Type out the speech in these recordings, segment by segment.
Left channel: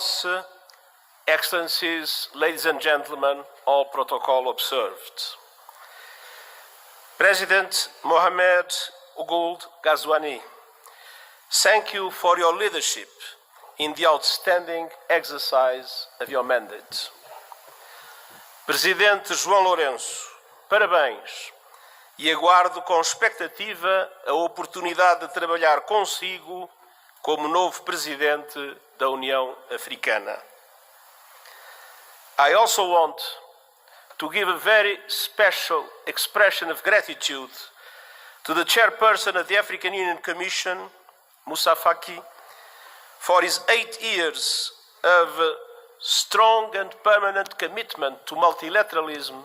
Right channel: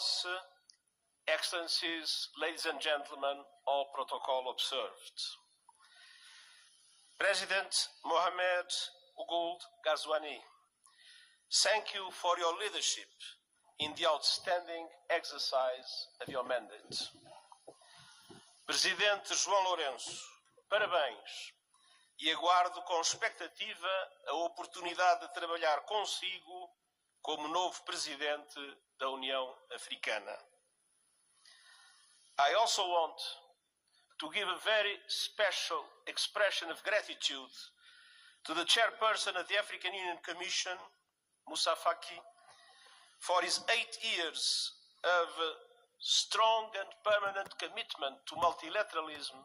Excellences, Excellencies, ladies and gentlemen, all protocol observed. President Mohamed Ould Ghazouani, thank you for your leadership in the outstanding exercise of your mandate. Presidente João Lourenço, parabéns e aguardo com expectativa a oportunidade de trabalhar consigo como novo Presidente da União Africana. I also want to give a very special expression of gratitude to the Chairperson of the African Union Commission, Moussa Faki, for his 8 years of strong and permanent commitment to multilateralism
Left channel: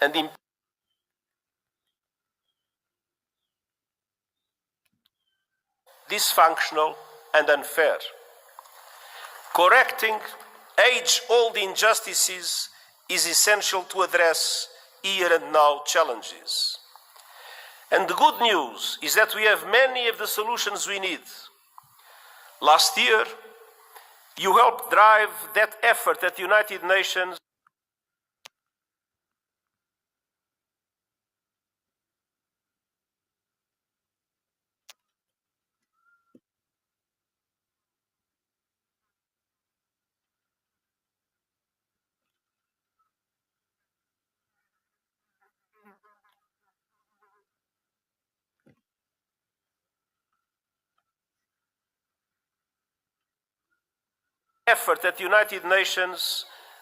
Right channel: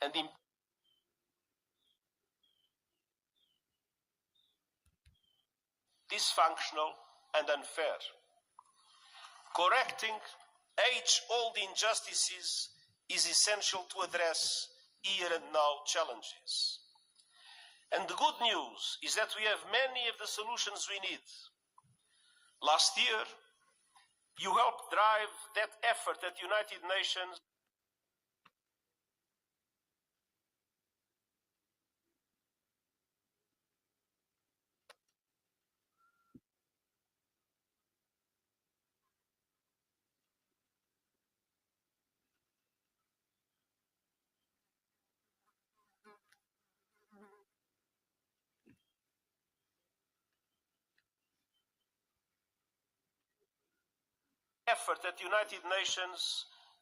and dysfunctional and unfair. Correcting age-old injustices is essential to address here and now challenges. And the good news is that we have many of the solutions we need. Last year, you helped drive that effort at the United Nations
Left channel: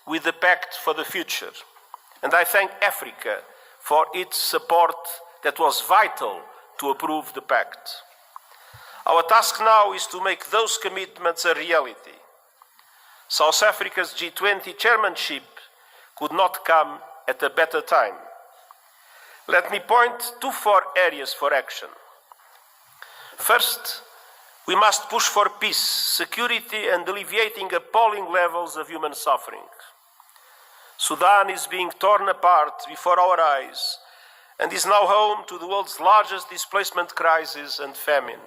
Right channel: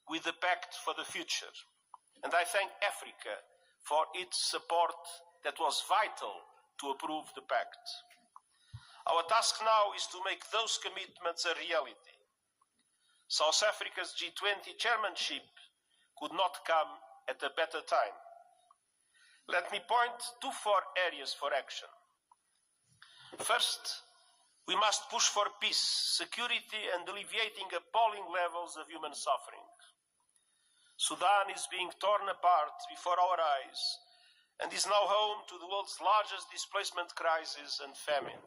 with the Pact for the Future. And I thank Africa for its support that was vital to approve the Pact. Our task now is to make those commitments a reality. South Africa's G20 chairmanship could not come at a better time. Let me point to 4 areas for action. First, we must push for peace, security, and alleviating appalling levels of human suffering. Sudan is being torn apart before our eyes and is now home to the world's largest displacement crisis and famine.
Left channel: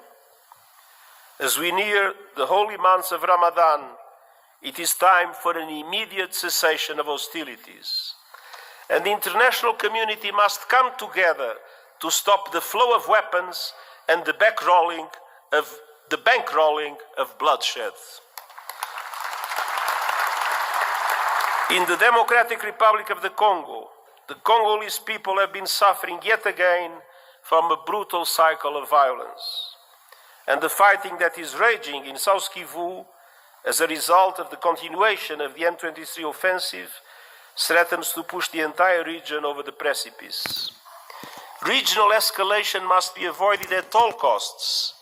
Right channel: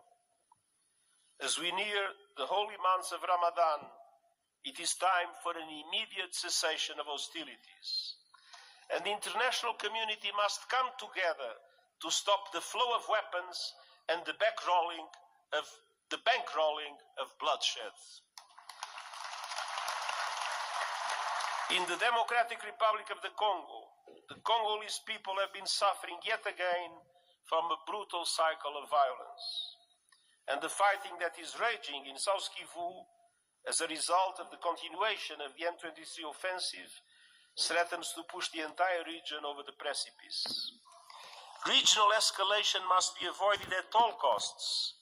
As we near the holy months of Ramadan, it is time for an immediate cessation of hostilities. And the international community must come together to stop the flow of weapons and the bankrolling of bloodshed. In the Democratic Republic of the Congolese people have been suffering yet again from a brutal cycle of violence. And the fighting that is raging in South Kivu as a result of the continuation of the M23 offensive threatens to push the entire region over the precipice. Regional escalation must be avoided at all costs.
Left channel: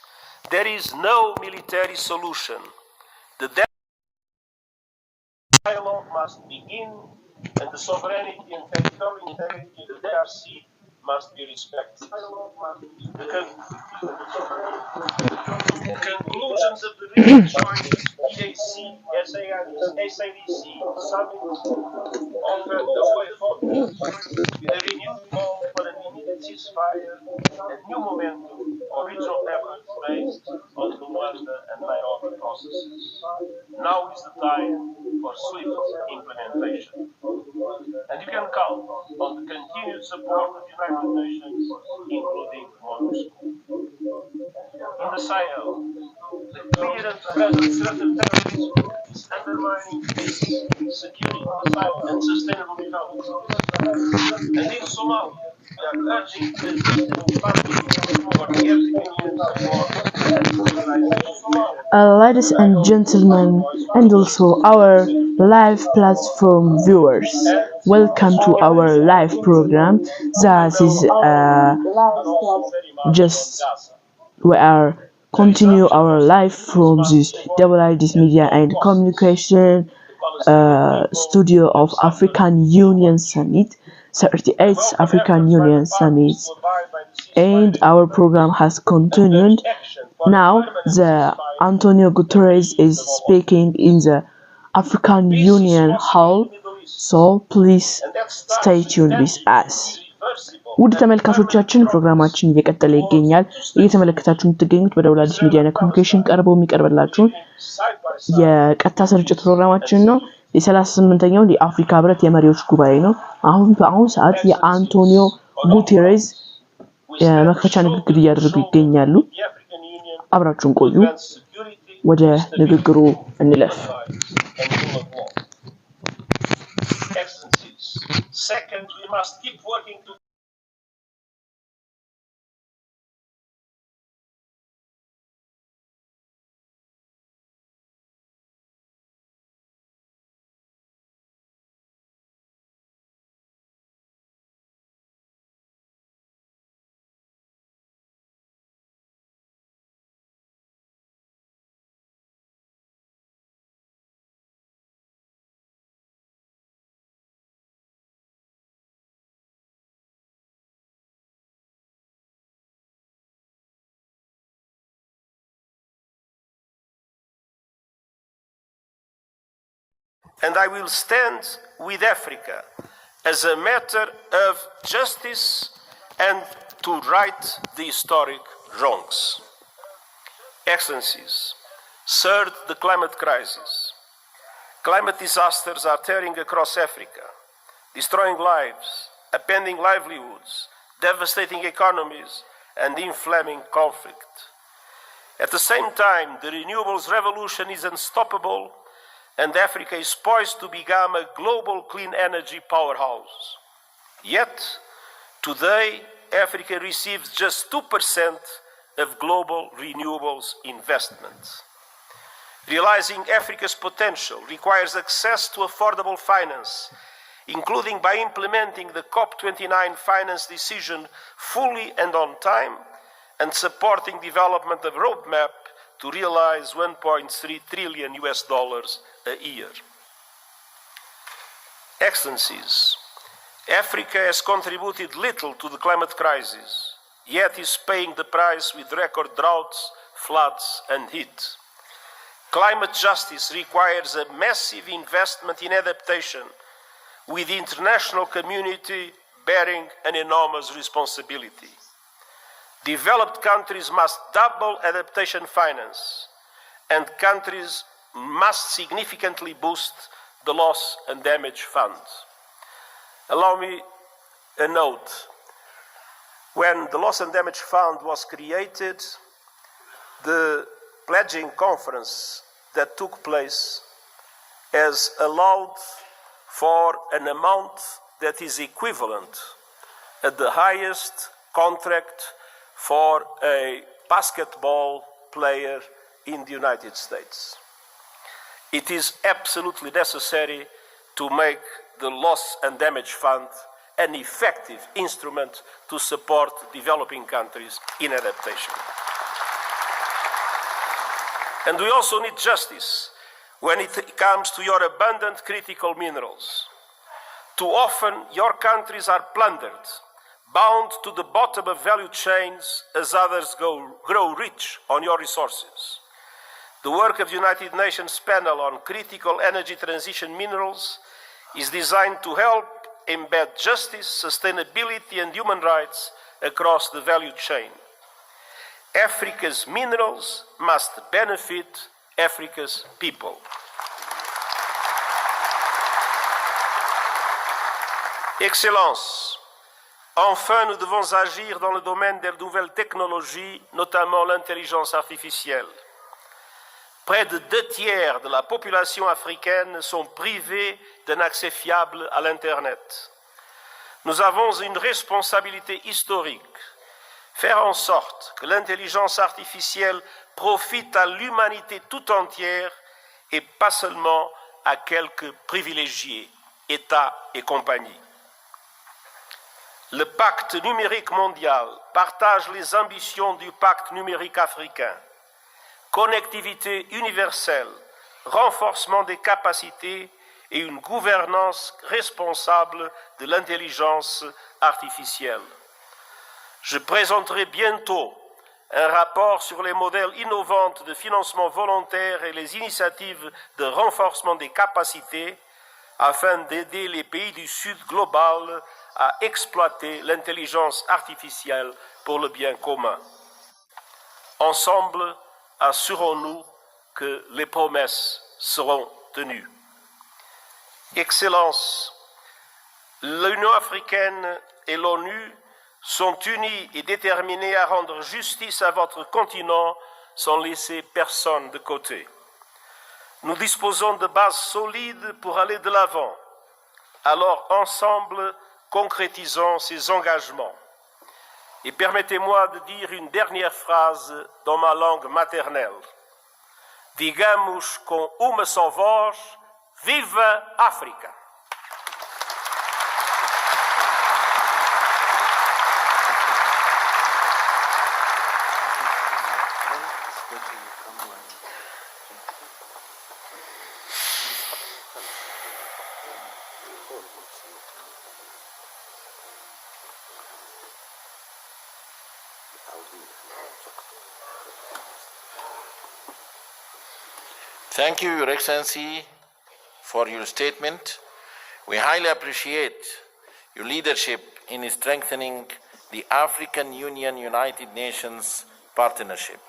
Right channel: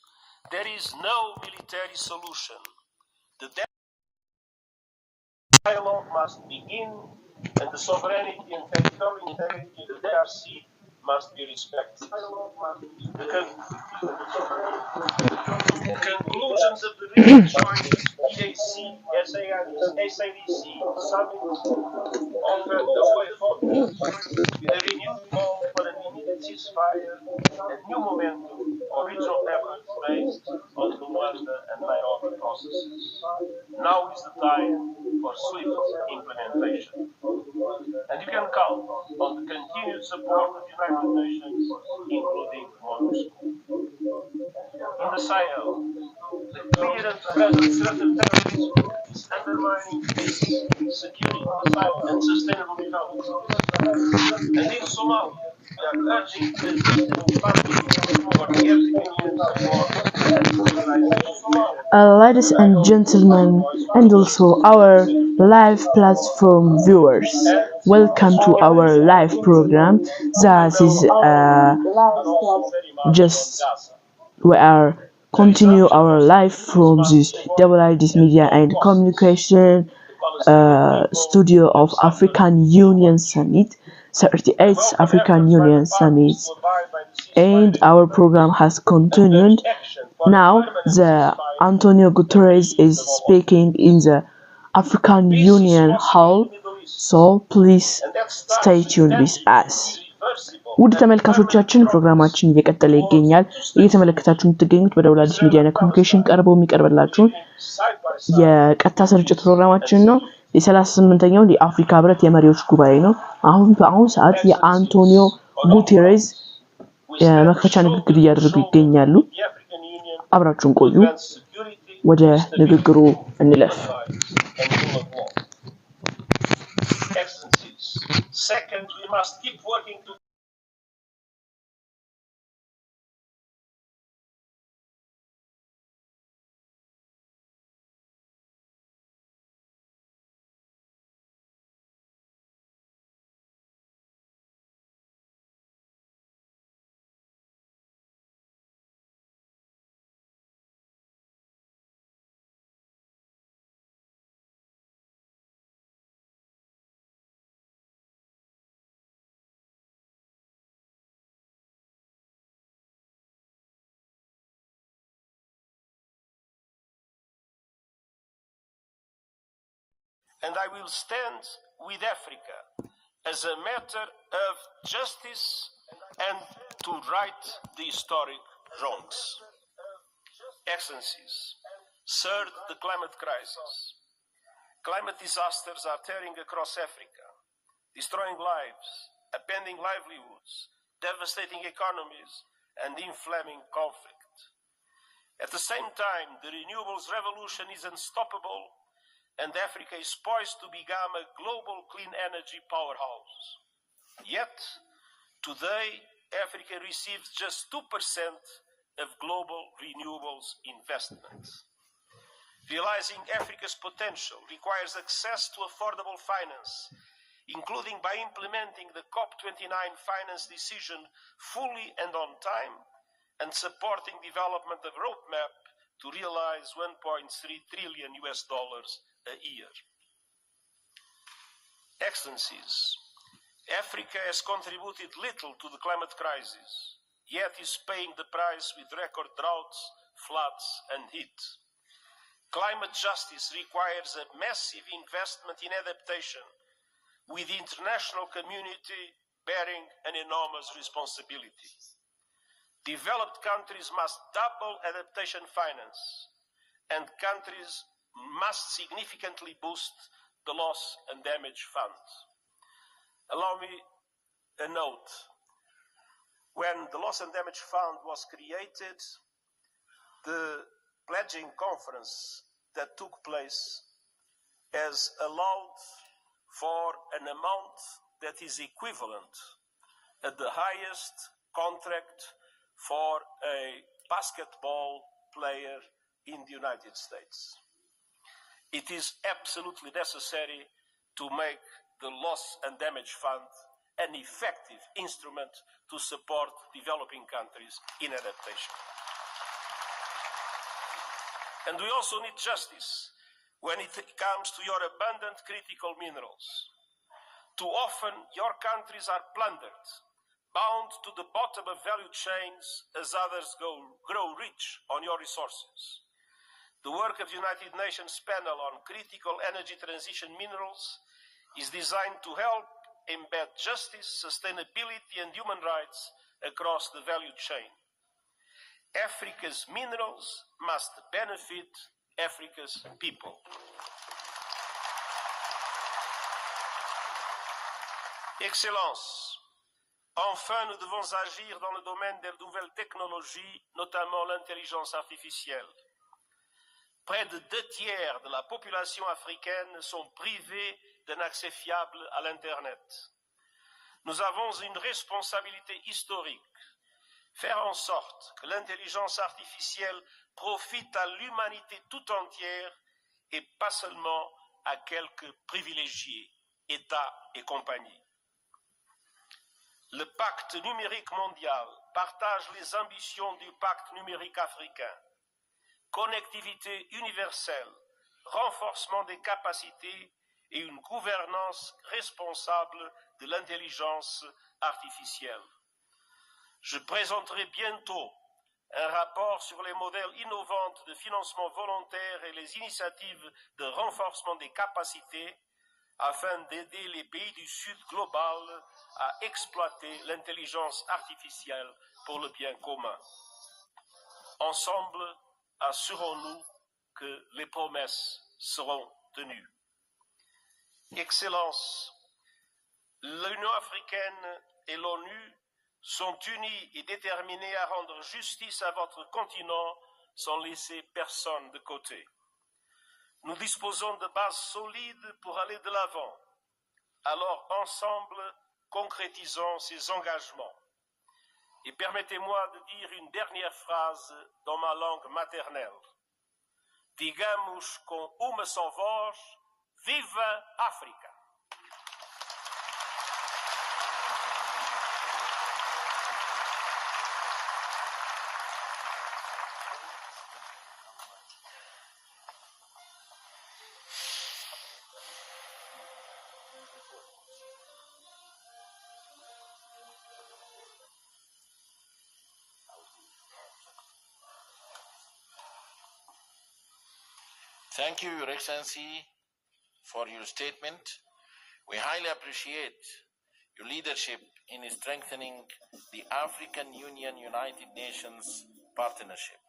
There is no military solution. The dialogue must begin, and the sovereignty and territorial integrity of the DRC must be respected. The conclusions of the recent joint EAC, SADC summit offer the way forward with a renewed call for an immediate ceasefire and new momentum for regional efforts based on the Luanda and Nairobi processes. Now is the time for swift implementation. And you can count on the continued support of the United Nations, including MONUSCO. In the Sahel, the clear and present threat of terrorism is undermining peace, security, and sustainable development. And in Somalia, we are urging the funding for the African Union support. Ladies and gentlemen, and also our live platform viewers, welcome to our live program. That is just we are continue our live from this WID's Media and Communication studio of African Union Summit, 38th African Union Summit, and our program has continued. Now the Antonio Guterres is speaking in the African Union Hall, so please stay tuned with us. ውድ ተመልካቾቻችን ፕሮግራማችን እየቀጠለ ይገኛል። እየተመለከታችሁ የምትገኙት በደውላዲስ ሚዲያ እና ኮሙኒኬሽን ቀርቦ የሚቀርብላችሁ የቀጥታ ስርጭት ፕሮግራማችን ነው። የ38ኛው የአፍሪካ ሕብረት የመሪዎች ጉባኤ ነው። በአሁን ሰዓት የአንቶኒዮ ጉቴሬዝ የመክፈቻ ንግግር እያደረጉ ይገኛሉ። አብራችሁን ቆዩ። ወደ ንግግሩ እንለፍ። Second, we must keep working to and I will stand with Africa as a matter of justice and to right the historic wrongs. Excellencies, third, the climate crisis. Climate disasters are tearing across Africa, destroying lives, upending livelihoods, devastating economies, and inflaming conflict. At the same time, the renewables revolution is unstoppable, and Africa is poised to become a global clean energy powerhouse. Yet, today, Africa receives just 2% of global renewables investments. Realizing Africa's potential requires access to affordable finance, including by implementing the COP29 finance decision fully and on time, and supporting development of roadmap to realize $1.3 trillion a year. Excellencies, Africa has contributed little to the climate crisis, yet is paying the price with record droughts, floods, and heat. Climate justice requires a massive investment in adaptation, with the international community bearing an enormous responsibility. Developed countries must double adaptation finance, and countries must significantly boost the loss and damage fund. Allow me a note. When the loss and damage fund was created, the pledging conference that took place has allowed for an amount that is equivalent at the highest contract for a basketball player in the United States. It is absolutely necessary to make the loss and damage fund an effective instrument to support developing countries in adaptation. And we also need justice when it comes to your abundant critical minerals. Too often, your countries are plundered, bound to the bottom of value chains as others grow rich on your resources. The work of the United Nations panel on critical energy transition minerals is designed to help embed justice, sustainability, and human rights across the value chain. Africa's minerals must benefit Africa's people. Excellences, enfin, nous devons agir dans le domaine des nouvelles technologies, notamment l'intelligence artificielle. Près de 2/3 de la population africaine sont privés d'un accès fiable à l'Internet. Nous avons une responsabilité historique, faire en sorte que l'intelligence artificielle profite à l'humanité tout entière et pas seulement à quelques privilégiés. États et compagnie. Le pacte numérique mondial partage les ambitions du pacte numérique africain. Connectivité universelle, renforcement des capacités et une gouvernance responsable de l'intelligence artificielle. Je présenterai bientôt un rapport sur les modèles innovants de financement volontaire et les initiatives de renforcement des capacités afin d'aider les pays du Sud global à exploiter l'intelligence artificielle pour le bien commun. Ensemble, assurons-nous que les promesses seront tenues. Excellences, l'Union africaine et l'ONU sont unis et déterminés à rendre justice à votre continent sans laisser personne de côté. Nous disposons de bases solides pour aller de l'avant. Alors, ensemble, concrétisons ces engagements. Et permettez-moi de dire une dernière phrase dans ma langue maternelle. Digamos com uma só voz, viva África! Thank you, Your Excellency, for your statement. We highly appreciate your leadership in strengthening the African Union United Nations partnership.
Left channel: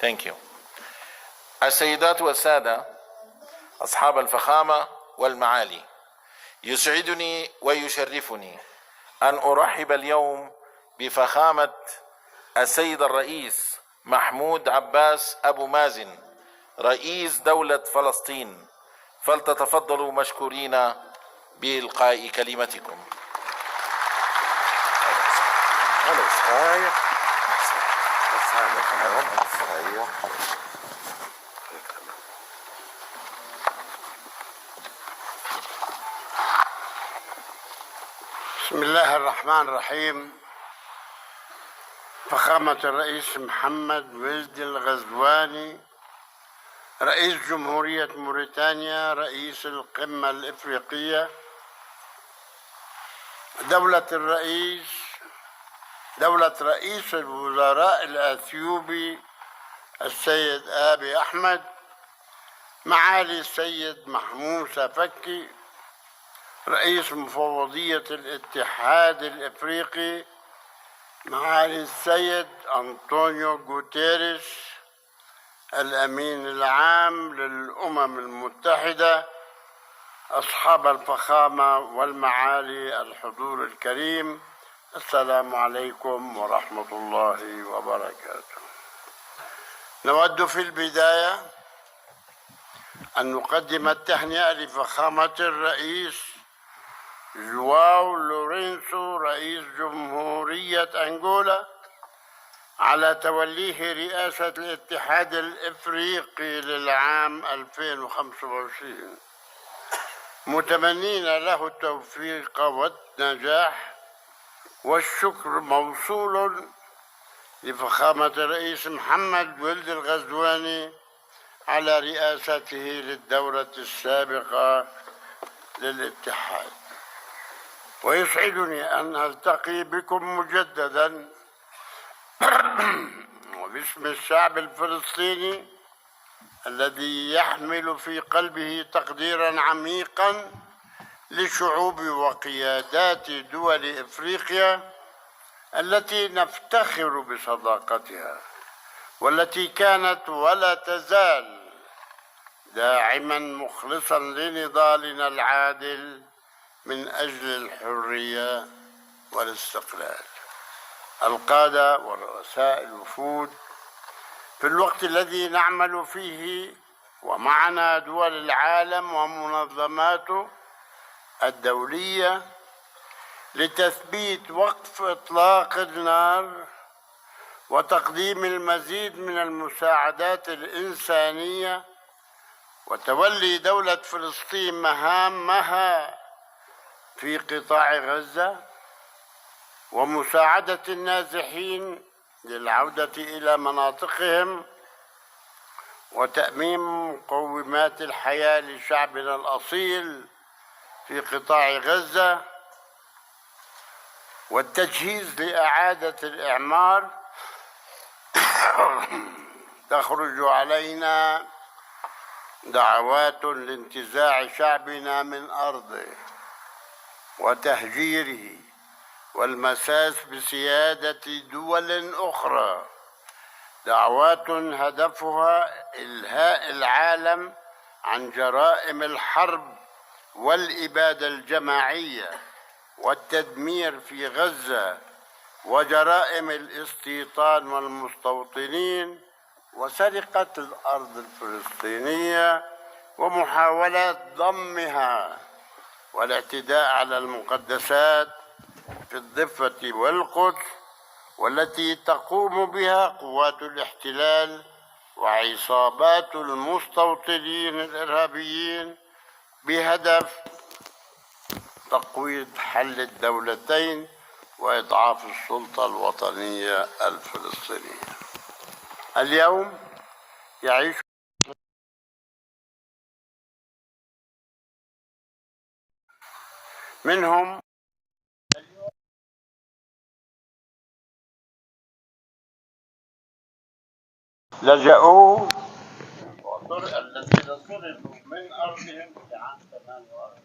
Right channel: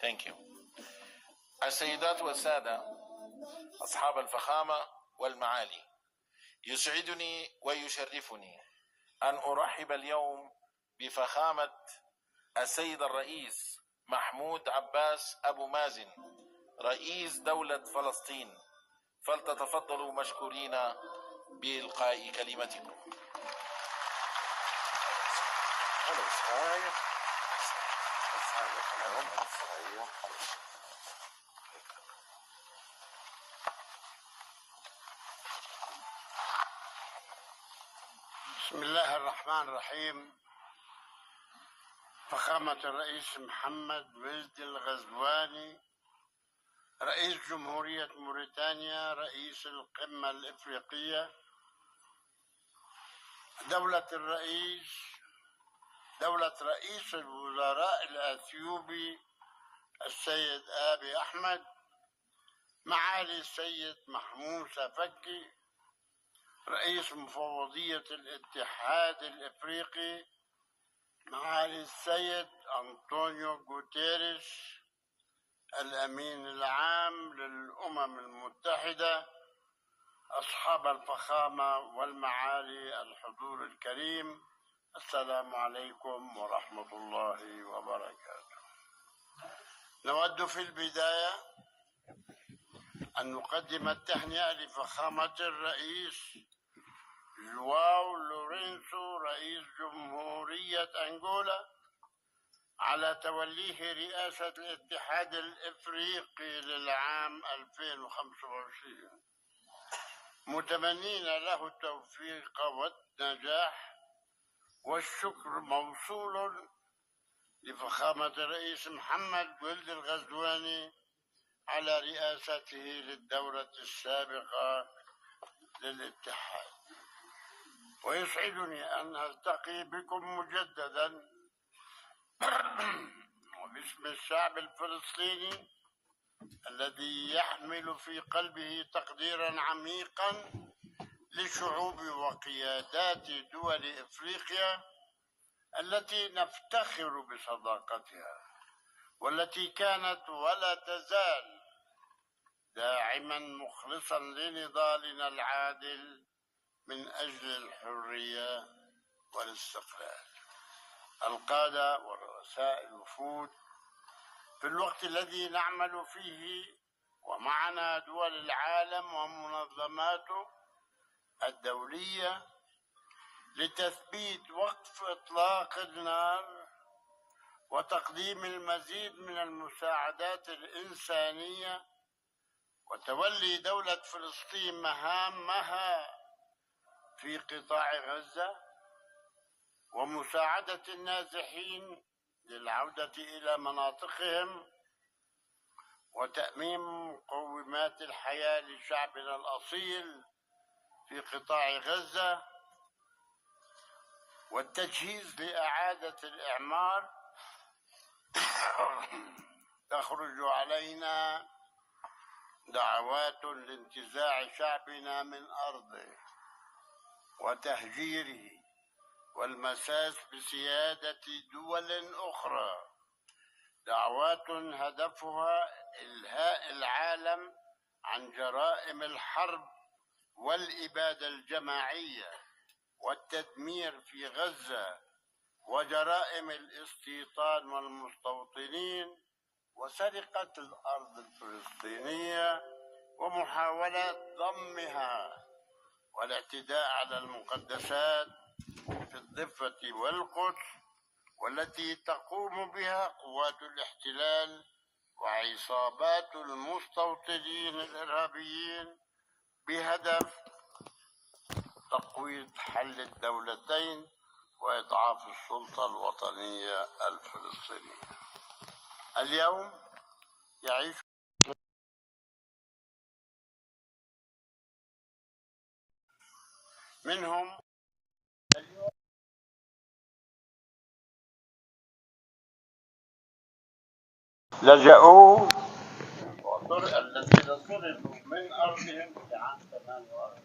Thank you. السيدات والسادة أصحاب الفخامة والمعالي، يسعدني ويشرفني أن أرحب اليوم بفخامة السيد الرئيس محمود عباس أبو مازن رئيس دولة فلسطين، فلتتفضلوا مشكورين بإلقاء كلمتكم. بسم الله الرحمن الرحيم. فخامة الرئيس محمد ولد الغزواني رئيس جمهورية موريتانيا، رئيس القمة الإفريقية، دولة رئيس الوزراء الأثيوبي السيد آبي أحمد، معالي السيد محموسة فكي رئيس مفوضية الاتحاد الإفريقي، معالي السيد أنطونيو غوتيريش الأمين العام للأمم المتحدة، أصحاب الفخامة والمعالي الحضور الكريم، السلام عليكم ورحمة الله وبركاته. نود في البداية أن نقدم التهنئة لفخامة الرئيس جواو لورينسو رئيس جمهورية أنغولا على توليه رئاسة الاتحاد الإفريقي للعام 2025، متمنين له التوفيق والنجاح، والشكر موصول لفخامة الرئيس محمد ولد الغزواني على رئاسته للدورة السابقة للاتحاد. ويسعدني أن ألتقي بكم مجددا وباسم الشعب الفلسطيني الذي يحمل في قلبه تقديرا عميقا لشعوب وقيادات دول إفريقيا التي نفتخر بصداقتها، والتي كانت ولا تزال داعما مخلصا لنضالنا العادل من أجل الحرية والاستقلال. القادة ورؤساء الوفود، في الوقت الذي نعمل فيه ومعنا دول العالم ومنظماته الدولية لتثبيت وقف إطلاق النار وتقديم المزيد من المساعدات الإنسانية، وتولي دولة فلسطين مهامها في قطاع غزة ومساعدة النازحين للعودة إلى مناطقهم وتأمين مقومات الحياة لشعبنا الأصيل في قطاع غزة والتجهيز لإعادة الإعمار، تخرج علينا دعوات لانتزاع شعبنا من أرضه وتهجيره والمساس بسيادة دول أخرى، دعوات هدفها إلهاء العالم عن جرائم الحرب والإبادة الجماعية والتدمير في غزة وجرائم الاستيطان والمستوطنين وسرقة الأرض الفلسطينية ومحاولة ضمها والاعتداء على المقدسات في الضفة والقدس والتي تقوم بها قوات الاحتلال وعصابات المستوطنين الإرهابيين بهدف تقويض حل الدولتين وإضعاف السلطة الوطنية الفلسطينية. اليوم يعيش منهم لجأوا الذين صرفوا من أرضهم في عام 48.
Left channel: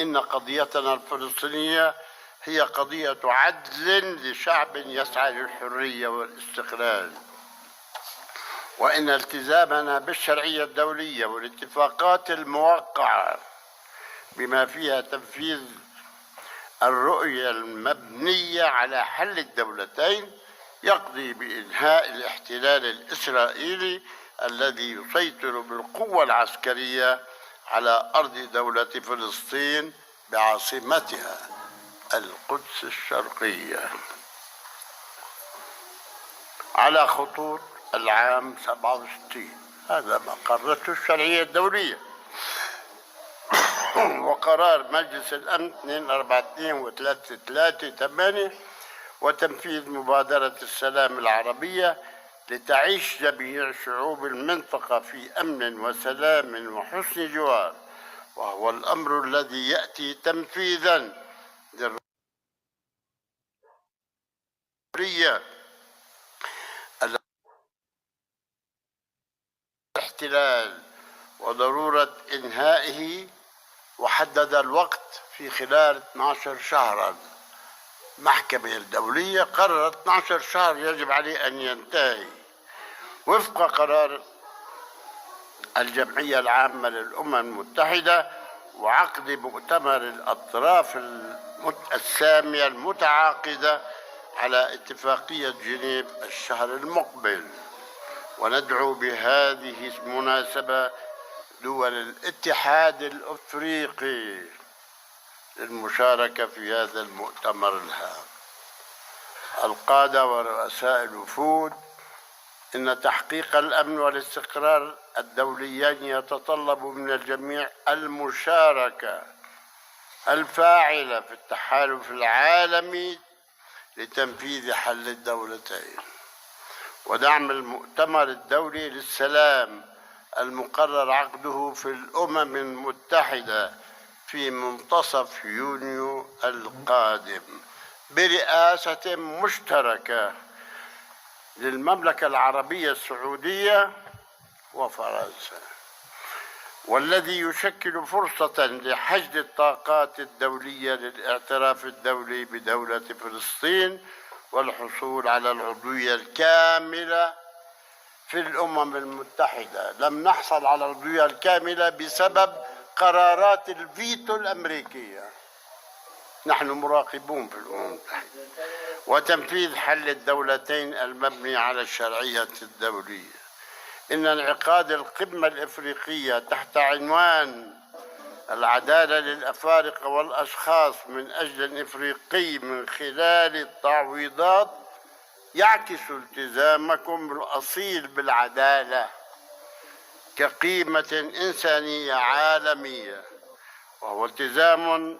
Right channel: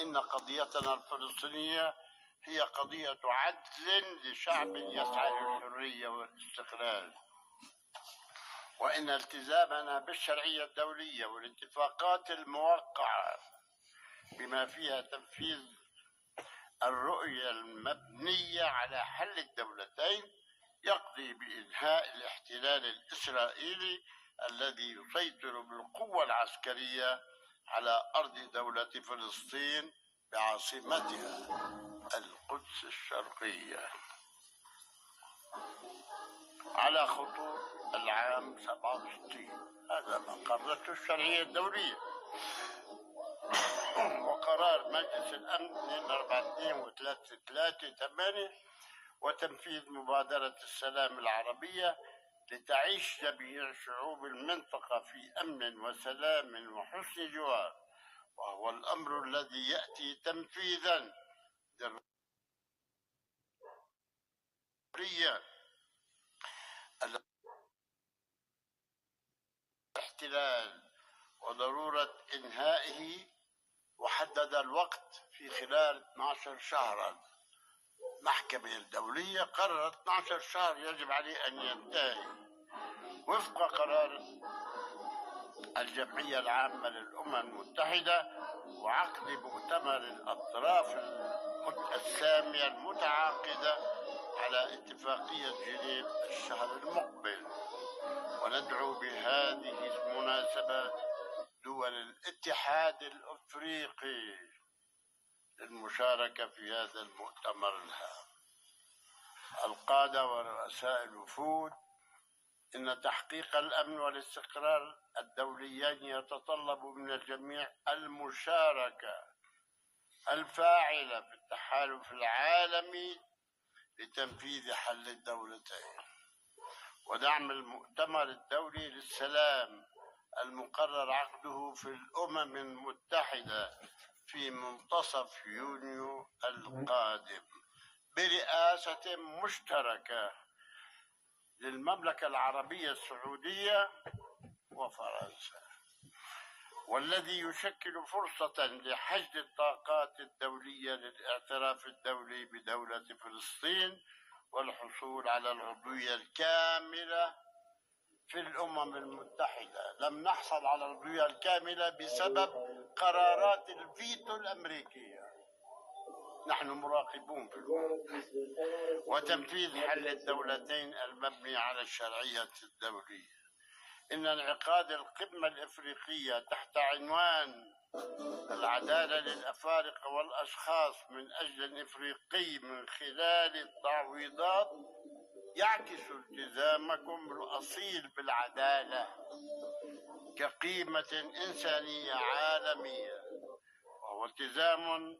إن قضيتنا الفلسطينية هي قضية عدل لشعب يسعى للحرية والاستقلال، وإن التزامنا بالشرعية الدولية والاتفاقات الموقعة بما فيها تنفيذ الرؤية المبنية على حل الدولتين يقضي بإنهاء الاحتلال الإسرائيلي الذي يسيطر بالقوة العسكرية على أرض دولة فلسطين بعاصمتها القدس الشرقية على خطوط العام 67. هذا ما قررته الشرعية الدولية. وقرار مجلس الأمن 242 و338 وتنفيذ مبادرة السلام العربية لتعيش جميع شعوب المنطقة في أمن وسلام وحسن جوار، وهو الأمر الذي يأتي تنفيذا للرؤية الاحتلال وضرورة إنهائه، وحدد الوقت في خلال 12 شهرا. المحكمة الدولية قررت 12 شهر يجب عليه أن ينتهي وفق قرار الجمعية العامة للأمم المتحدة وعقد مؤتمر الأطراف السامية المتعاقدة على اتفاقية جنيف الشهر المقبل. وندعو بهذه المناسبة دول الاتحاد الأفريقي للمشاركة في هذا المؤتمر الهام. القادة ورؤساء الوفود، إن تحقيق الأمن والاستقرار الدوليين يتطلب من الجميع المشاركة الفاعلة في التحالف العالمي لتنفيذ حل الدولتين ودعم المؤتمر الدولي للسلام المقرر عقده في الأمم المتحدة في منتصف يونيو القادم برئاسة مشتركة للمملكة العربية السعودية وفرنسا، والذي يشكل فرصة لحشد الطاقات الدولية للاعتراف الدولي بدولة فلسطين والحصول على العضوية الكاملة في الأمم المتحدة. لم نحصل على العضوية الكاملة بسبب قرارات الفيتو الأمريكية، نحن مراقبون في الأمم المتحدة، وتنفيذ حل الدولتين المبني على الشرعية الدولية. إن انعقاد القمة الإفريقية تحت عنوان العدالة للأفارقة والأشخاص من أجل الإفريقي من خلال التعويضات يعكس التزامكم الأصيل بالعدالة كقيمة إنسانية عالمية، وهو التزام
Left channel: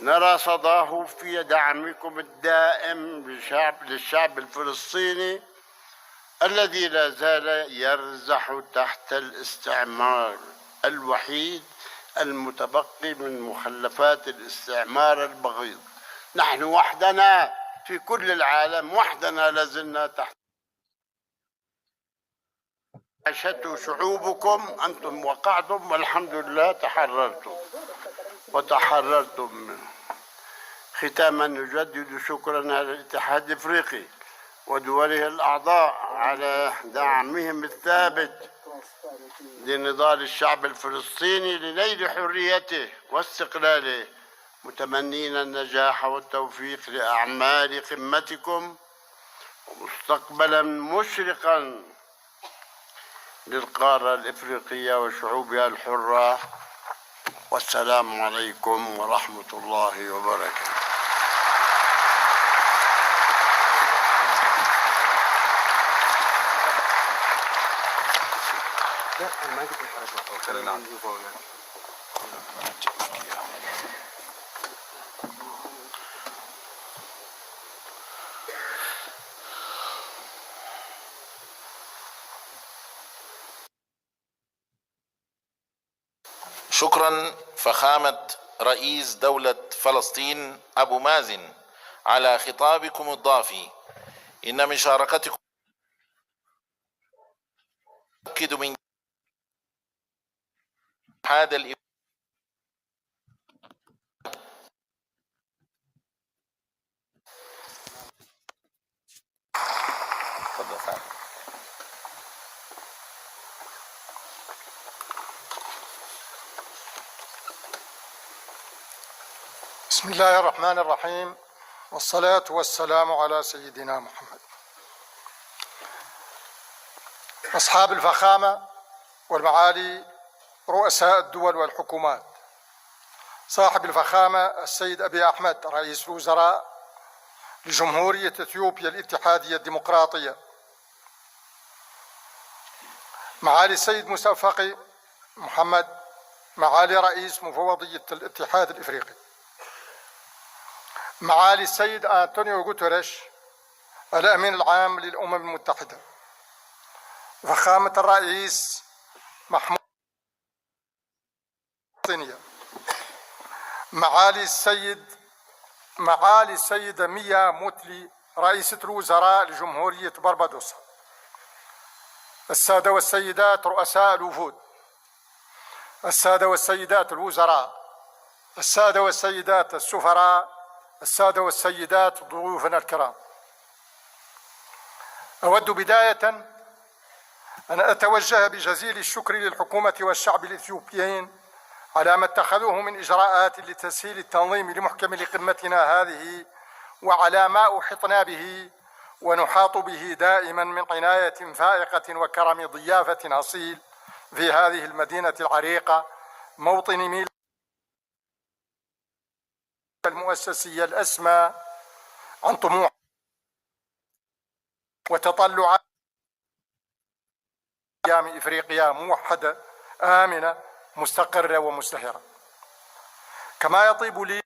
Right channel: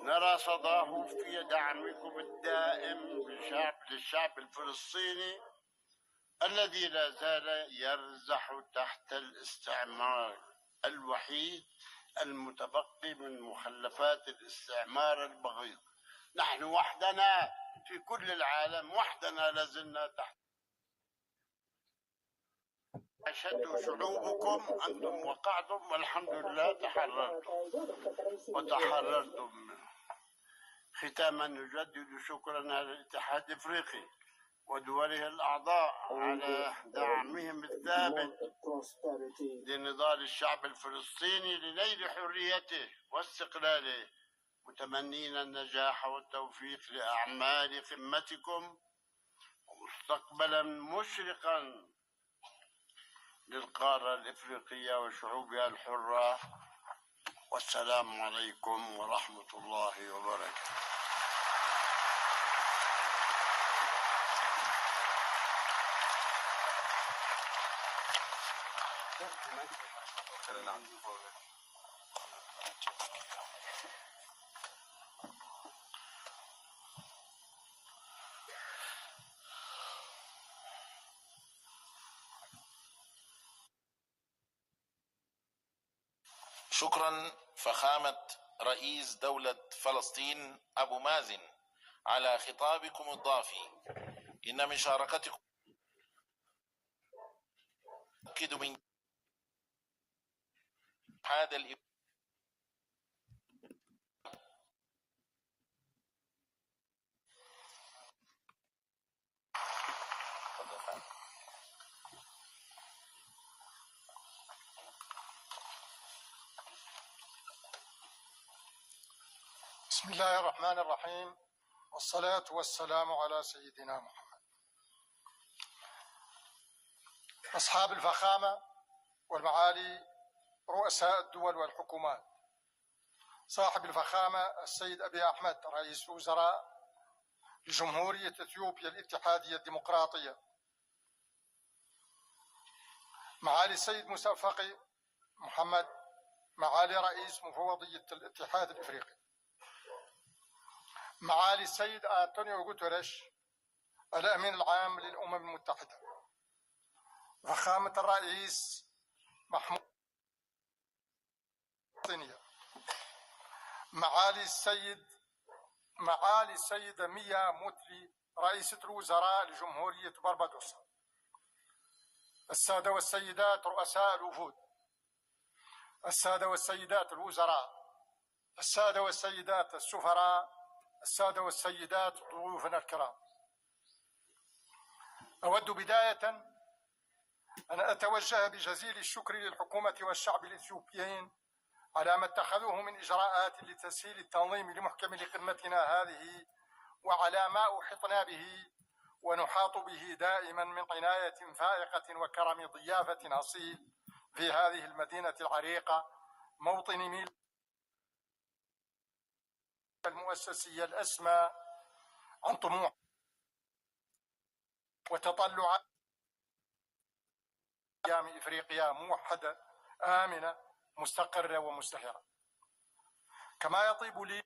نرى صداه في دعمكم الدائم للشعب الفلسطيني الذي لا زال يرزح تحت الاستعمار الوحيد المتبقي من مخلفات الاستعمار البغيض. نحن وحدنا في كل العالم، وحدنا لازلنا تحت عاشته شعوبكم. أنتم وقعتم والحمد لله وتحررتم منه. ختاما نجدد شكرنا للاتحاد الافريقي ودوله الاعضاء على دعمهم الثابت لنضال الشعب الفلسطيني لنيل حريته واستقلاله، متمنين النجاح والتوفيق لاعمال قمتكم ومستقبلا مشرقا للقاره الافريقيه وشعوبها الحره. والسلام عليكم ورحمة الله وبركاته. شكرا فخامة رئيس دولة فلسطين أبو مازن على خطابكم الضافي. إن مشاركتكم تؤكد من هذا بسم الله الرحمن الرحيم، والصلاة والسلام على سيدنا محمد. أصحاب الفخامة والمعالي رؤساء الدول والحكومات، صاحب الفخامة السيد أبي أحمد رئيس الوزراء لجمهورية إثيوبيا الاتحادية الديمقراطية، معالي السيد موسى فقي محمد معالي رئيس مفوضية الاتحاد الإفريقي، معالي السيد أنطونيو غوتيريش الأمين العام للأمم المتحدة، فخامة الرئيس محمود معالي السيدة ميا موتلي رئيسة الوزراء لجمهورية بربادوس، السادة والسيدات رؤساء الوفود، السادة والسيدات الوزراء، السادة والسيدات السفراء، السادة والسيدات ضيوفنا الكرام، أود بداية أن أتوجه بجزيل الشكر للحكومة والشعب الإثيوبيين على ما اتخذوه من إجراءات لتسهيل التنظيم لمحكمة قمتنا هذه، وعلى ما أحطنا به ونحاط به دائما من عناية فائقة وكرم ضيافة أصيل في هذه المدينة العريقة، موطن ميل المؤسسية الأسمى عن طموح وتطلعات أيام إفريقيا موحدة آمنة مستقرة ومزدهرة. كما يطيب لي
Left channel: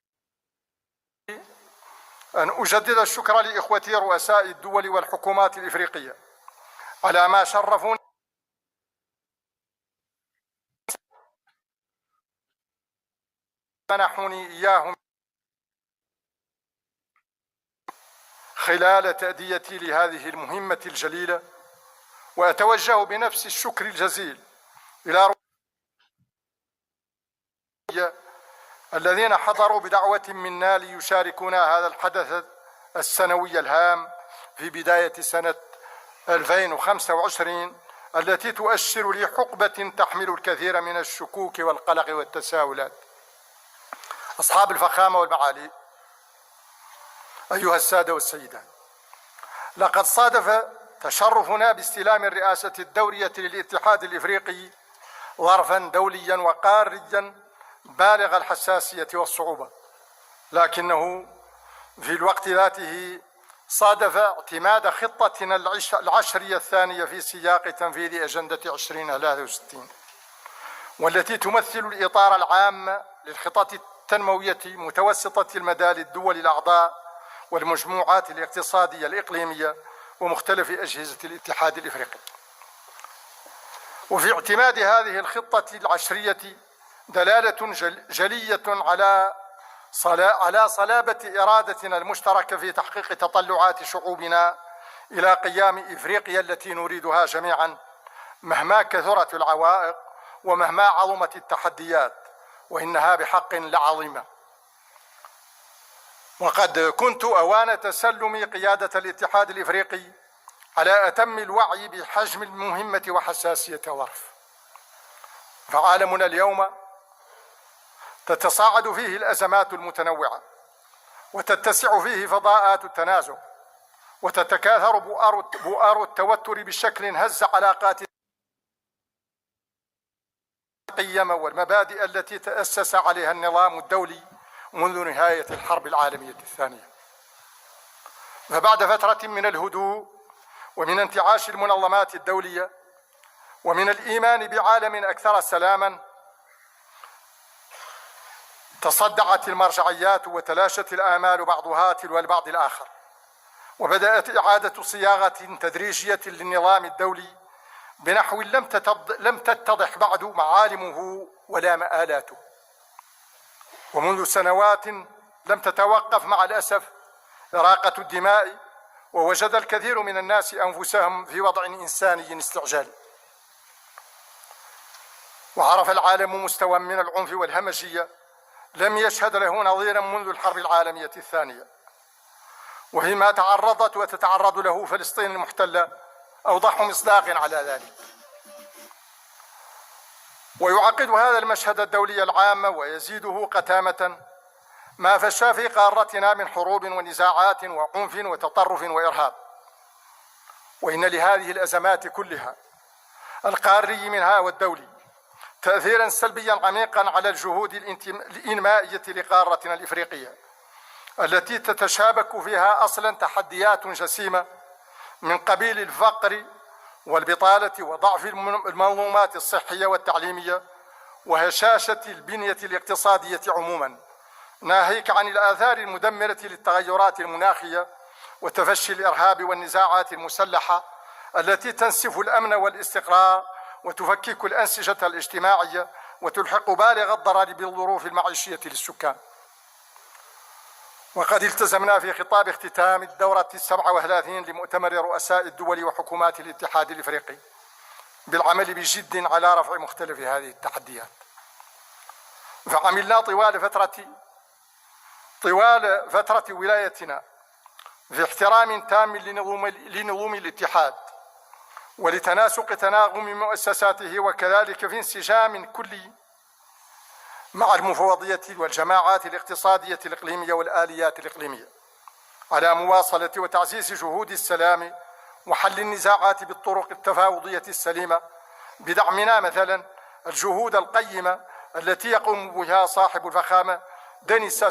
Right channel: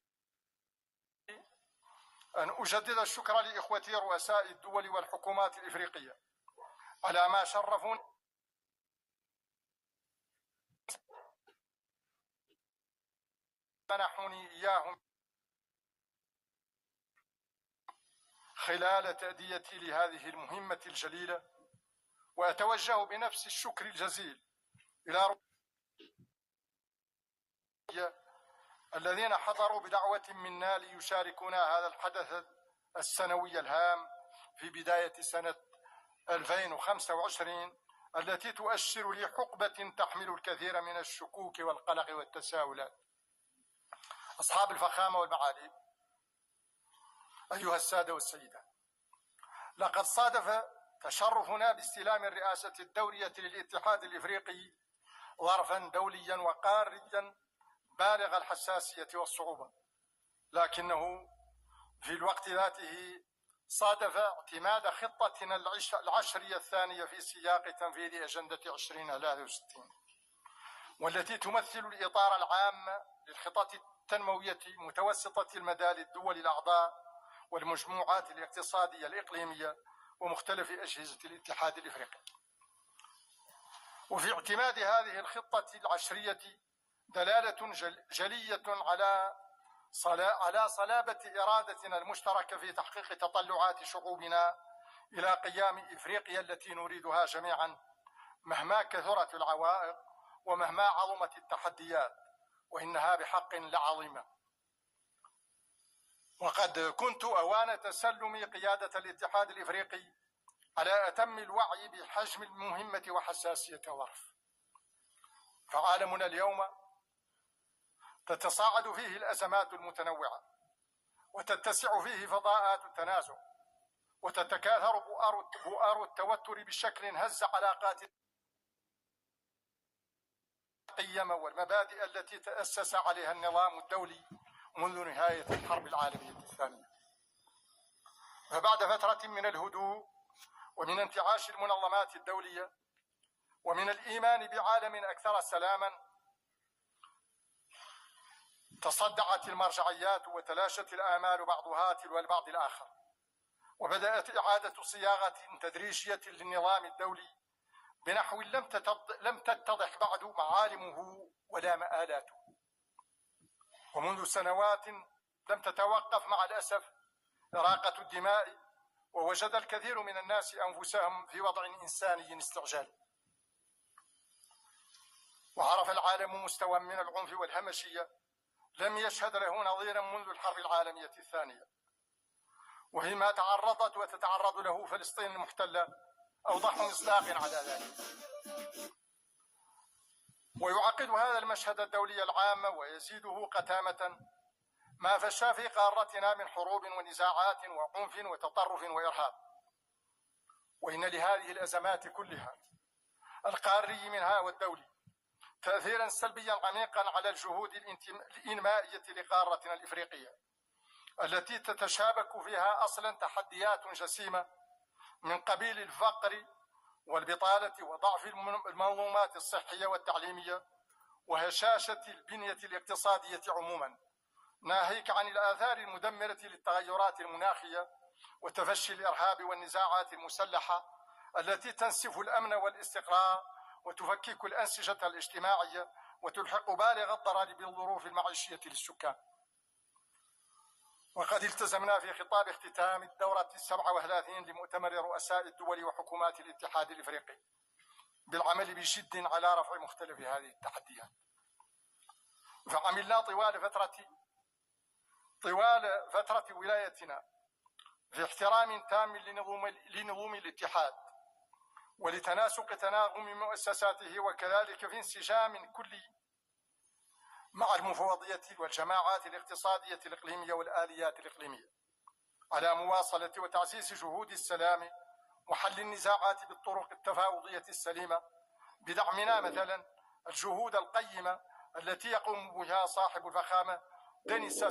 أن أجدد الشكر لإخوتي رؤساء الدول والحكومات الإفريقية على ما شرفوني منحوني إياهم خلال تأديتي لهذه المهمة الجليلة، وأتوجه بنفس الشكر الجزيل إلى الذين حضروا بدعوة منا ليشاركونا هذا الحدث السنوي الهام في بداية سنة 2025 التي تؤشر لحقبة تحمل الكثير من الشكوك والقلق والتساؤلات. أصحاب الفخامة والمعالي، أيها السادة والسيدات، لقد صادف تشرفنا باستلام الرئاسة الدورية للاتحاد الإفريقي ظرفا دوليا وقاريا بالغ الحساسية والصعوبة، لكنه في الوقت ذاته صادف اعتماد خطتنا العشرية الثانية في سياق تنفيذ أجندة 2063، والتي تمثل الإطار العام للخطط التنموية متوسطة المدى للدول الأعضاء والمجموعات الاقتصادية الإقليمية ومختلف أجهزة الاتحاد الإفريقي. وفي اعتماد هذه الخطة العشرية دلالة جلية على صلابة إرادتنا المشتركة في تحقيق تطلعات شعوبنا إلى قيام إفريقيا التي نريدها جميعا، مهما كثرت العوائق ومهما عظمت التحديات، وإنها بحق لعظيمة. وقد كنت أوان تسلم قيادة الاتحاد الإفريقي على أتم الوعي بحجم المهمة وحساسية الظرف، فعالمنا اليوم تتصاعد فيه الأزمات المتنوعة، وتتسع فيه فضاءات التنازع، وتتكاثر بؤار التوتر بشكل هز علاقات القيم والمبادئ التي تأسس عليها النظام الدولي منذ نهاية الحرب العالمية الثانية. فبعد فترة من الهدوء ومن انتعاش المنظمات الدولية ومن الإيمان بعالم أكثر سلاما، تصدعت المرجعيات وتلاشت الآمال بعضها تلو البعض الآخر، وبدأت إعادة صياغة تدريجية للنظام الدولي بنحو لم تتضح بعد معالمه ولا مآلاته. ومنذ سنوات لم تتوقف مع الأسف إراقة الدماء، ووجد الكثير من الناس أنفسهم في وضع إنساني استعجالي، وعرف العالم مستوى من العنف والهمجية لم يشهد له نظيرا منذ الحرب العالمية الثانية، وفيما تعرضت وتتعرض له فلسطين المحتلة أوضح مصداق على ذلك. ويعقد هذا المشهد الدولي العام ويزيده قتامة ما فشى في قارتنا من حروب ونزاعات وعنف وتطرف وإرهاب. وإن لهذه الأزمات كلها، القاري منها والدولي، تأثيرا سلبيا عميقا على الجهود الإنمائية لقارتنا الإفريقية التي تتشابك فيها أصلا تحديات جسيمة من قبيل الفقر والبطالة وضعف المنظومات الصحية والتعليمية وهشاشة البنية الاقتصادية عموما، ناهيك عن الآثار المدمرة للتغيرات المناخية وتفشي الإرهاب والنزاعات المسلحة التي تنسف الأمن والاستقرار وتفكك الأنسجة الاجتماعية وتلحق بالغ الضرر بالظروف المعيشية للسكان. وقد التزمنا في خطاب اختتام الدورة 37 لمؤتمر رؤساء الدول وحكومات الاتحاد الإفريقي بالعمل بجد على رفع مختلف هذه التحديات. فعملنا طوال فترة ولايتنا في احترام تام لنظم الاتحاد ولتناسق تناغم مؤسساته وكذلك في انسجام كلي مع المفوضية والجماعات الاقتصادية الإقليمية والآليات الإقليمية على مواصلة وتعزيز جهود السلام وحل النزاعات بالطرق التفاوضية السليمة بدعمنا مثلا الجهود القيمة التي يقوم بها صاحب الفخامة دينيس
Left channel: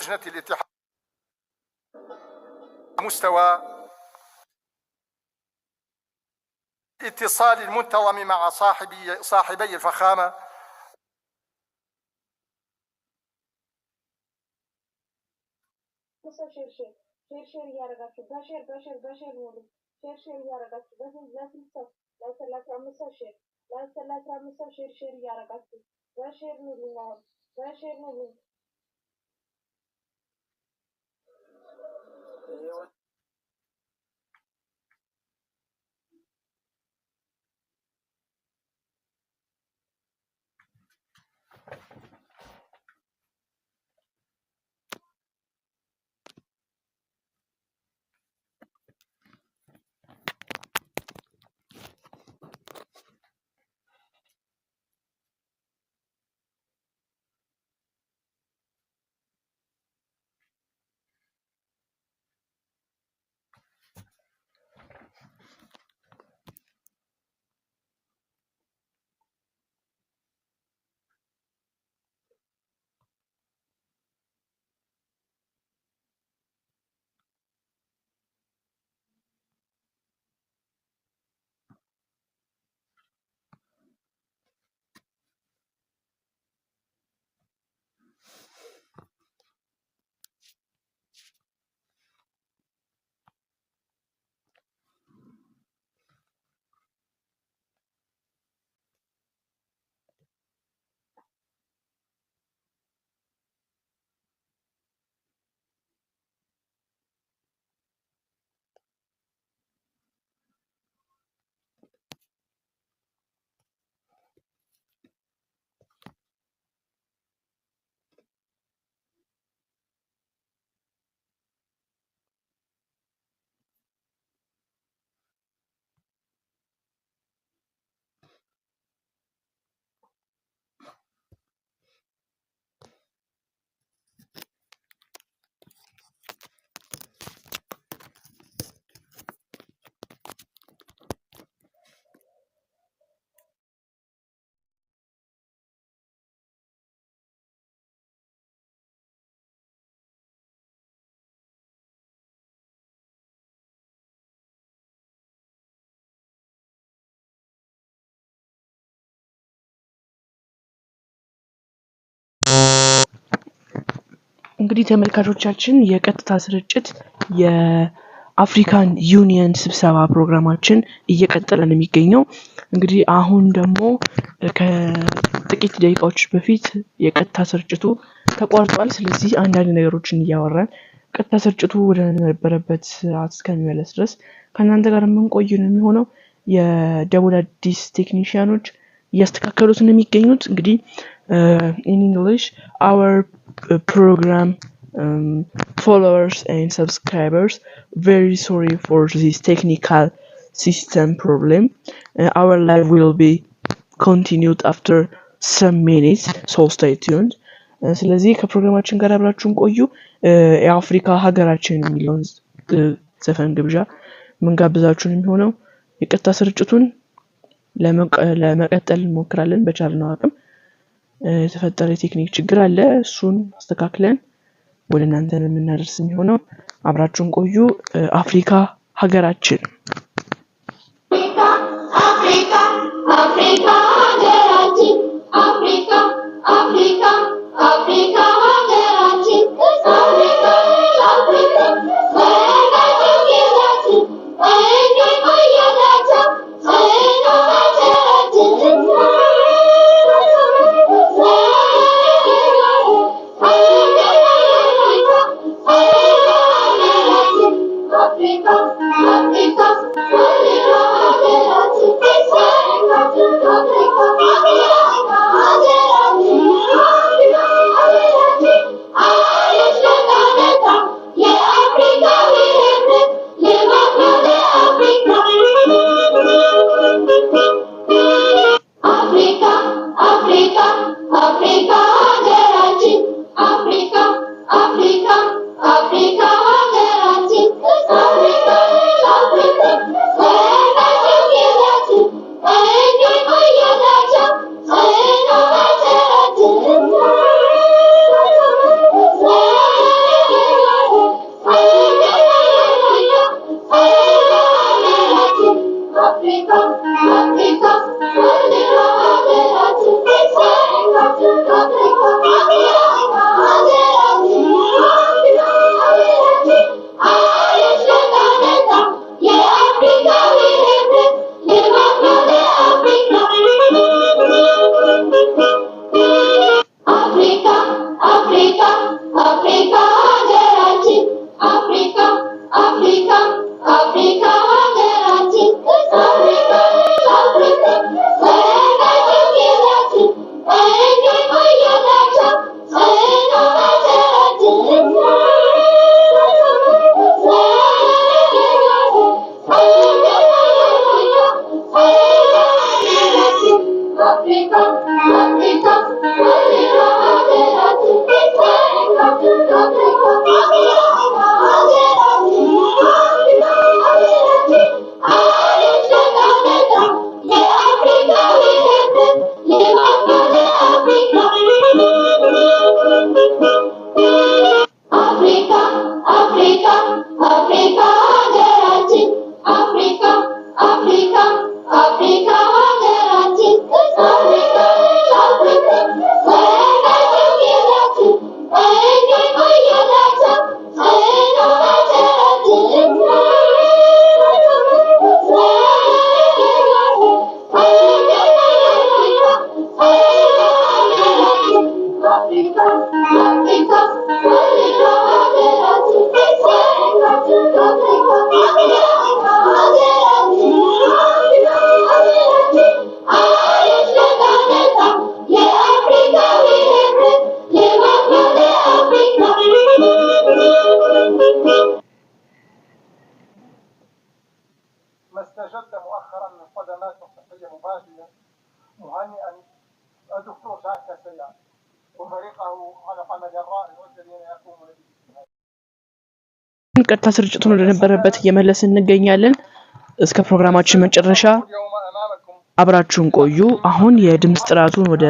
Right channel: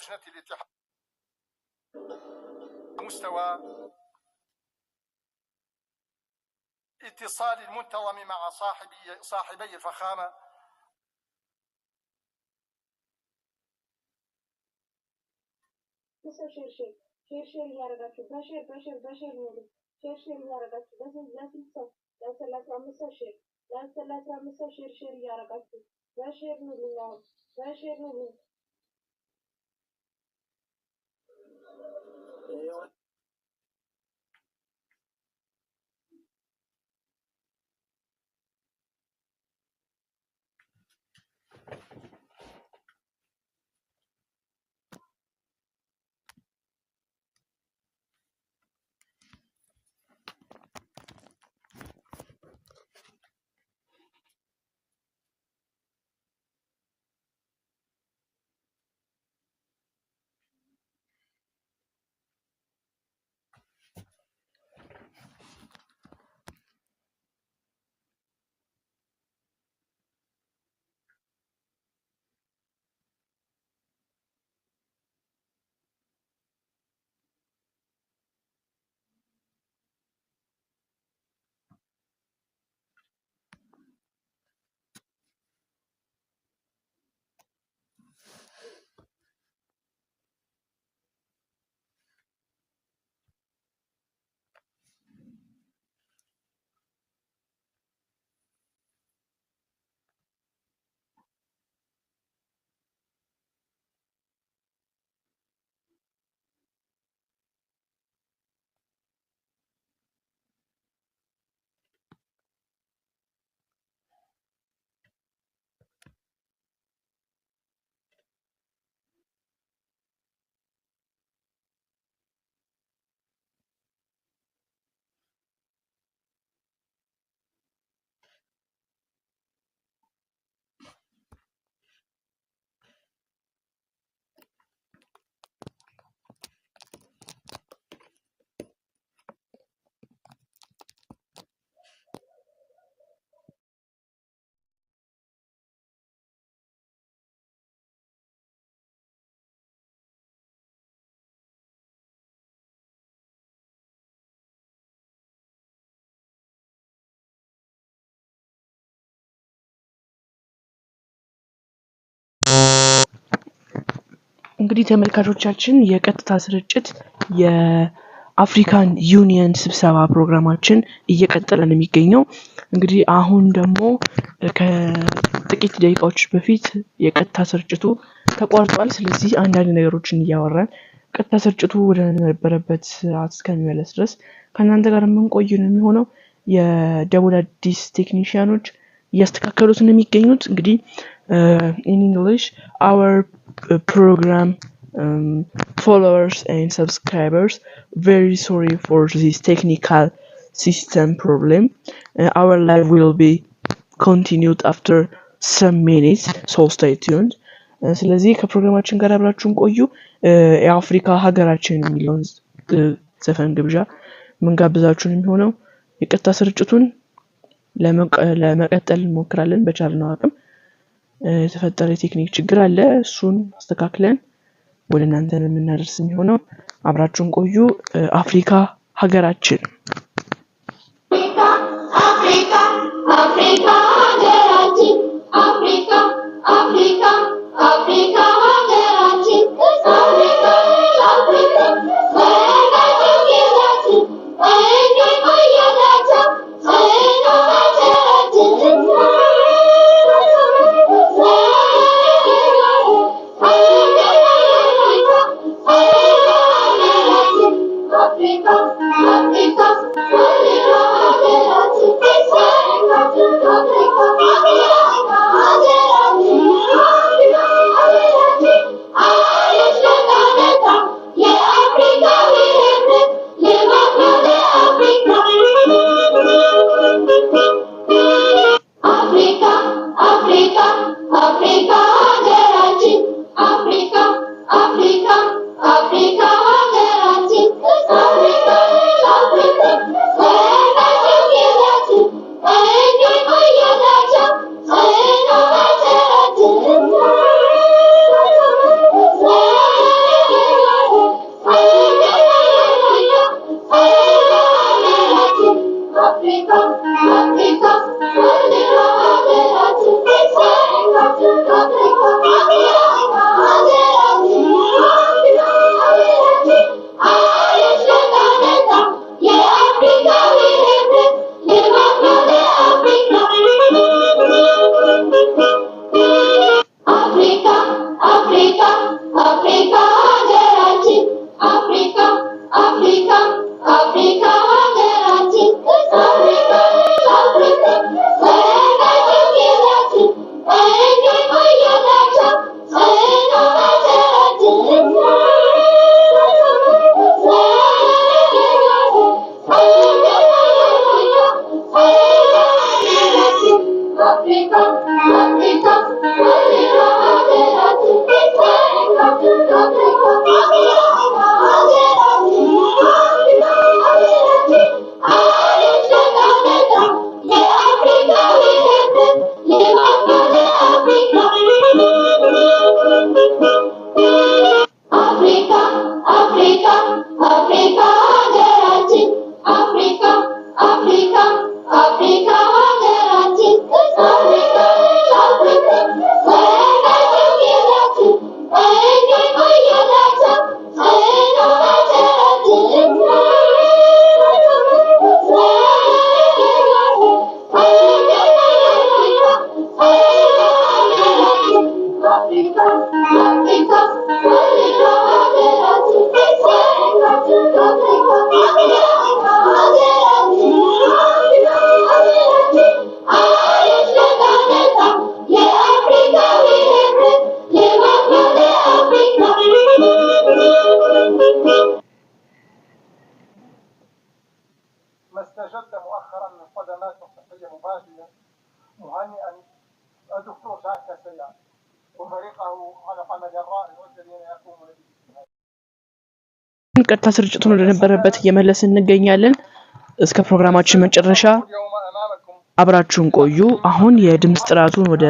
لجنة الاتحاد مستوى اتصال المنتظم مع صاحبي الفخامة شير ያረጋችሁ በሼር ነው ሼር ያረጋችሁ ለስንት ሰው ለ35 ሼር ለ35 ሼር ያረጋችሁ በሼር ነው ልኛው በሼር ነው እንግዲህ ተመልካቾቻችን የቀጥታ ስርጭት የአፍሪካን ዩኒየን ስብሰባ ፕሮግራማችን እየቀጠለ ነው የሚገኘው። እንግዲህ አሁን ደግሞ ከጥቂት ደቂቃዎች በፊት የቀጥታ ስርጭቱ ተቋርጧል። ስለዚህ አንዳንድ ነገሮችን እያወራን ቀጥታ ስርጭቱ ወደ ነበረበት ሰዓት እስከሚመለስ ድረስ ከእናንተ ጋር የምንቆይ ነው የሚሆነው። የደቡብ አዲስ ቴክኒሽያኖች እያስተካከሉት ነው የሚገኙት። እንግዲህ in English our program followers and subscribers, very sorry for this technical system problem. Our live will be continued after some minutes, so stay tuned. ስለዚህ ከፕሮግራማችን ጋር አብራችሁን ቆዩ። የአፍሪካ ሀገራችን የሚለውን ዘፈን ግብዣ ምን ጋብዛችሁን የሚሆነው የቀጥታ ስርጭቱን ለመቀጠል እንሞክራለን በቻልነው አቅም። የተፈጠረ የቴክኒክ ችግር አለ፣ እሱን አስተካክለን ወደ እናንተ የምናደርስ የሚሆነው። አብራችሁን ቆዩ። አፍሪካ ሀገራችን ቀጥታ ስርጭቱን ወደ ነበረበት እየመለስን እንገኛለን። እስከ ፕሮግራማችን መጨረሻ አብራችሁን ቆዩ። አሁን የድምጽ ጥራቱን ወደ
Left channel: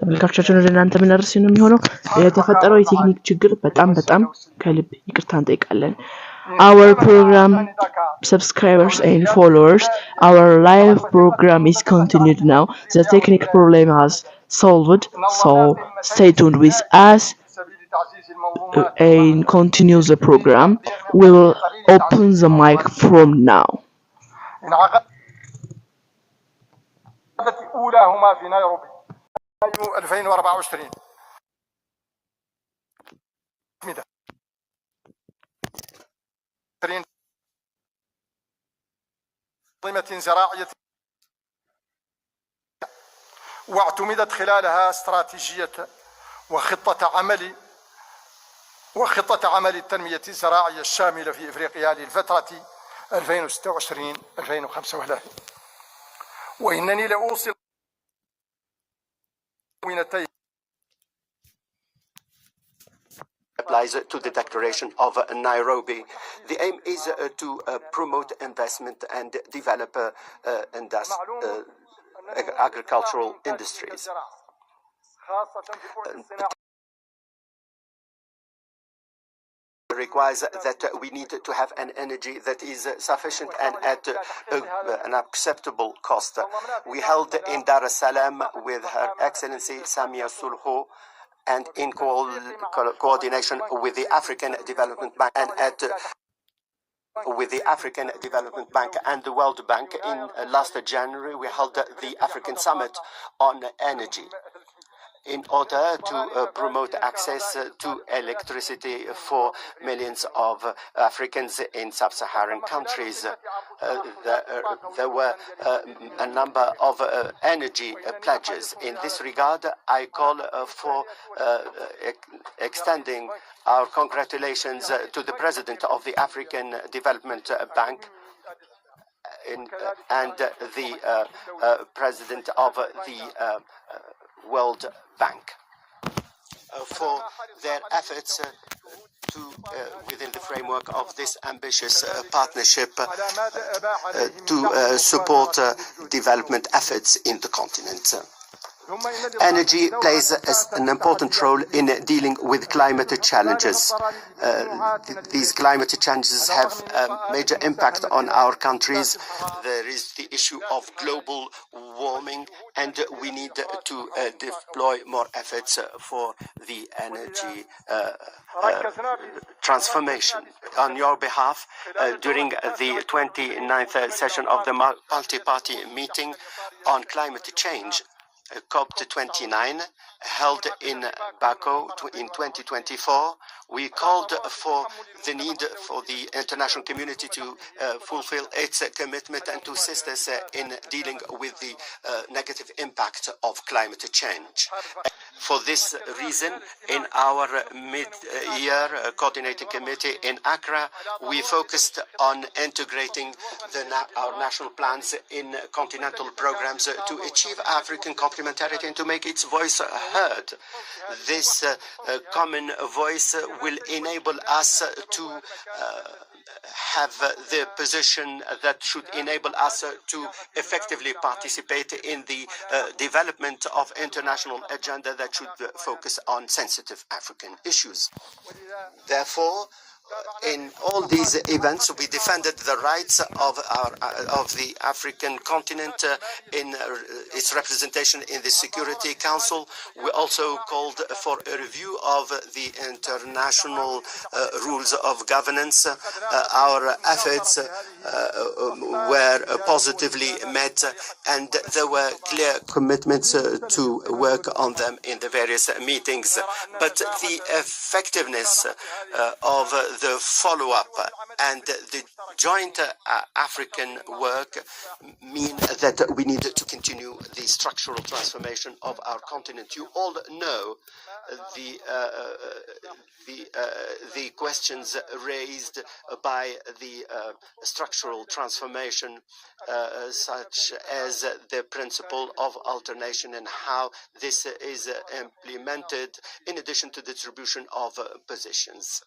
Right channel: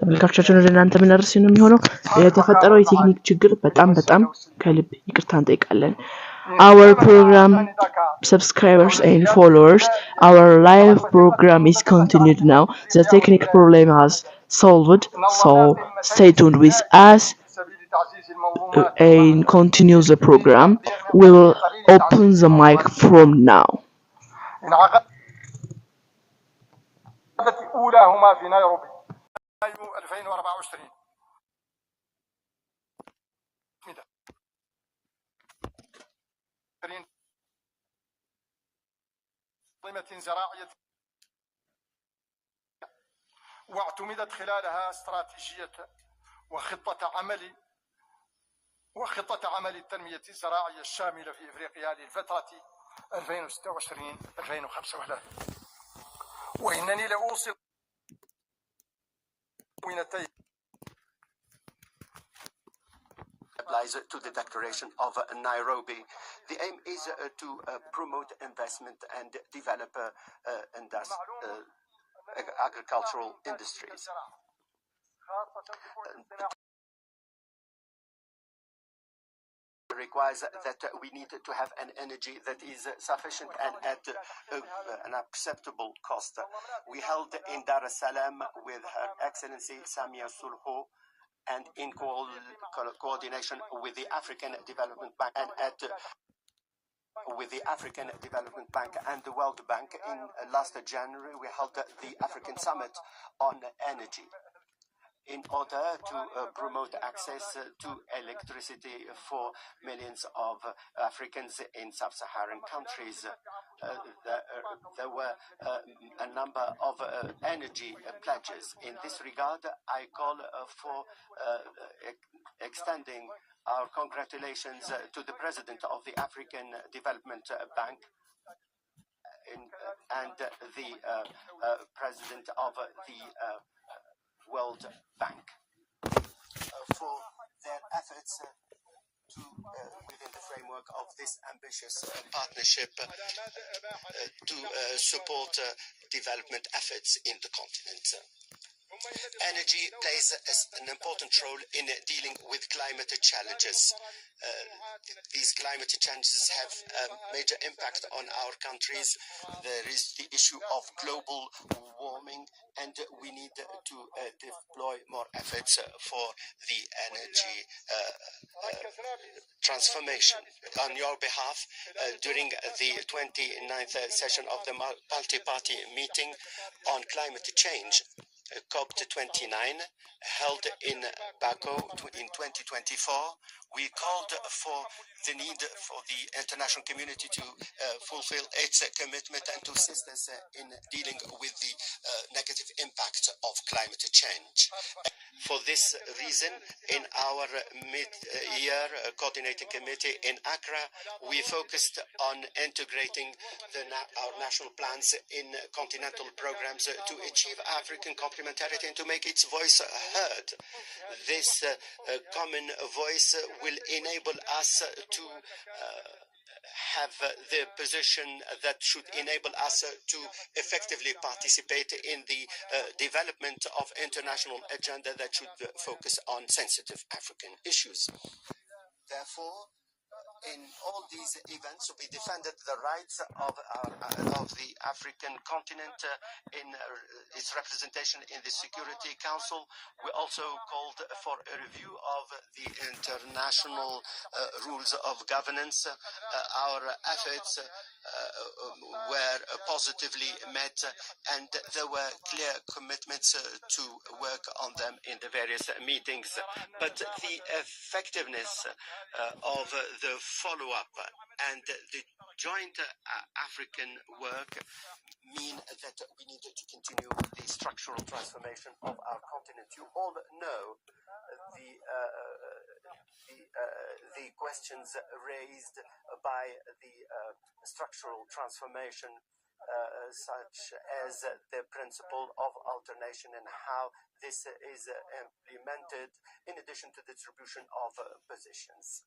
ተመልካቾቻችን ወደ እናንተ ምናደርስ ነው የሚሆነው። የተፈጠረው የቴክኒክ ችግር በጣም ከልብ ይቅርታ እንጠይቃለን። Our program subscribers and followers, our live program is continued now. The technical problem has solved, so stay tuned with us and continue the program. We will open the mic from now. أولاهما في نيروبي 2024 منظمة زراعية واعتمدت خلالها استراتيجية وخطة عمل التنمية الزراعية الشاملة في إفريقيا للفترة 2026-2035. وإنني لأوصل applies to the declaration of Nairobi. The aim is to promote investment and develop agricultural industries. Requires that we need to have an energy that is sufficient and at an acceptable cost. We held in Dar es Salaam with Her Excellency Samia Sulhu and in coordination with the African Development Bank and with the African Development Bank and the World Bank in last January, we held the African Summit on Energy in order to promote access to electricity for millions of Africans in sub-Saharan countries. There were a number of energy pledges. In this regard, I call for extending our congratulations to the President of the African Development Bank and the President of the World Bank for their efforts within the framework of this ambitious partnership to support development efforts in the continent. Energy plays an important role in dealing with climate challenges. These climate challenges have a major impact on our countries. There is the issue of global warming, and we need to deploy more efforts for the energy transformation. On your behalf, during the 29th session of the multi-party meeting on climate change, COP29, held in Baku in 2024, we called for the need for the international community to fulfill its commitment and to assist us in dealing with the negative impact of climate change. For this reason, in our mid-year coordinating committee in Accra, we focused on integrating our national plans in continental programs to achieve African complementarity and to make its voice heard. This common voice will enable us to have the position that should enable us to effectively participate in the development of international agenda that should focus on sensitive African issues. Therefore, in all these events, we defended the rights of the African continent in its representation in the Security Council. We also called for a review of the international rules of governance. Our efforts were positively met, and there were clear commitments to work on them in the various meetings. But the effectiveness of the follow-up and the joint African work mean that we need to continue the structural transformation of our continent. You all know the questions raised by the structural transformation, such as the principle of alternation and how this is implemented in addition to the distribution of positions.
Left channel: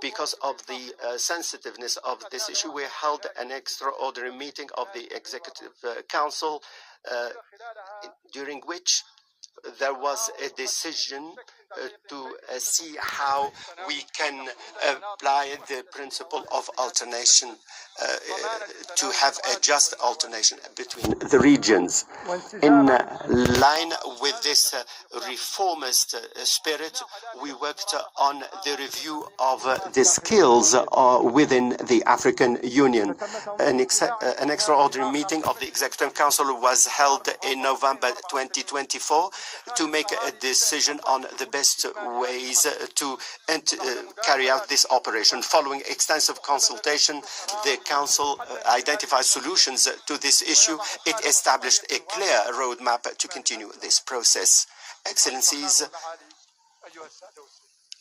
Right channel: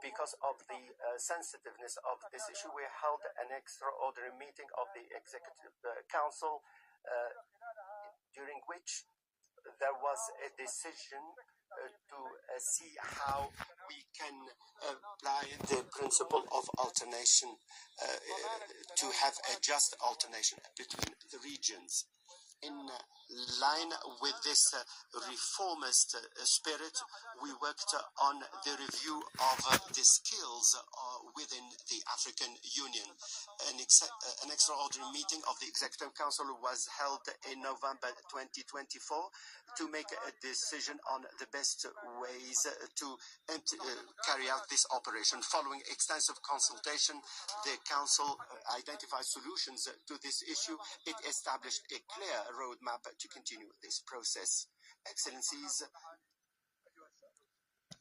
Because of the sensitiveness of this issue, we held an extraordinary meeting of the Executive Council, during which there was a decision to see how we can apply the principle of alternation to have a just alternation between the regions. In line with this reformist spirit, we worked on the review of the skills within the African Union. An extraordinary meeting of the Executive Council was held in November 2024 to make a decision on the best ways to carry out this operation. Following extensive consultation, the Council identified solutions to this issue. It established a clear roadmap to continue this process. Excellencies,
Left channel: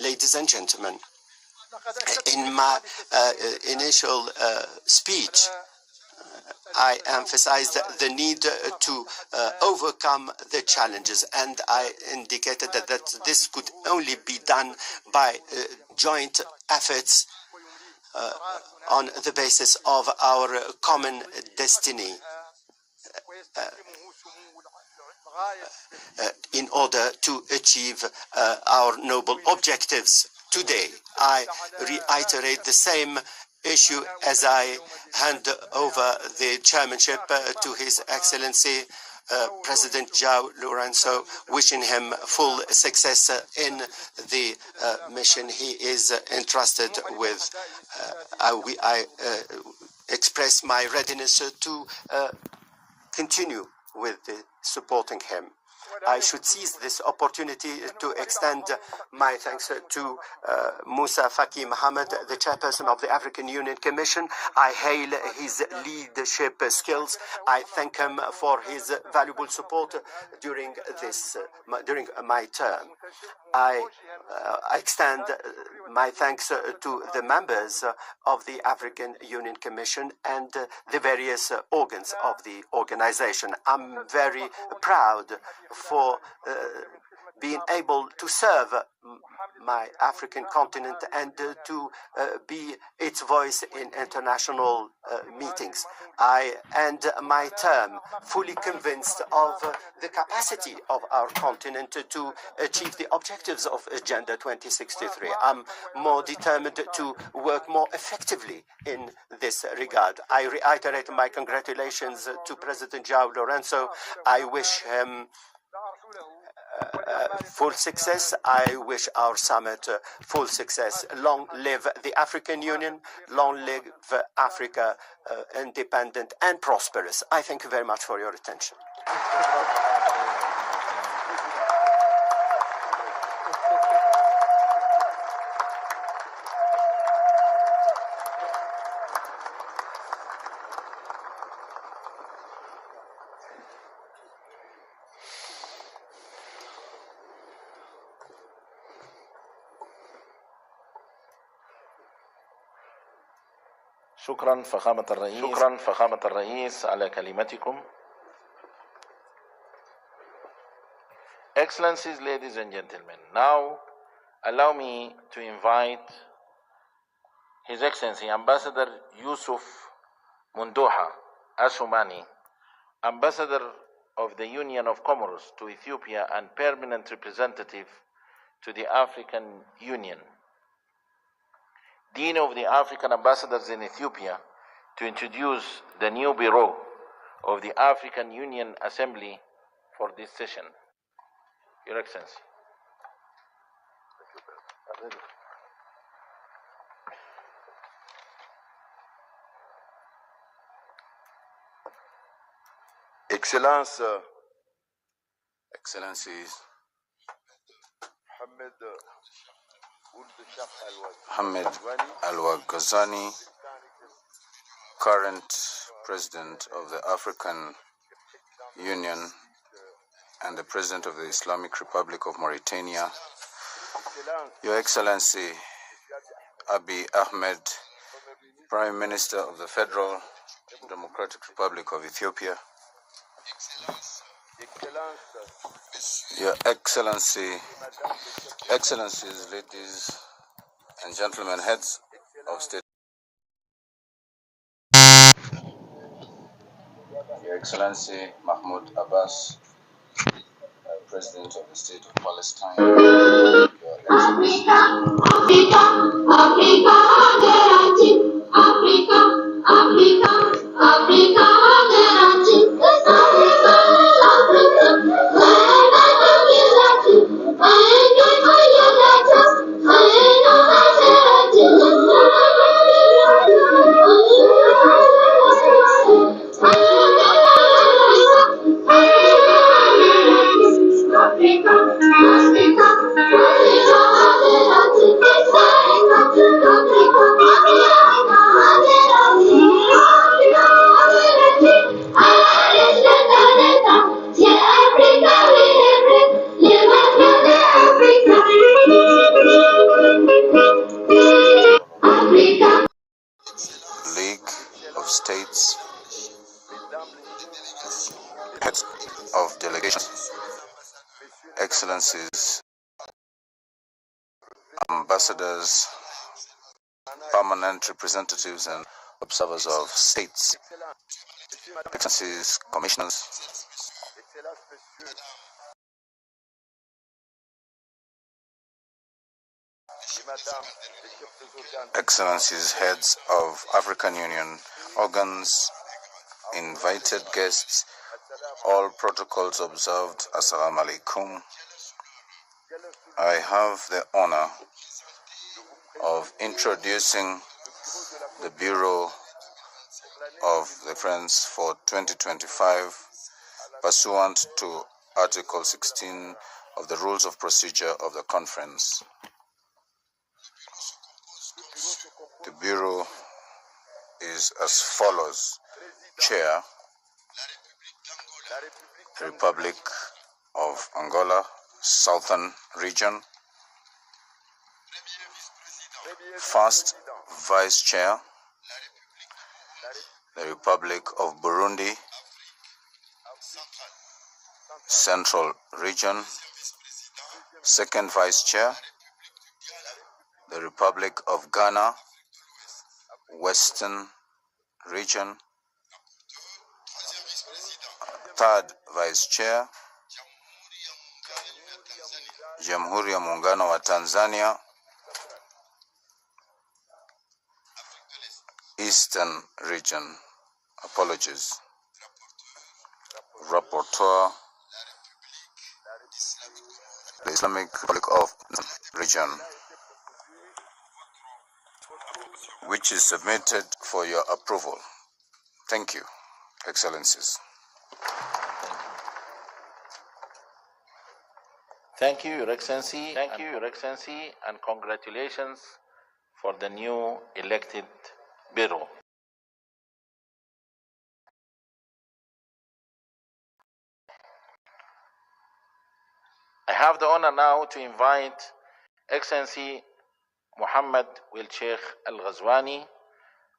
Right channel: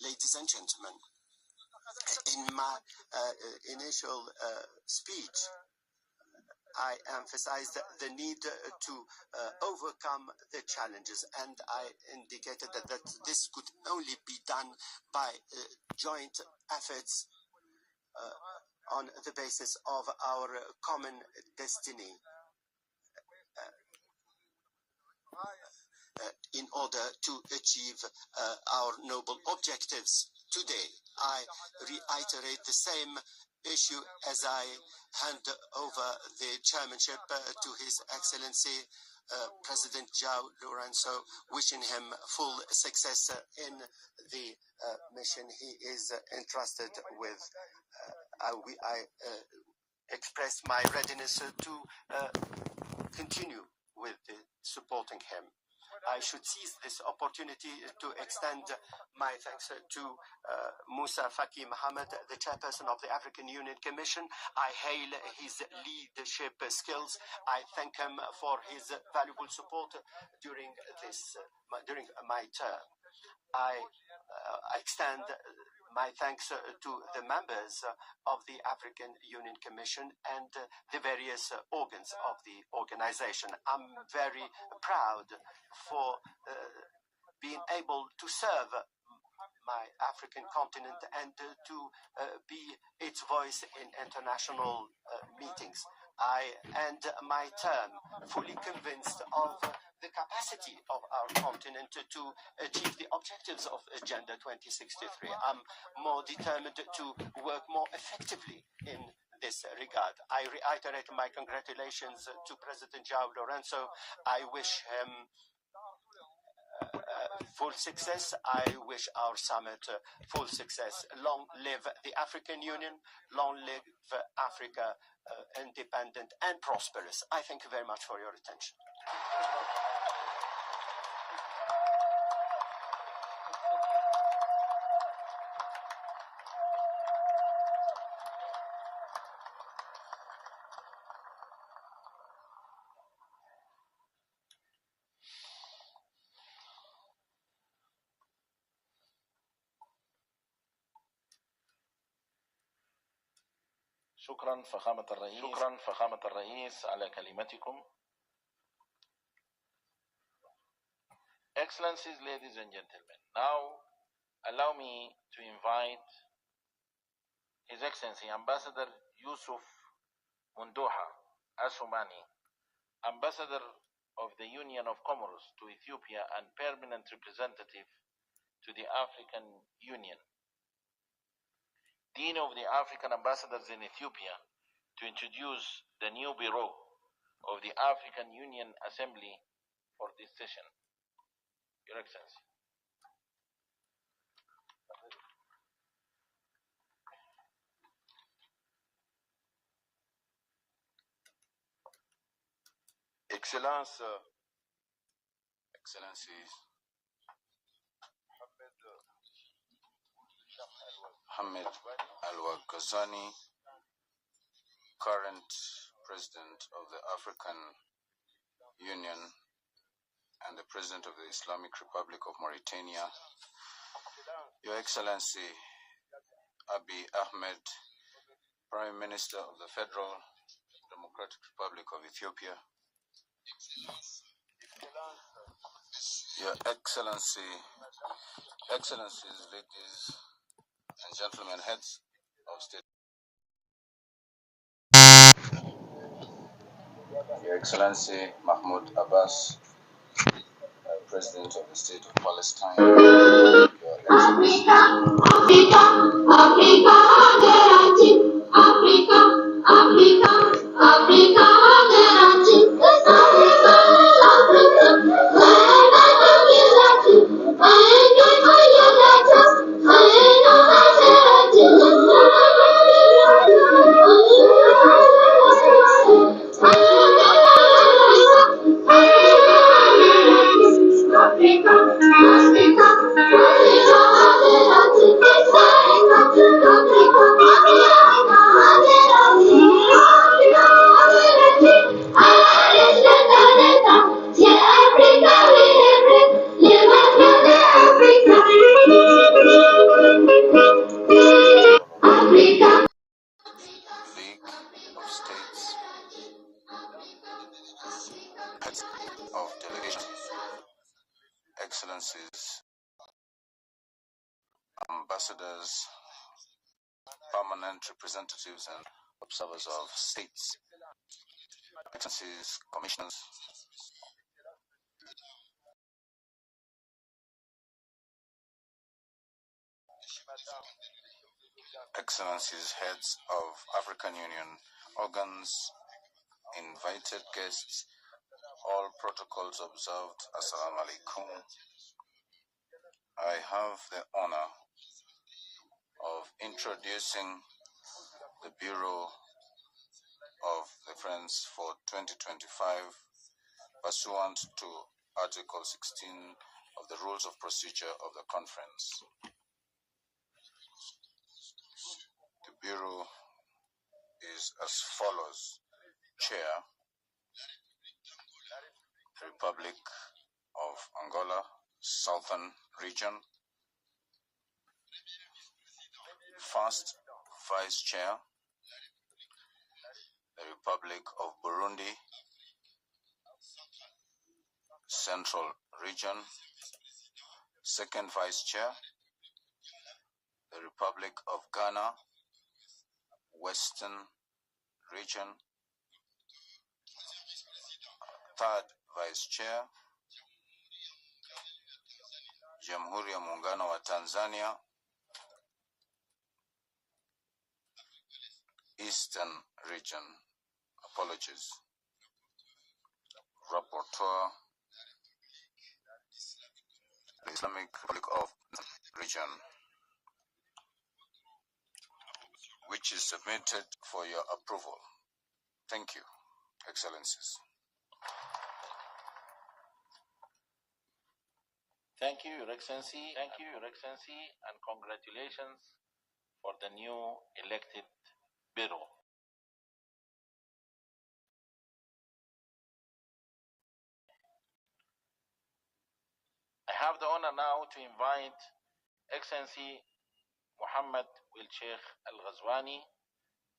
ladies and gentlemen, in my initial speech, I emphasized the need to overcome the challenges, and I indicated that this could only be done by joint efforts on the basis of our common destiny. in order to achieve our noble objectives. Today, I reiterate the same issue as I hand over the chairmanship to His Excellency President João Lourenço, wishing him full success in the mission he is entrusted with. I express my readiness to continue with supporting him. I should seize this opportunity to extend my thanks to Musa Faki Mohammed, the chairperson of the African Union Commission. I hail his leadership skills. I thank him for his valuable support during my term. I extend my thanks to the members of the African Union Commission and the various organs of the organization. I'm very proud for being able to serve my African continent and to be its voice in international meetings. I end my term fully convinced of the capacity of our continent to achieve the objectives of Agenda 2063. I'm more determined to work more effectively in this regard. I reiterate my congratulations to President João Lourenço. I wish him full success. I wish our summit full success. Long live the African Union. Long live Africa, independent and prosperous. I thank you very much for your attention. شكرا فخامة الرئيس على كلمتكم. Excellencies, ladies and gentlemen, now allow me to invite His Excellency Ambassador Yusuf Mundoha Asumani, Ambassador of the Union of Comoros to Ethiopia and Permanent Representative to the African Union, Dean of the African Ambassadors in Ethiopia, to introduce the new Bureau of the African Union Assembly for this session. Your Excellency. Excellencies, Mohammed Al-Ghazani, current President of the African Union and the President of the Islamic Republic of Mauritania, Your Excellency Abiy Ahmed, Prime Minister of the Federal Democratic Republic of Ethiopia, Your Excellency, Excellencies, ladies and gentlemen, heads of state, Your Excellency Mahmoud Abbas, President of the State of Palestine, Your Excellency, League of States, heads of delegations, Excellencies, ambassadors, permanent representatives, and observers of states, excellencies, commissioners, excellencies, heads of African Union organs, invited guests, all protocols observed, Assalamu alaikum. I have the honor of introducing the Bureau of the Friends for 2025 pursuant to Article 16 of the Rules of Procedure of the Conference. The Bureau is as follows. Chair, Republic of Angola, Southern Region. First Vice Chair, the Republic of Burundi, Central Region. Second Vice Chair, the Republic of Ghana, Western Region. Third Vice Chair, Jamhuri ya Muungano wa Tanzania, Eastern Region. Apologies. Rapporteur, the Islamic Republic of Region, which is submitted for your approval. Thank you, Excellencies. Thank you, Your Excellency. Thank you, Your Excellency, and congratulations for the new elected Bureau. I have the honor now to invite Excellency Muhammad Wil Sheikh Al Ghazwani,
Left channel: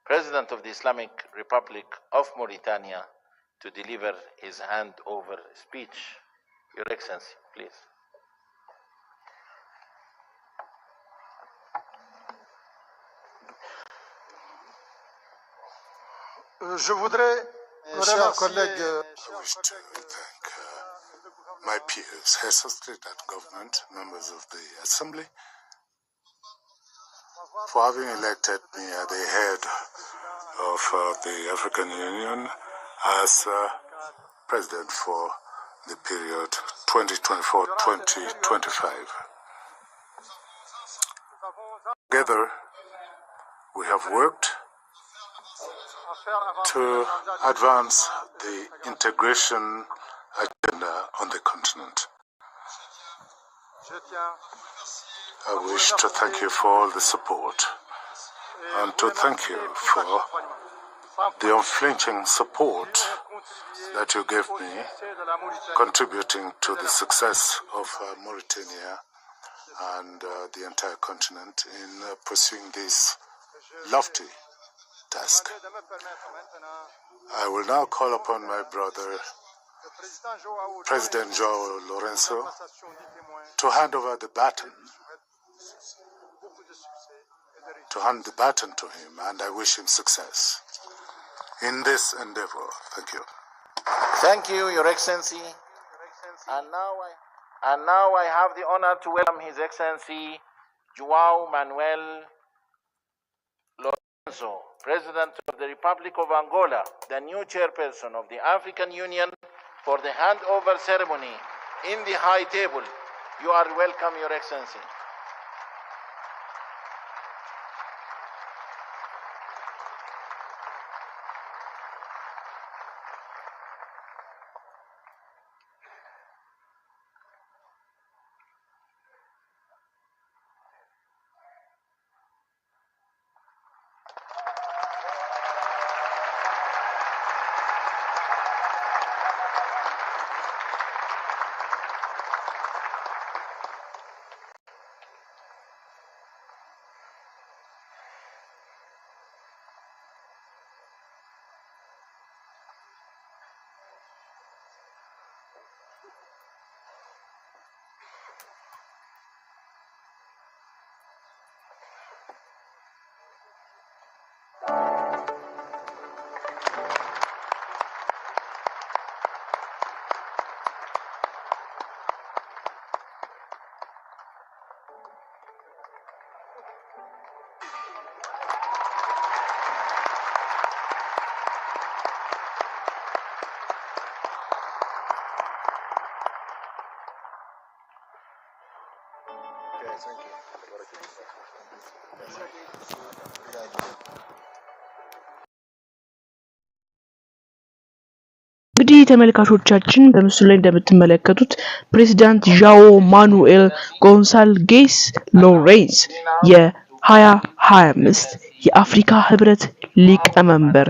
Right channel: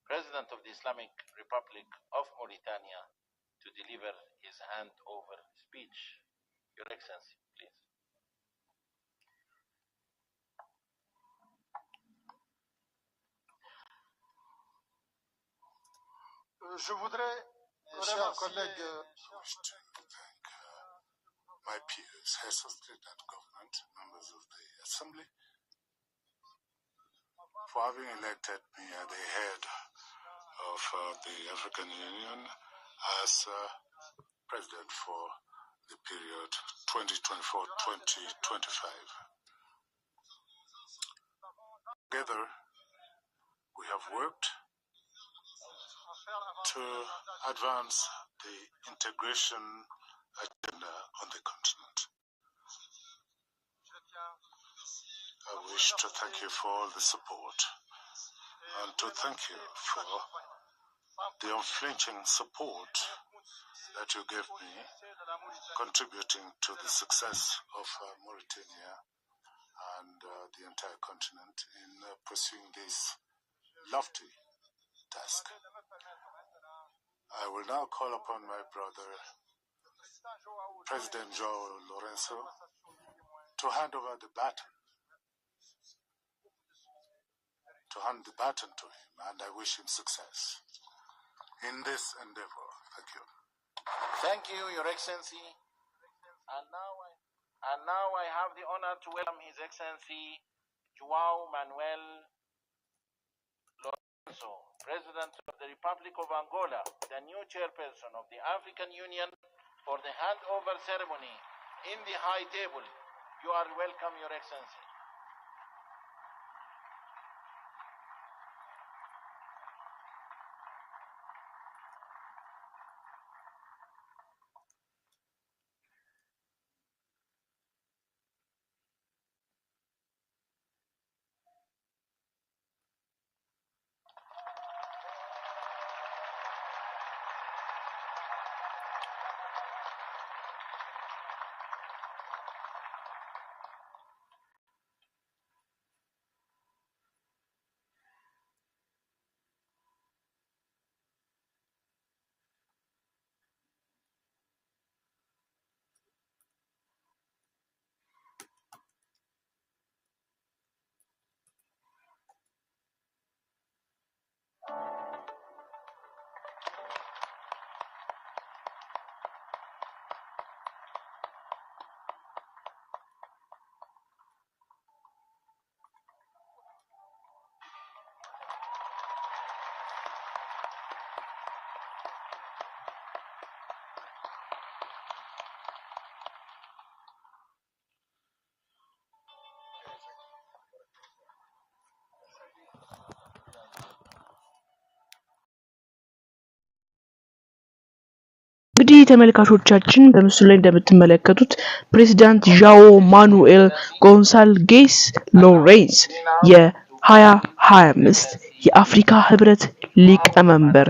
President of the Islamic Republic of Mauritania, to deliver his handover speech. Your Excellency, please. Je voudrais, chers collègues, I wish to thank my peers, heads of state and government, members of the Assembly, for having elected me at the head of the African Union as President for the period 2024-2025. Together, we have worked to advance the integration agenda on the continent. I wish to thank you for all the support and to thank you for the unflinching support that you gave me, contributing to the success of Mauritania and the entire continent in pursuing this lofty task. I will now call upon my brother, President João Lourenço, to hand over the baton, to him, and I wish him success in this endeavor. Thank you. Thank you, Your Excellency. And now I have the honor to welcome His Excellency João Manuel Lourenço, President of the Republic of Angola, the new chairperson of the African Union, for the handover ceremony in the high table. You are welcome, Your Excellency. እንግዲህ ተመልካቾቻችን በምስሉ ላይ እንደምትመለከቱት ፕሬዝዳንት ዣኦ ማኑኤል ጎንሳልቬስ ሎሬንስ የ2025 የአፍሪካ ሕብረት ሊቀመንበር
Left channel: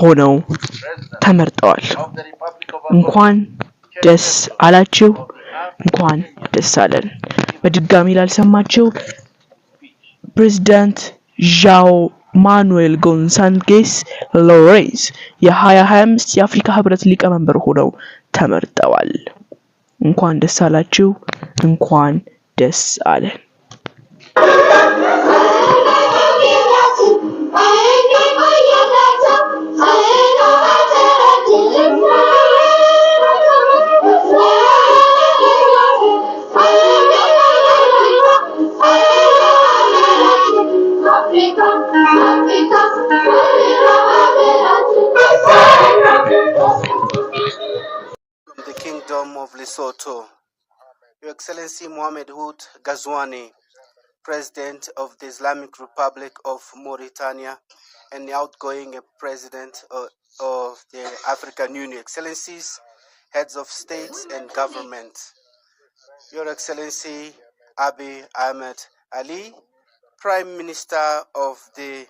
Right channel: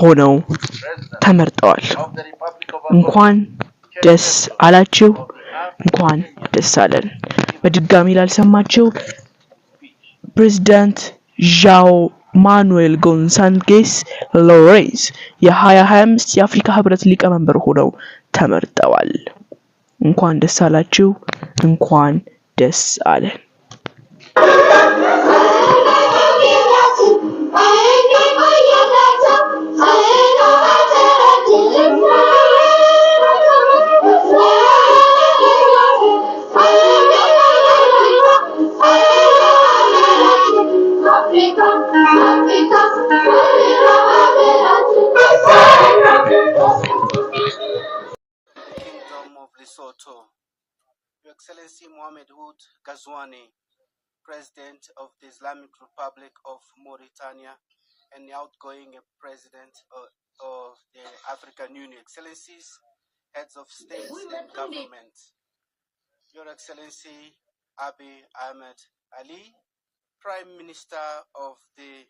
ሆነው ተመርጠዋል። እንኳን ደስ አላችሁ፣ እንኳን ደስ አለን። በድጋሚ ላልሰማችሁ ፕሬዝዳንት ዣኦ ማኑኤል ጎንሳልቬስ ሎሬንስ የ2025 የአፍሪካ ሕብረት ሊቀመንበር ሆነው ተመርጠዋል። እንኳን ደስ አላችሁ፣ እንኳን ደስ አለን። The Kingdom of Lesotho, Your Excellency Mohamed Ould Ghazouani, President of the Islamic Republic of Mauritania and the outgoing President of the African Union, Excellencies, Heads of States and Government, Your Excellency Abiy Ahmed Ali, Prime Minister of the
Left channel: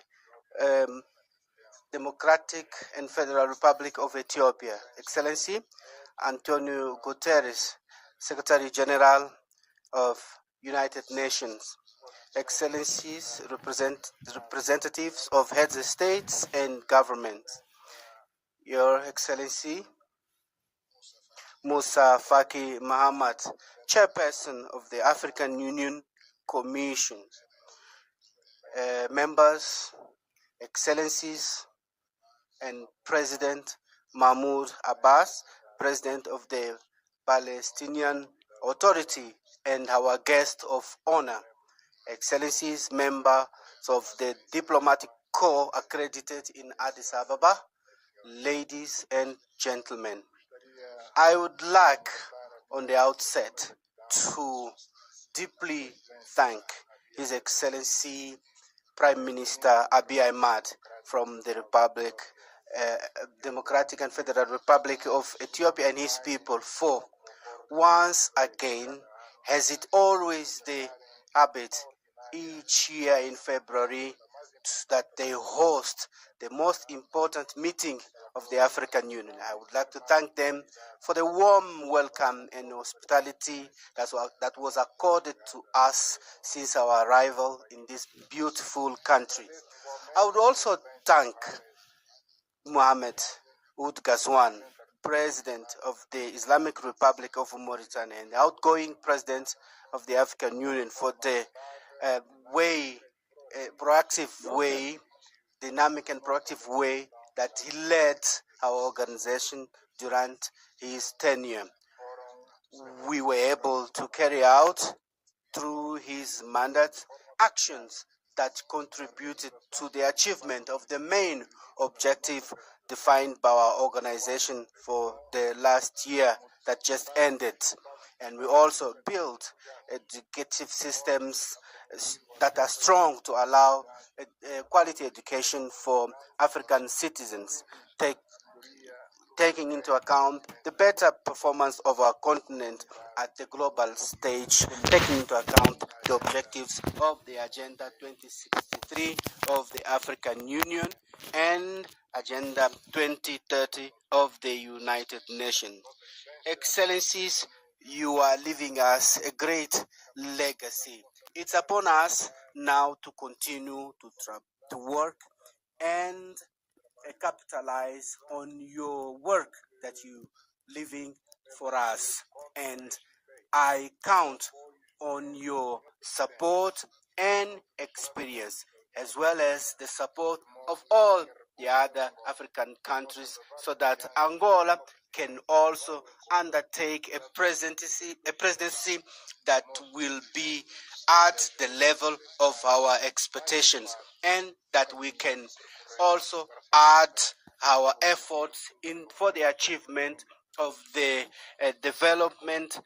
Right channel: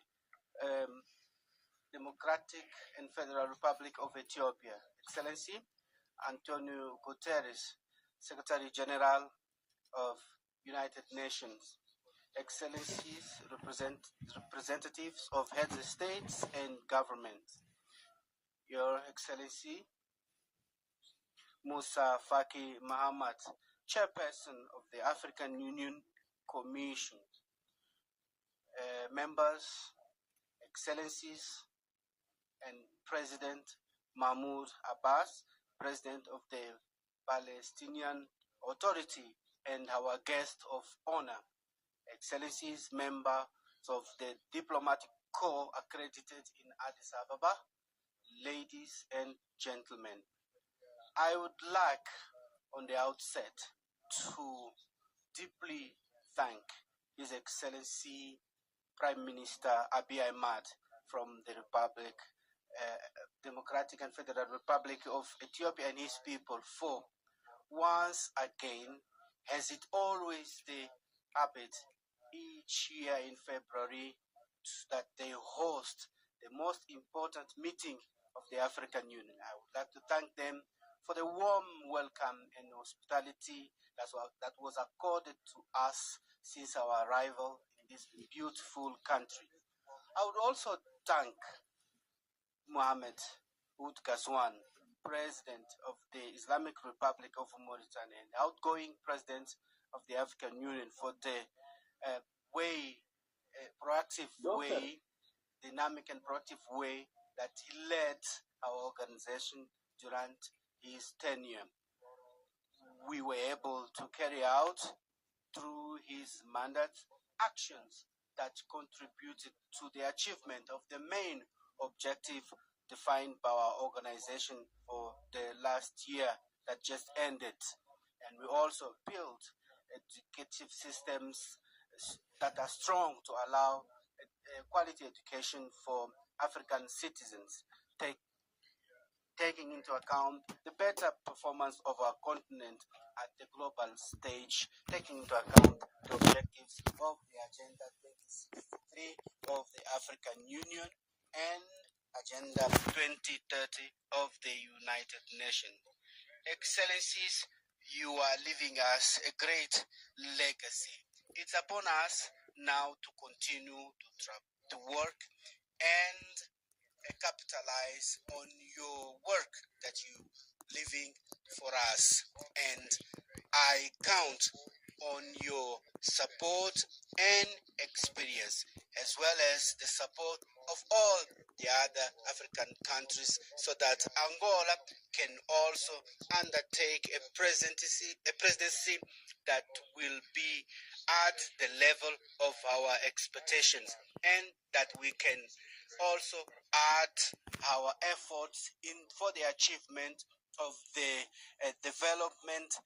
Democratic and Federal Republic of Ethiopia, Excellency Antonio Guterres, Secretary General of United Nations, Excellencies, representatives of heads of states and governments, Your Excellency Musa Faki Mahamat, Chairperson of the African Union Commission, members, Excellencies, and President Mahmoud Abbas, President of the Palestinian Authority, and our guest of honor, Excellencies, members of the Diplomatic Corps accredited in Addis Ababa, ladies and gentlemen. I would like, on the outset, to deeply thank His Excellency Prime Minister Abiy Ahmed from the Democratic and Federal Republic of Ethiopia and his people for, once again, as it always the habit each year in February, that they host the most important meeting of the African Union. I would like to thank them for the warm welcome and hospitality that was accorded to us since our arrival in this beautiful country. I would also thank Mohamed Ould Ghazouani, President of the Islamic Republic of Mauritania and the outgoing President of the African Union, for the proactive way, dynamic and proactive way that he led our organization during his tenure. We were able to carry out, through his mandate, actions that contributed to the achievement of the main objective defined by our organization for the last year that just ended. And we also built educative systems that are strong to allow quality education for African citizens, taking into account the better performance of our continent at the global stage, taking into account the objectives of the Agenda 2063 of the African Union and Agenda 2030 of the United Nations. Excellencies, you are leaving us a great legacy. It's upon us now to continue to work and capitalize on your work that you living for us, and I count on your support and experience, as well as the support of all the other African countries, so that Angola can also undertake a presidency that will be at the level of our expectations, and that we can also add our efforts for the achievement of the development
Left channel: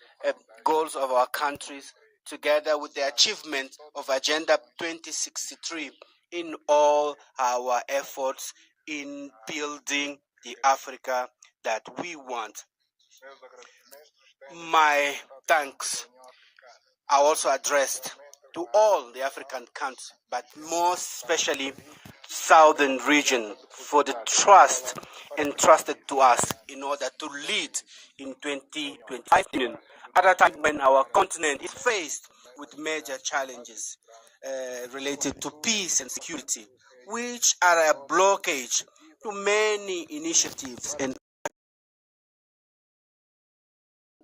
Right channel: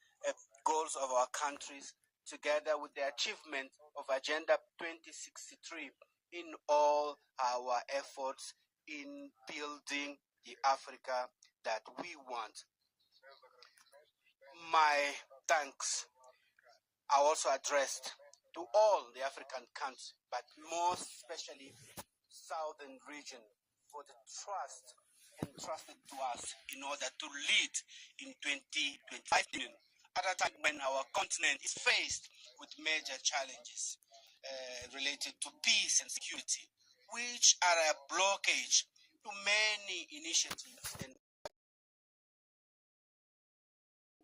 goals of our countries together with the achievement of Agenda 2063 in all our efforts in building the Africa that we want. My thanks are also addressed to all the African countries, but more especially Southern region, for the trust entrusted to us in order to lead in 2025 at a time when our continent is faced with major challenges related to peace and security, which are a blockage to many initiatives and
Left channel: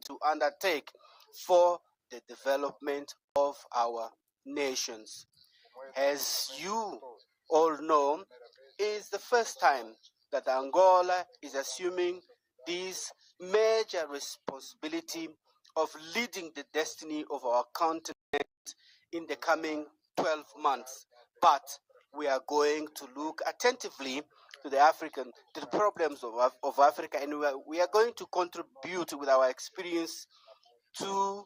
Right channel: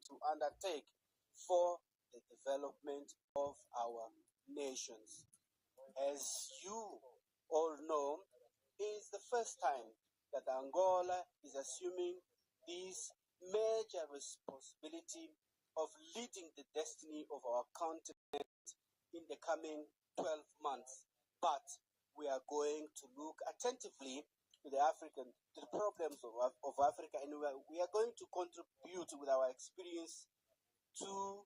to undertake for the development of our nations. As you all know, it is the first time that Angola is assuming this major responsibility of leading the destiny of our continent in the coming 12 months. But we are going to look attentively to the problems of Africa, and we are going to contribute with our experience to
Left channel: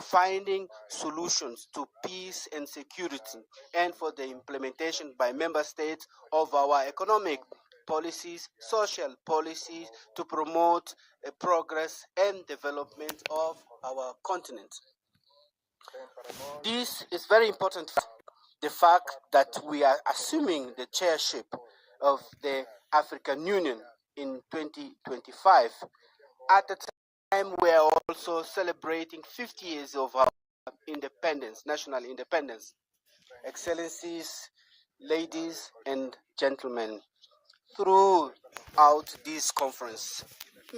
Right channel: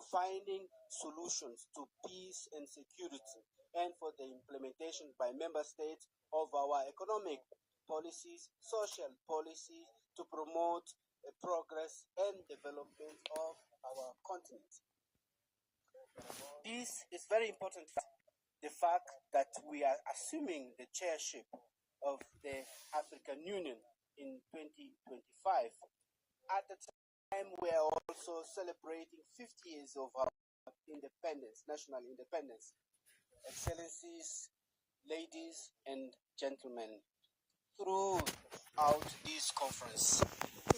finding solutions to peace and security, and for the implementation by member states of our economic policies, social policies, to promote progress and development of our continent. This is very important. The fact that we are assuming the chairship of the African Union in 2025 at the time we are also celebrating 50 years of our independence, national independence. Excellencies, ladies and gentlemen, throughout this conference,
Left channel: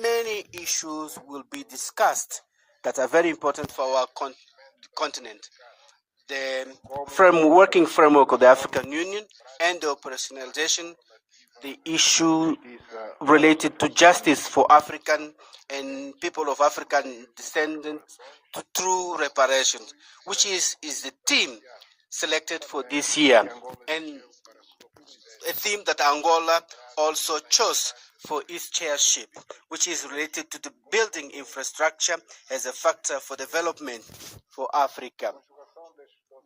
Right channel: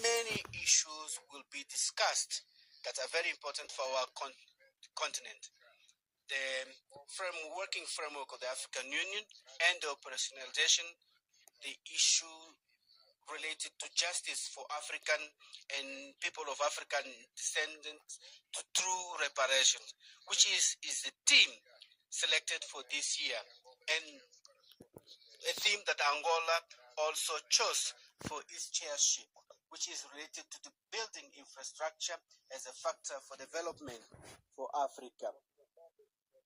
many issues will be discussed that are very important for our continent. The working framework of the African Union and the operationalization, the issue related to justice for African and people of African descendants through reparations, which is the theme selected for this year, and a theme that Angola also chose for its chairship, which is related to the building infrastructure as a factor for development for Africa.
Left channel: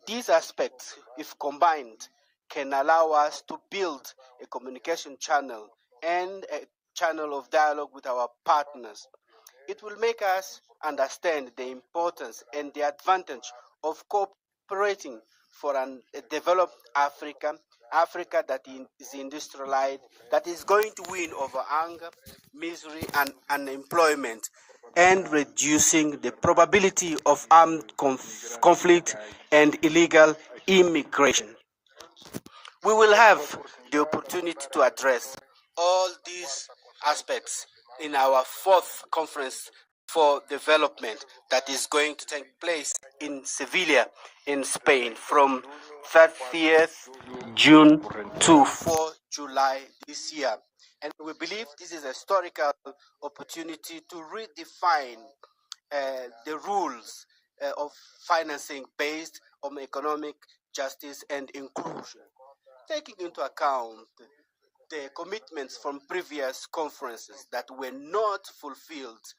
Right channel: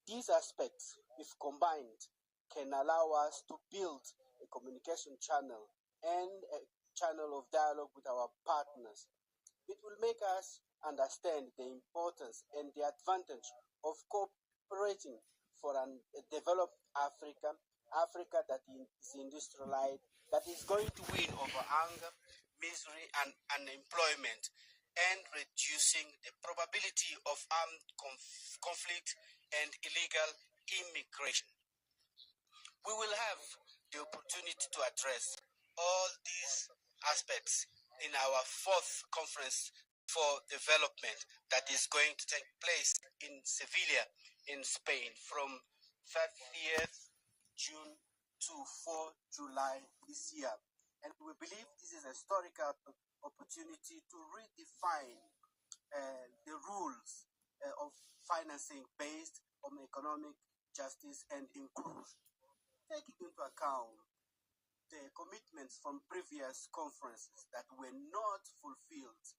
These aspects, if combined, can allow us to build a communication channel and a channel of dialogue with our partners. It will make us understand the importance and the advantage of cooperating for a developed Africa, Africa that is industrialized, that is going to win over hunger, misery, and unemployment, and reducing the probability of armed conflict and illegal immigration. We will have the opportunity to address all these aspects in our fourth conference for development that is going to take place in Sevilla, in Spain, from 30th June to 4 July this year. And we believe this is a historical opportunity to redefine the rules of financing based on economic justice and inclusion, taking into account the commitments from previous conferences that were not fulfilled,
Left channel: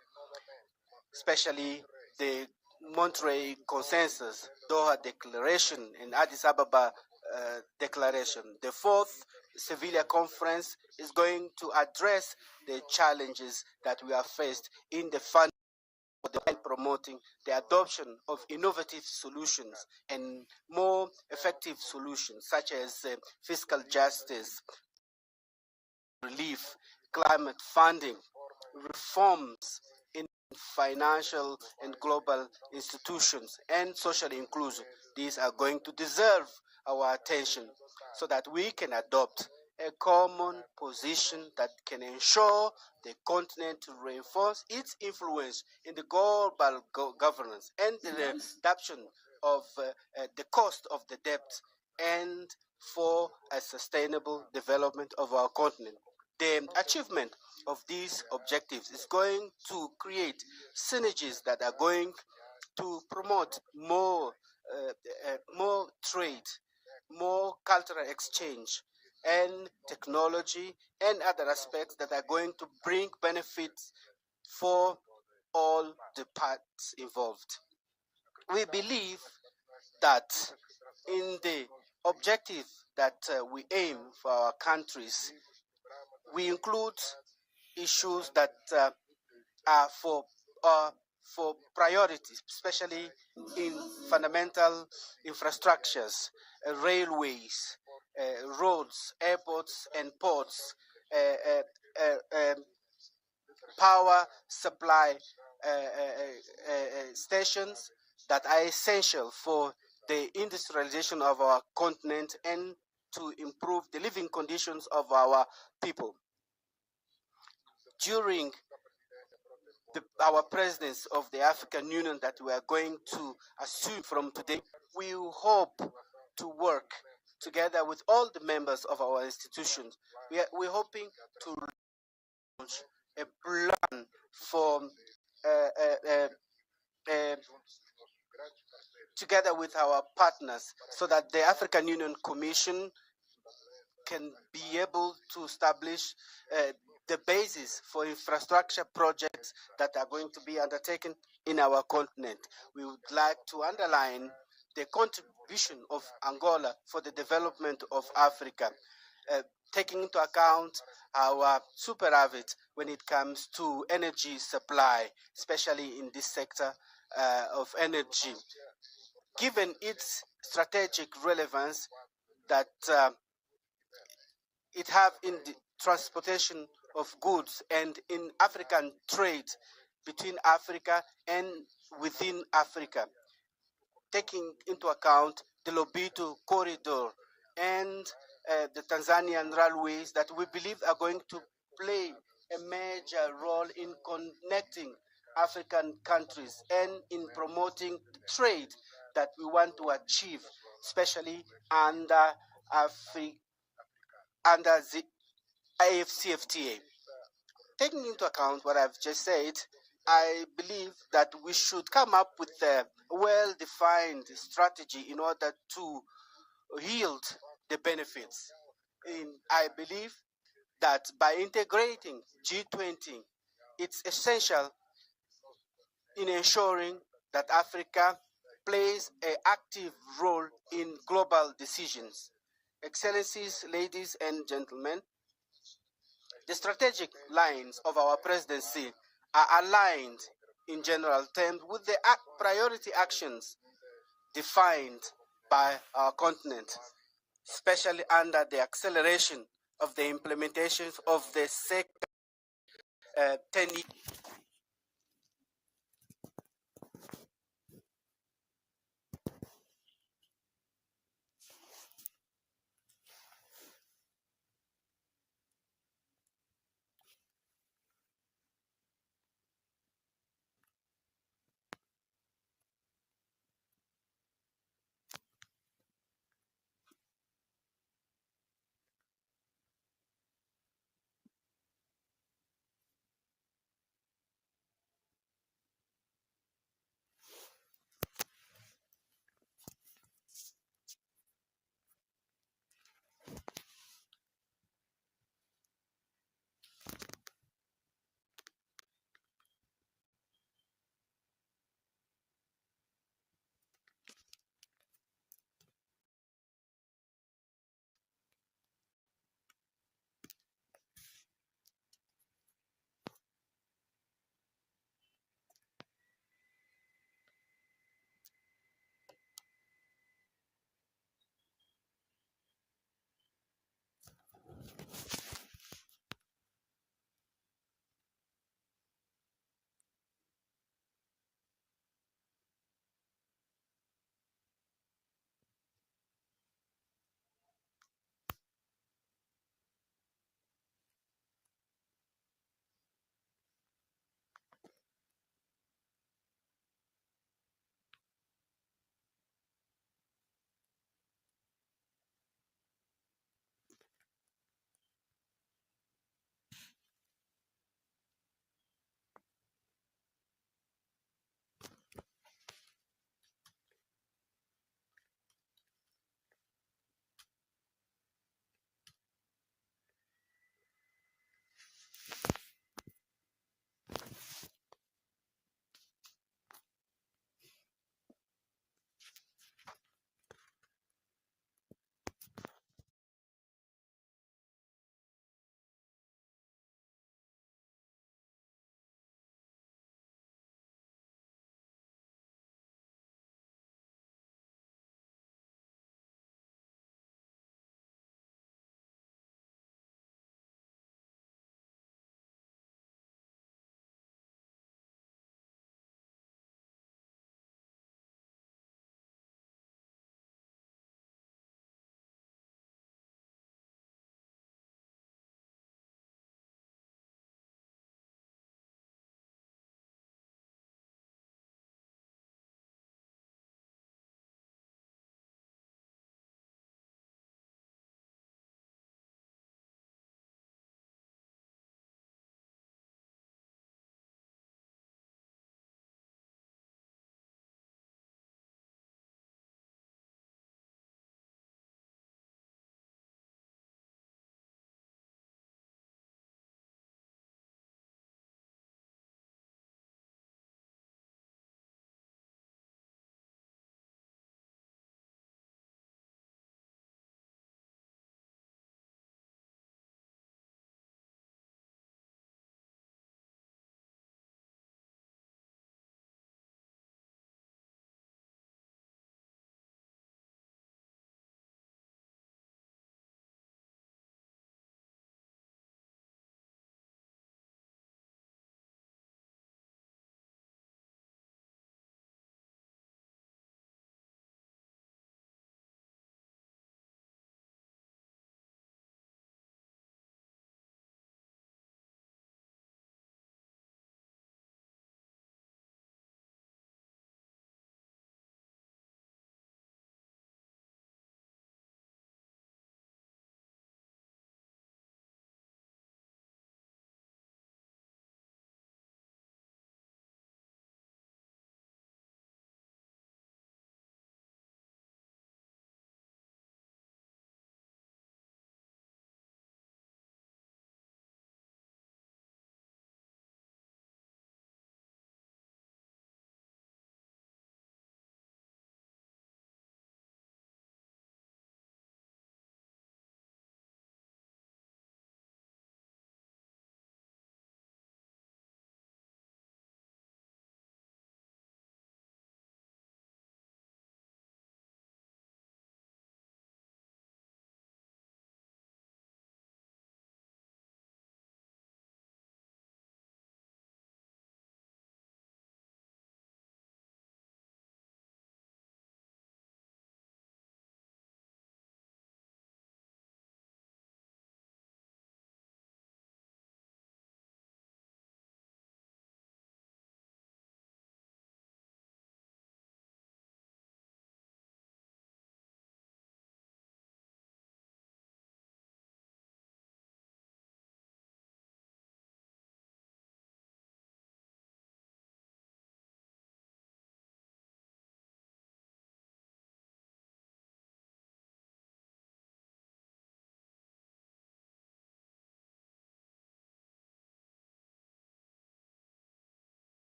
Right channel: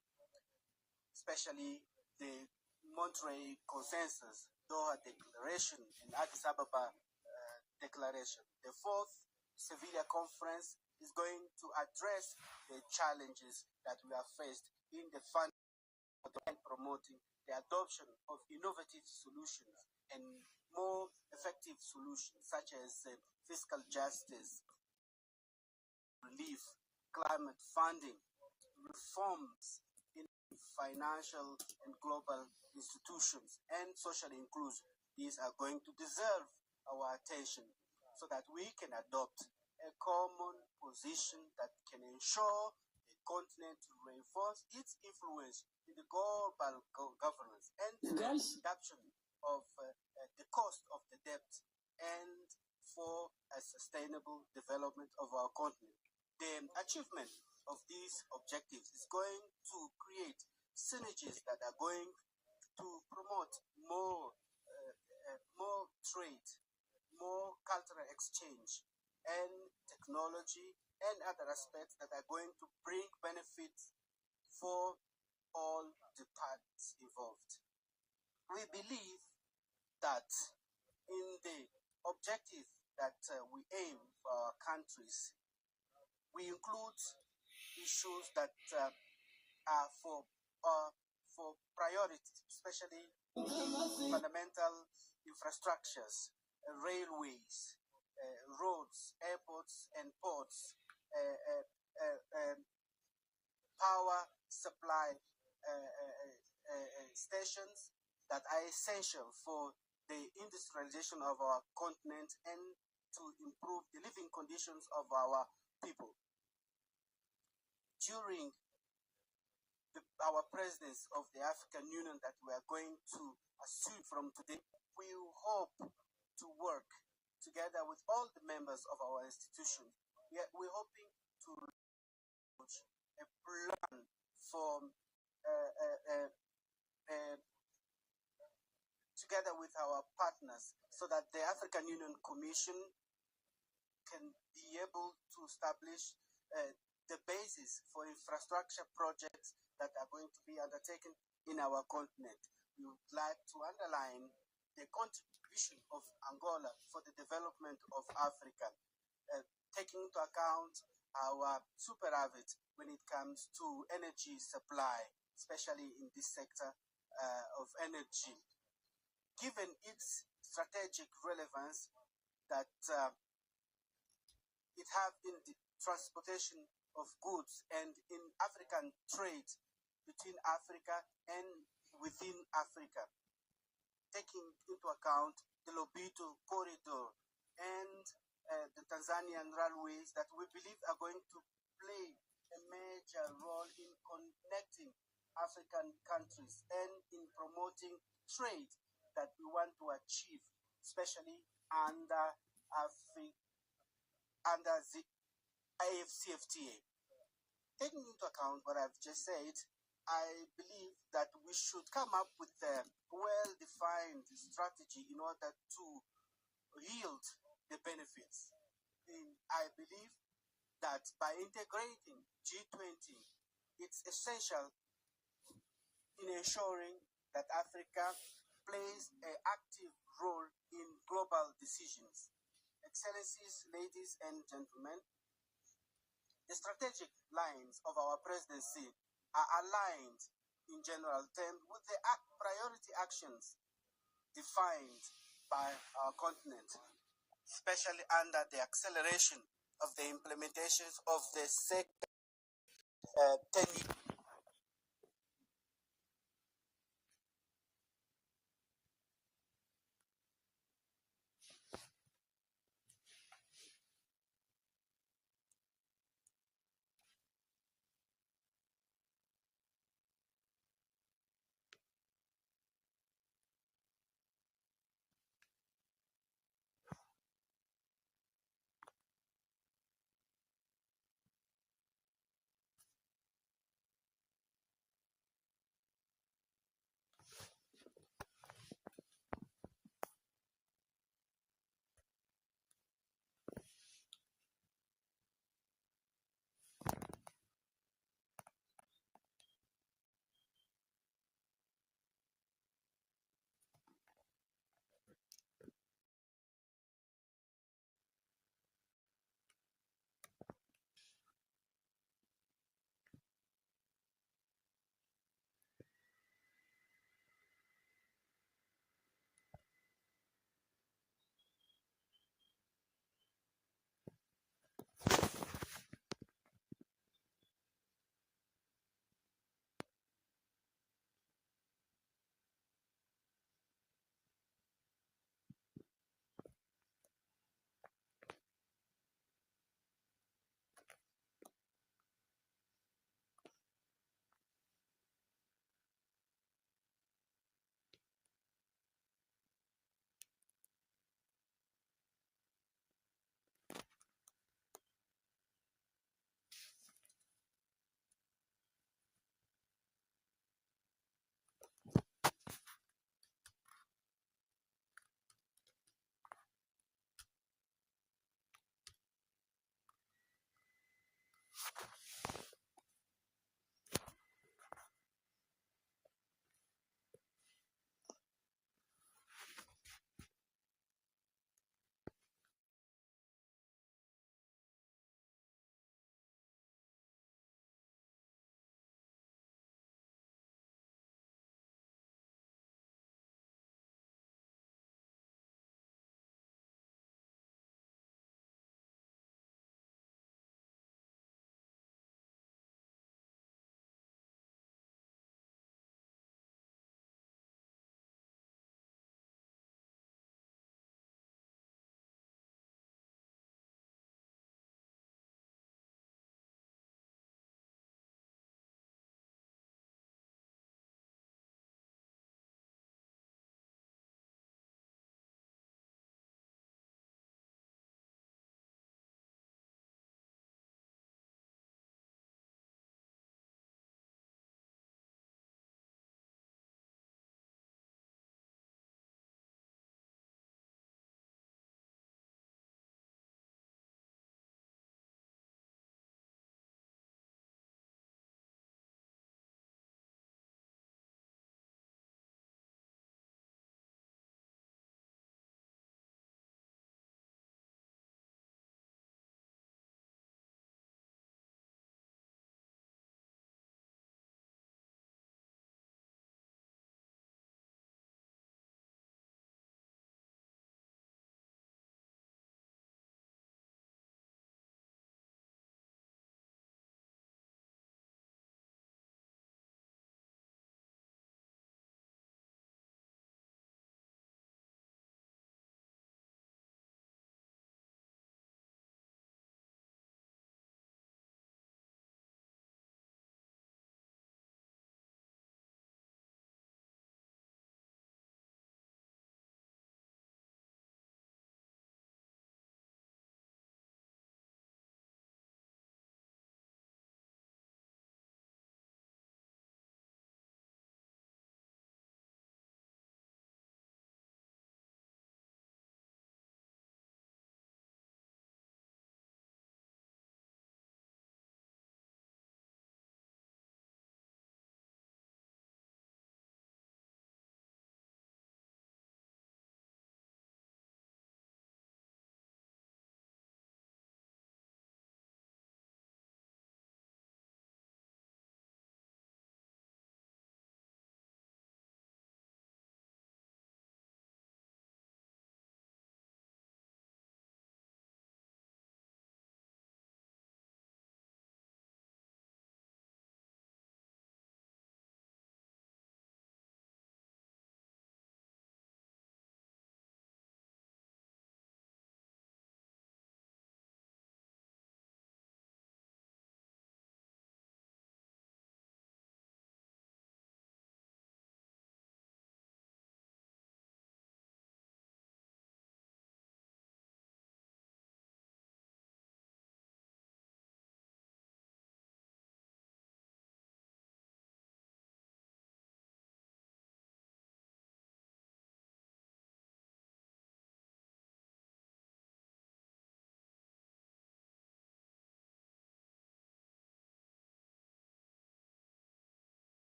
especially the Monterey Consensus, Doha Declaration, and Addis Ababa Declaration. The fourth Sevilla Conference is going to address the challenges that we have faced in the fund and promoting the adoption of innovative solutions and more effective solutions, such as fiscal justice, relief, climate funding, reforms in financial and global institutions, and social inclusion. These are going to deserve our attention so that we can adopt a common position that can ensure the continent to reinforce its influence in the global governance and the reduction of the cost of the debt, and for a sustainable development of our continent. The achievement of these objectives is going to create synergies that are going to promote more trade, more cultural exchange, and technology, and other aspects that are going to bring benefits for all the parts involved. we believe that in the objective that we aim for our countries, we include issues that are for priorities, especially in fundamental infrastructures, railways, roads, airports, and ports, power supply stations that are essential for the industrialization of our continent and to improve the living conditions of our people. During our presidency of the African Union that we are going to assume from today, we hope to work together with all the members of our institutions. We're hoping to launch a plan for together with our partners so that the African Union Commission can be able to establish the basis for infrastructure projects that are going to be undertaken in our continent. We would like to underline the contribution of Angola for the development of Africa, taking into account our superavit when it comes to energy supply, especially in this sector of energy. Given its strategic relevance that it have in the transportation of goods and in African trade between Africa and within Africa, taking into account the Lobito corridor and the Tanzanian railways that we believe are going to play a major role in connecting African countries and in promoting trade that we want to achieve, especially under the AFCFTA. Taking into account what I've just said, I believe that we should come up with a well-defined strategy in order to yield the benefits. I believe that by integrating G20, it's essential in ensuring that Africa plays an active role in global decisions. Excellencies, ladies and gentlemen, the strategic lines of our presidency are aligned in general terms with the priority actions defined by our continent, especially under the acceleration of the implementation of the second 10-year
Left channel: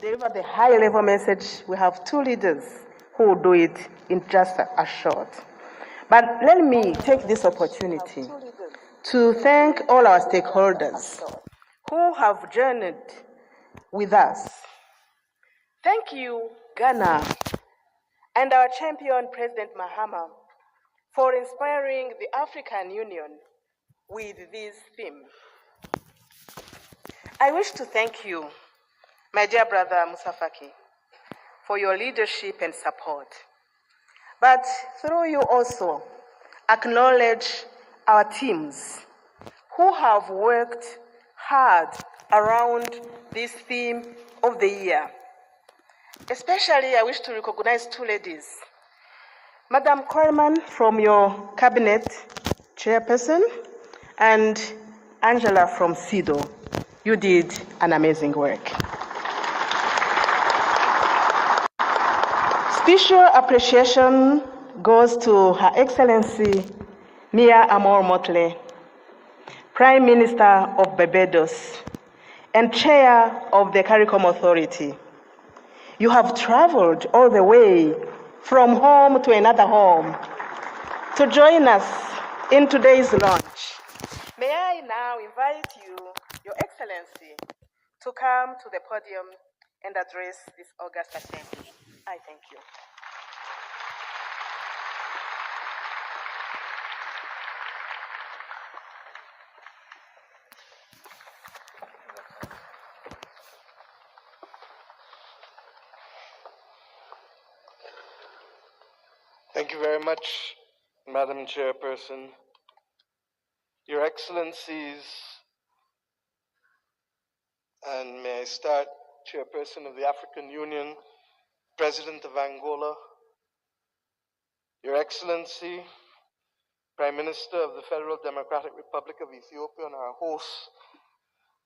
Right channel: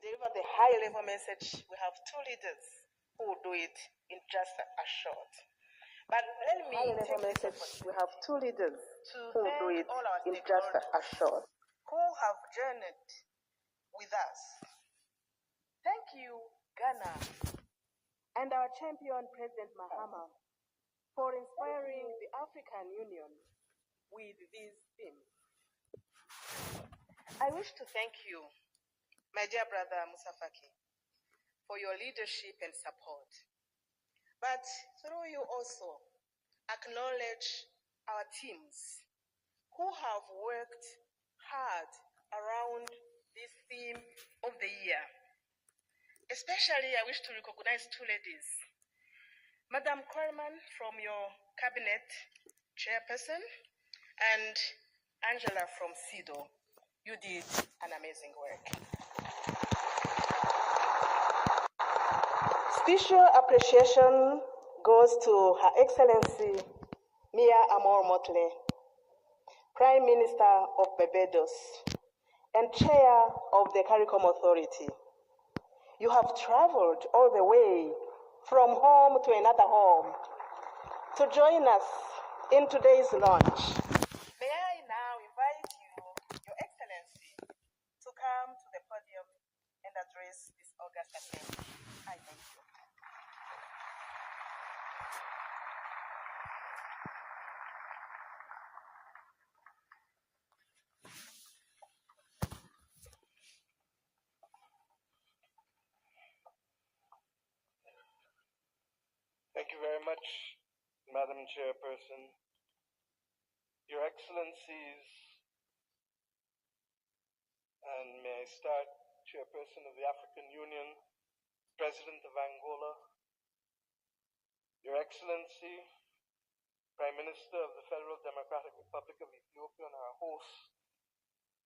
deliver the high-level message, we have two leaders who will do it in just a short. But let me take this opportunity to thank all our stakeholders who have journeyed with us. Thank you, Ghana, and our champion, President Mahama, for inspiring the African Union with this theme. I wish to thank you, my dear brother Musafaki, for your leadership and support. But through you also, acknowledge our teams who have worked hard around this theme of the year. Especially, I wish to recognize two ladies. Madam Coleman from your cabinet chairperson and Angela from SIDO. You did an amazing work. Special appreciation goes to Her Excellency Mia Amor Motley, Prime Minister of Barbados and Chair of the CARICOM Authority. You have traveled all the way from home to another home to join us in today's launch. May I now invite you, Your Excellency, to come to the podium and address this august assembly. I thank you. Thank you very much, Madam Chairperson. Your Excellencies, and may I start, Chairperson of the African Union, President of Angola, Your Excellency, Prime Minister of the Federal Democratic Republic of Ethiopia, and our host,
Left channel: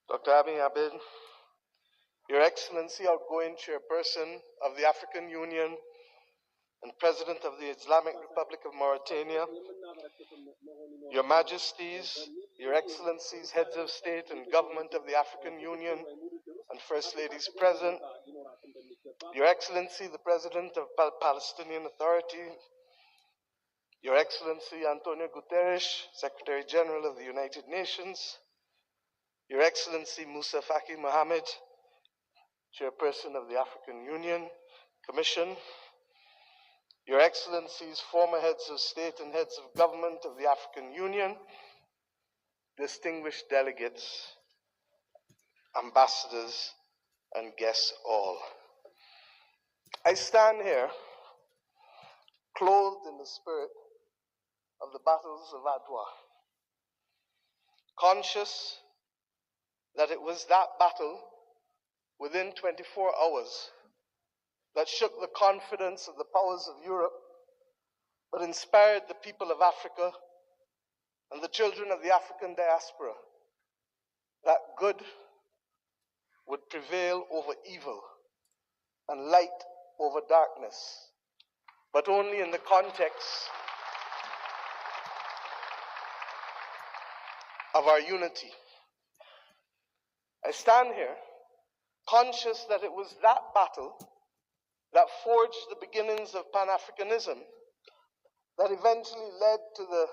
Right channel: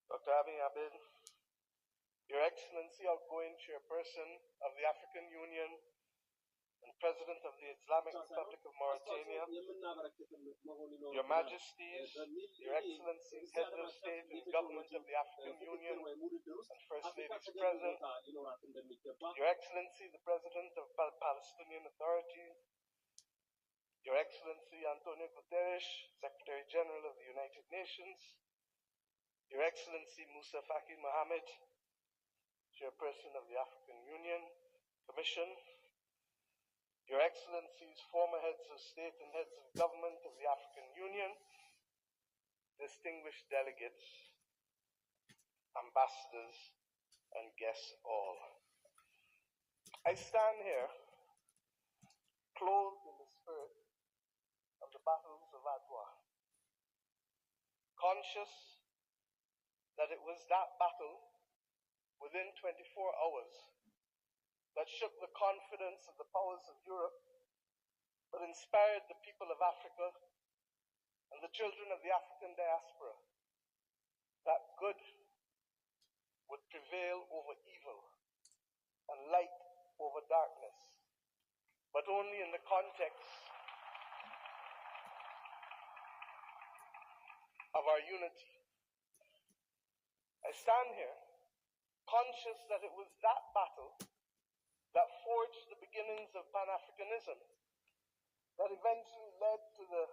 Dr. Abiy Ahmed, Your Excellency, outgoing Chairperson of the African Union and President of the Islamic Republic of Mauritania, Your Majesties, Your Excellencies, Heads of State and Government of the African Union, and First Ladies present, Your Excellency, the President of Palestinian Authority, Your Excellency Antonio Guterres, Secretary General of the United Nations, Your Excellency Musa Faki Mohammed, Chairperson of the African Union Commission, Your Excellencies, former heads of state and heads of government of the African Union, distinguished delegates, ambassadors, and guests all. I stand here clothed in the spirit of the battles of Adwa, conscious that it was that battle within 24 hours that shook the confidence of the powers of Europe, but inspired the people of Africa and the children of the African diaspora that good would prevail over evil and light over darkness, but only in the context of our unity. I stand here conscious that it was that battle that forged the beginnings of Pan-Africanism that eventually led to the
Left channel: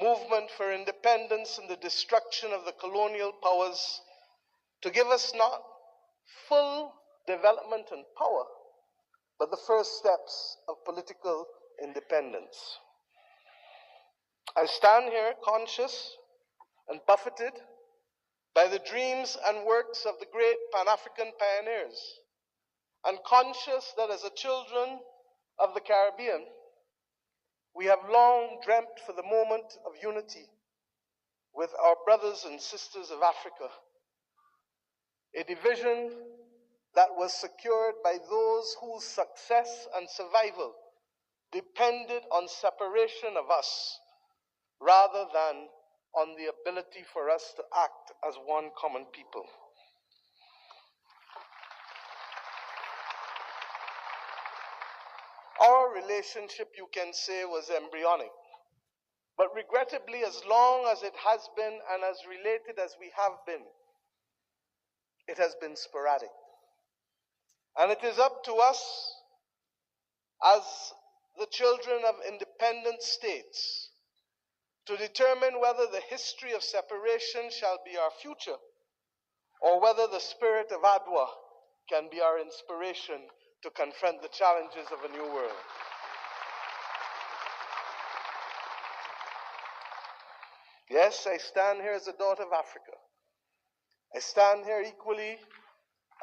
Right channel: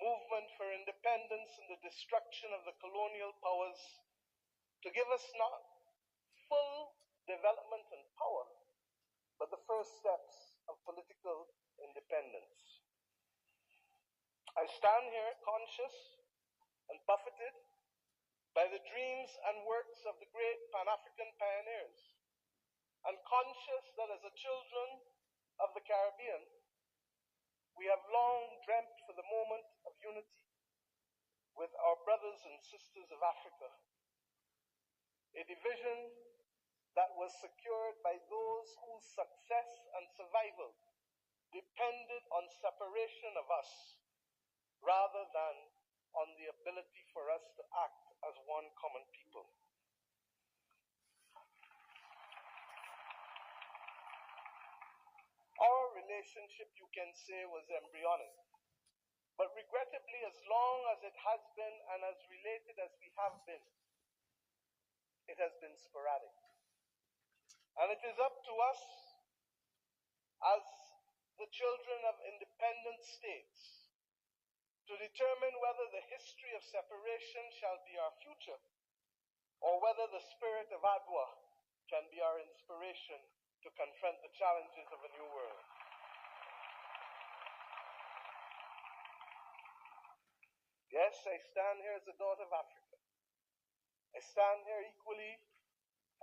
movement for independence and the destruction of the colonial powers to give us not full development and power, but the first steps of political independence. I stand here conscious and buffeted by the dreams and works of the great Pan-African pioneers, and conscious that as a children of the Caribbean, we have long dreamt for the moment of unity with our brothers and sisters of Africa, a division that was secured by those whose success and survival depended on separation of us rather than on the ability for us to act as one common people. Our relationship, you can say, was embryonic. But regrettably, as long as it has been and as related as we have been, it has been sporadic. And it is up to us as the children of independent states to determine whether the history of separation shall be our future or whether the spirit of Adwa can be our inspiration to confront the challenges of a new world. Yes, I stand here as a daughter of Africa. I stand here equally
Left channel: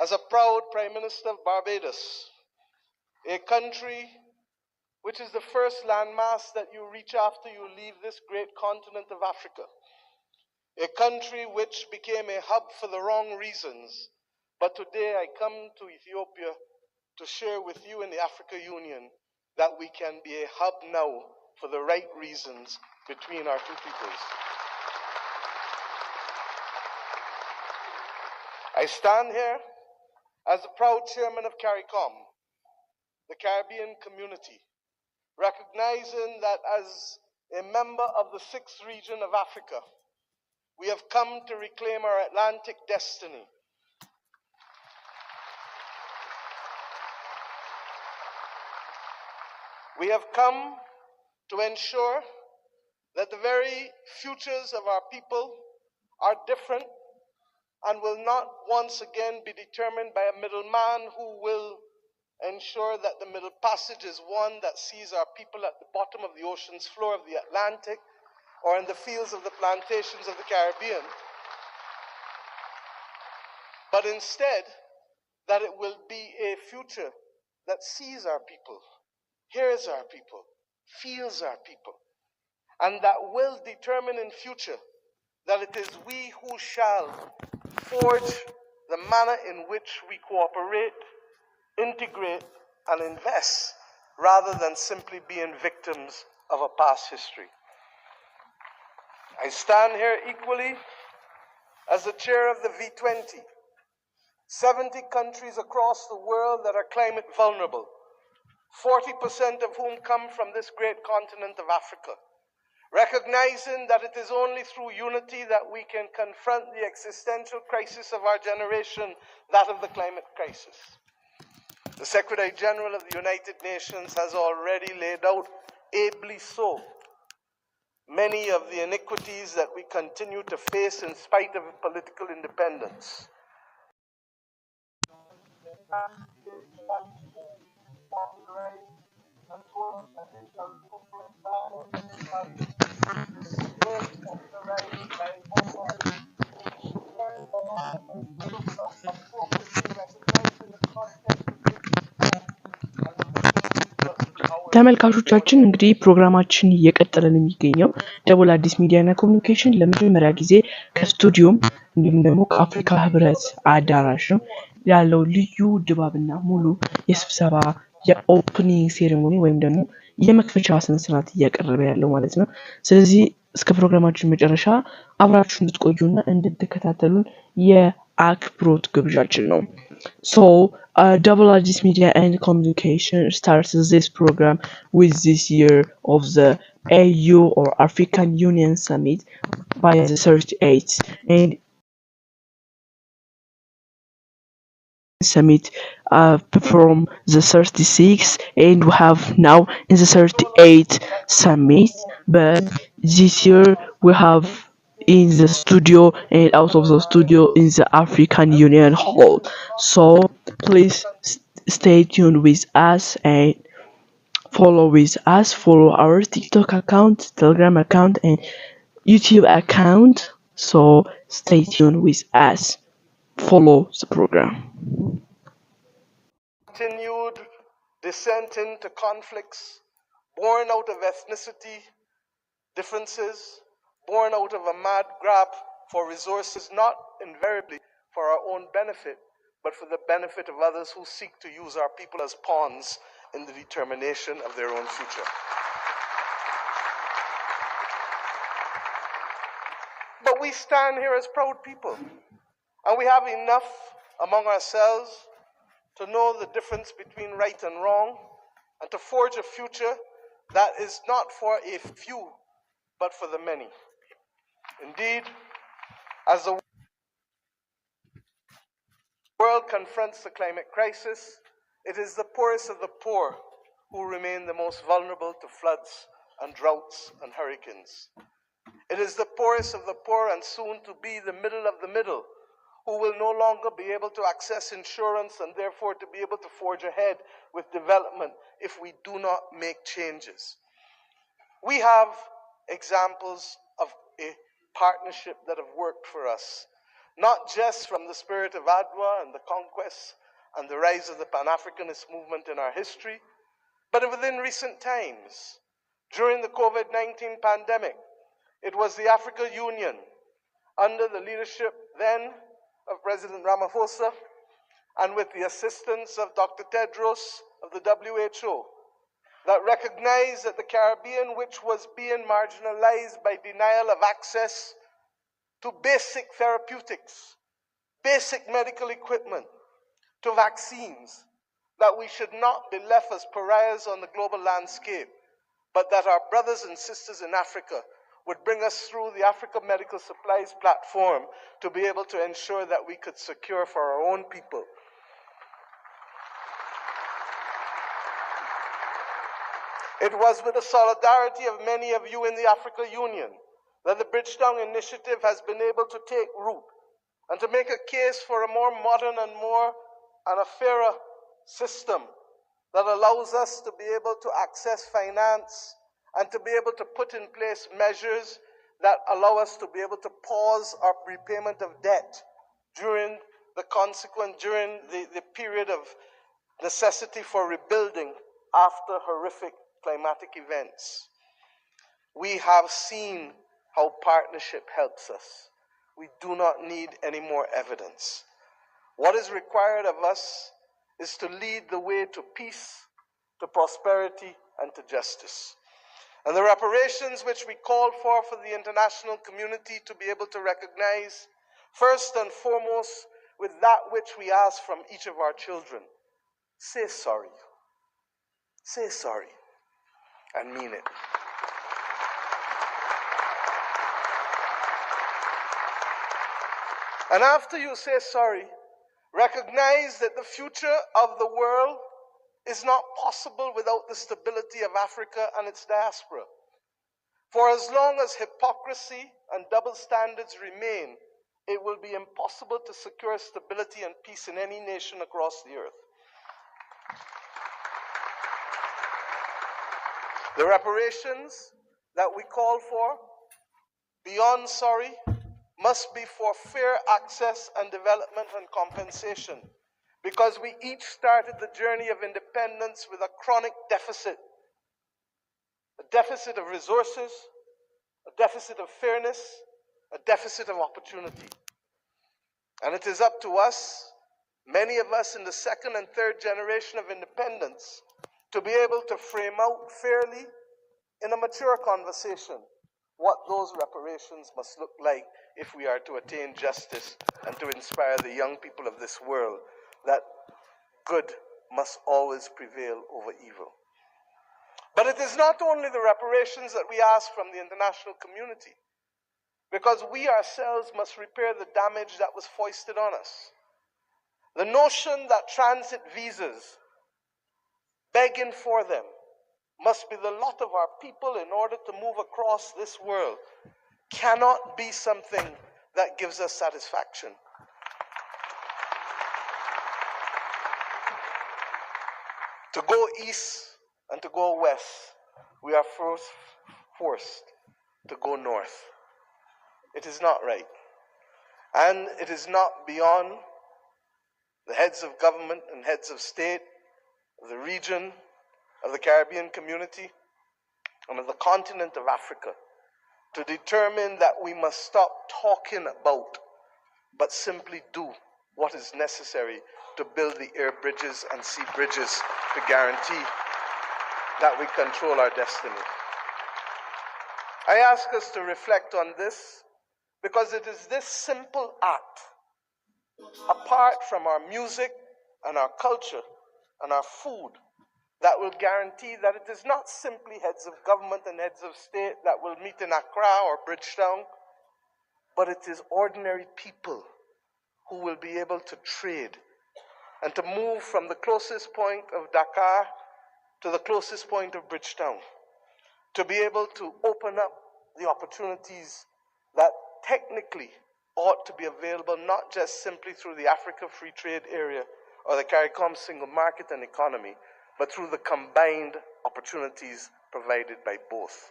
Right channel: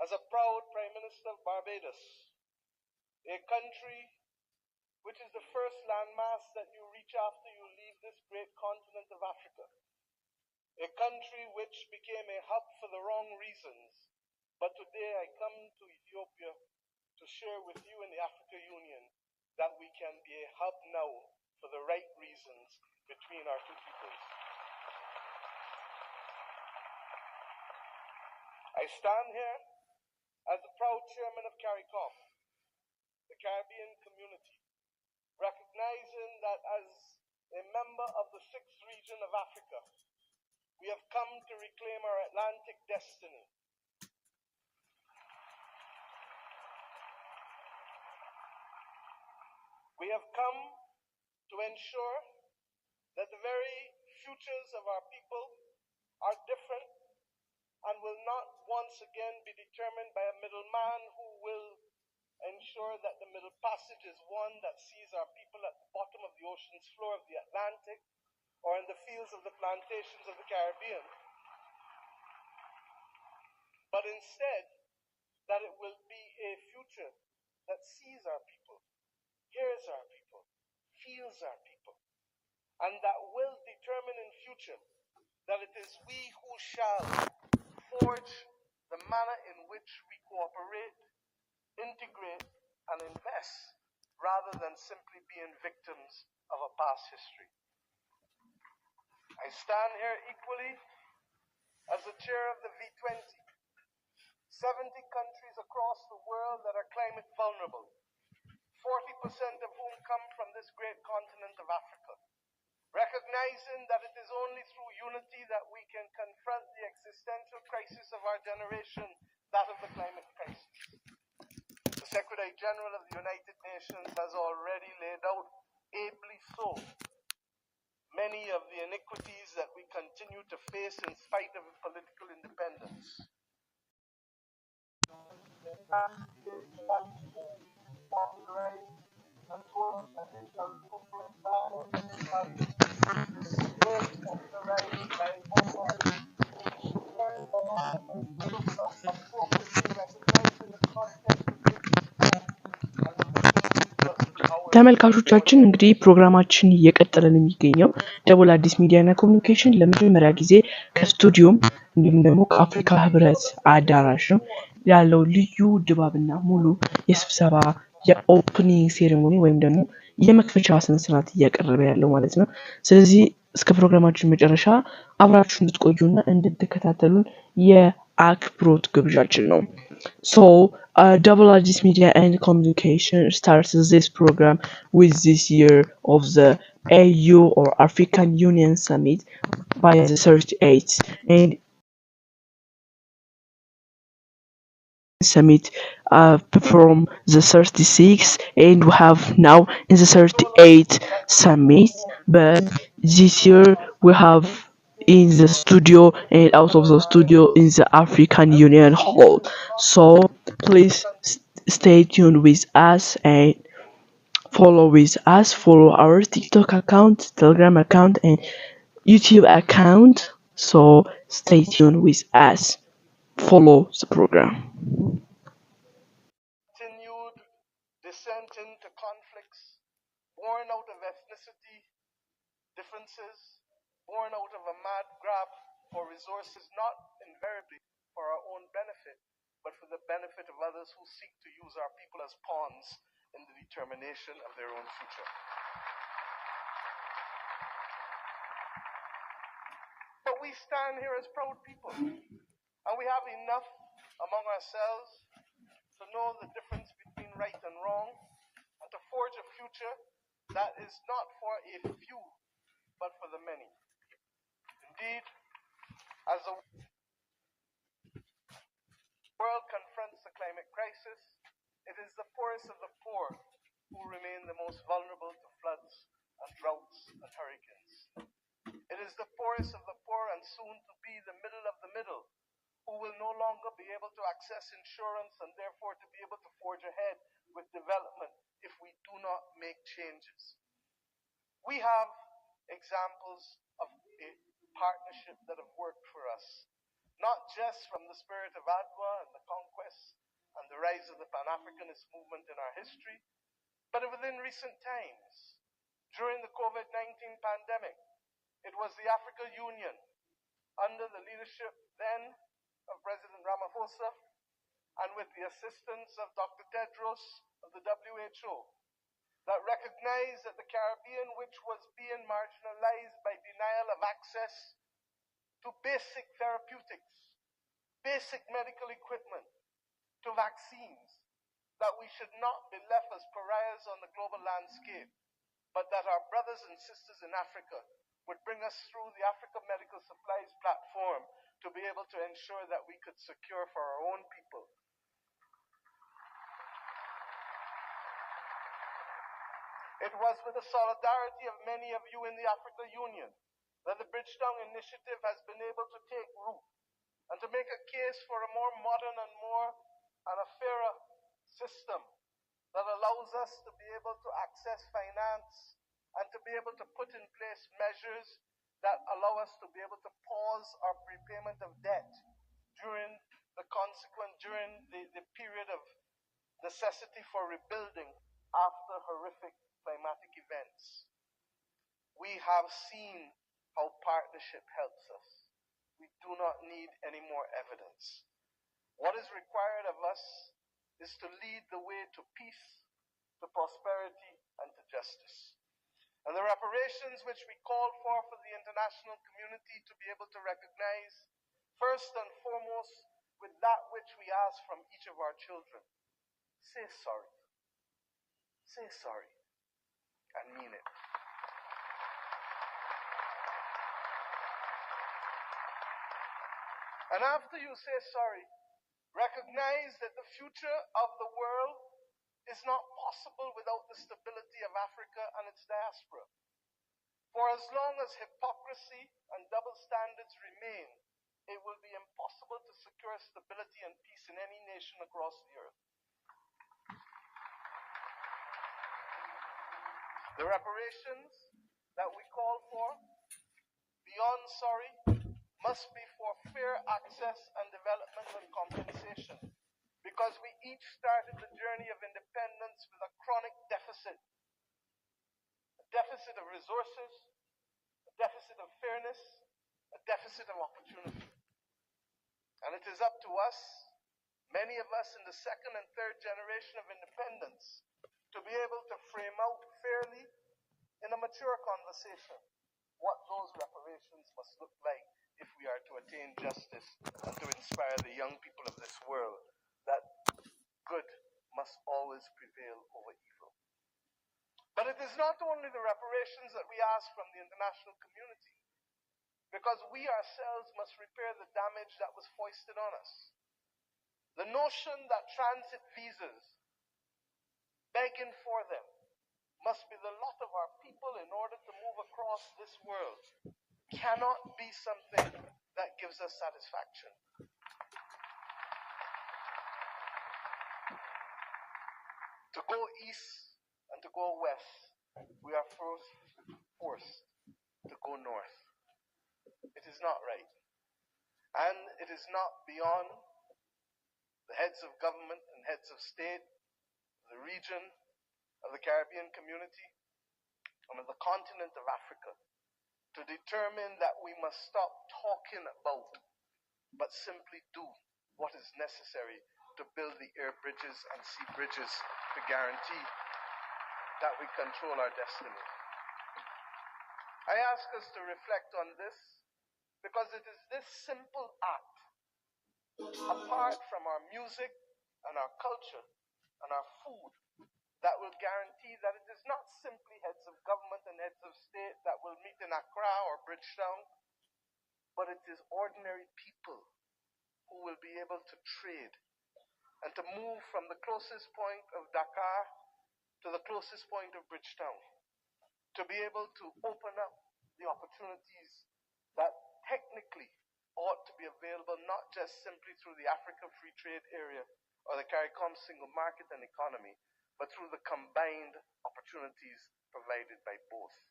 as a proud Prime Minister of Barbados, a country which is the first landmass that you reach after you leave this great continent of Africa. A country which became a hub for the wrong reasons. But today I come to Ethiopia to share with you in the Africa Union that we can be a hub now for the right reasons between our two peoples. I stand here as the proud chairman of CARICOM, the Caribbean community, recognizing that as a member of the 6th region of Africa, we have come to reclaim our Atlantic destiny. We have come to ensure that the very futures of our people are different and will not once again be determined by a middleman who will ensure that the Middle Passage is one that sees our people at the bottom of the ocean's floor of the Atlantic or in the fields of the plantations of the Caribbean, but instead that it will be a future that sees our people, hears our people, feels our people, and that will determine in future that it is we who shall forge the manner in which we cooperate, integrate, and invest, rather than simply being victims of a past history. I stand here equally as the chair of the V20, 70 countries across the world that are climate vulnerable, 40% of whom come from this great continent of Africa, recognizing that it is only through unity that we can confront the existential crisis of our generation, that of the climate crisis. The Secretary General of the United Nations has already laid out, ably so, many of the iniquities that we continue to face in spite of political independence. ተመልካቾቻችን እንግዲህ ፕሮግራማችን እየቀጠለ ነው የሚገኘው። ደቡል አዲስ ሚዲያ እና ኮሙኒኬሽን ለመጀመሪያ ጊዜ ከስቱዲዮም እንዲሁም ደግሞ ከአፍሪካ ሕብረት አዳራሽ ነው ያለው ልዩ ድባብና ሙሉ የስብሰባ የኦፕኒንግ ሴሬሞኒ ወይም ደግሞ የመክፈቻ ስነ ስርዓት እያቀረበ ያለው ማለት ነው። ስለዚህ እስከ ፕሮግራማችን መጨረሻ አብራችሁን እንድትቆዩና እንድትከታተሉን የአክብሮት ግብዣችን ነው። So, Double Addis Media and Communication starts this program with this year of the AU or African Union Summit by the 38th and summit from the 36th, and we have now in the 38th summit, but this year we have in the studio and out of the studio in the African Union Hall. So please stay tuned with us and follow our TikTok account, Telegram account, and YouTube account. So stay tuned with us. Follow the program. Continued descent into conflicts born out of ethnicity differences, born out of a mad grab for resources, not invariably for our own benefit, but for the benefit of others who seek to use our people as pawns in the determination of their own future. But we stand here as proud people, and we have enough among ourselves to know the difference between right and wrong, and to forge a future that is not for a few, but for the many. Indeed, as the world confronts the climate crisis, it is the poorest of the poor who remain the most vulnerable to floods and droughts and hurricanes. It is the poorest of the poor and soon to be the middle of the middle who will no longer be able to access insurance and therefore to be able to forge ahead with development if we do not make changes. We have examples of a partnership that have worked for us, not just from the spirit of Adwa and the conquest and the rise of the Pan-Africanist movement in our history, but within recent times. During the COVID-19 pandemic, it was the African Union, under the leadership then of President Ramaphosa, and with the assistance of Dr. Tedros of the WHO, that recognized that the Caribbean, which was being marginalized by denial of access to basic therapeutics, basic medical equipment, to vaccines, that we should not be left as pariahs on the global landscape, but that our brothers and sisters in Africa would bring us through the Africa Medical Supplies platform to be able to ensure that we could secure for our own people. It was with the solidarity of many of you in the Africa Union that the Bridgetown Initiative has been able to take root and to make a case for a more modern and a fairer system that allows us to be able to access finance and to be able to put in place measures that allow us to be able to pause our repayment of debt during the period of necessity for rebuilding after horrific climatic events. We have seen how partnership helps us. We do not need any more evidence. What is required of us is to lead the way to peace, to prosperity, and to justice. And the reparations which we call for the international community to be able to recognize, first and foremost, with that which we ask from each of our children. Say sorry. Say sorry. And mean it. And after you say sorry, recognize that the future of the world is not possible without the stability of Africa and its diaspora. For as long as hypocrisy and double standards remain, it will be impossible to secure stability and peace in any nation across the earth. The reparations that we call for, beyond sorry, must be for fair access and development and compensation, because we each started the journey of independence with a chronic deficit. A deficit of resources, a deficit of fairness, a deficit of opportunity. And it is up to us, many of us in the second and third generation of independence, to be able to frame out fairly in a mature conversation what those reparations must look like if we are to attain justice and to inspire the young people of this world that good must always prevail over evil. But it is not only the reparations that we ask from the international community, because we ourselves must repair the damage that was foisted on us. The notion that transit visas, begging for them, must be the lot of our people in order to move across this world cannot be something that gives us satisfaction. To go east and to go west, we are forced to go north. It is not right. And it is not beyond the heads of government and heads of state, of the region, of the Caribbean community, and of the continent of Africa to determine that we must stop talking about, but simply do what is necessary to build the air bridges and sea bridges to guarantee that we control our destiny. I ask us to reflect on this because it is this simple act, apart from our music and our culture and our food, that will guarantee that it is not simply heads of government and heads of state that will meet in Accra or Bridgetown, but it is ordinary people who will be able to trade and to move from the closest point of Dakar to the closest point of Bridgetown, to be able to open up the opportunities that technically ought to be available not just simply through the Africa Free Trade Area or the CARICOM single market and economy, but through the combined opportunities provided by both.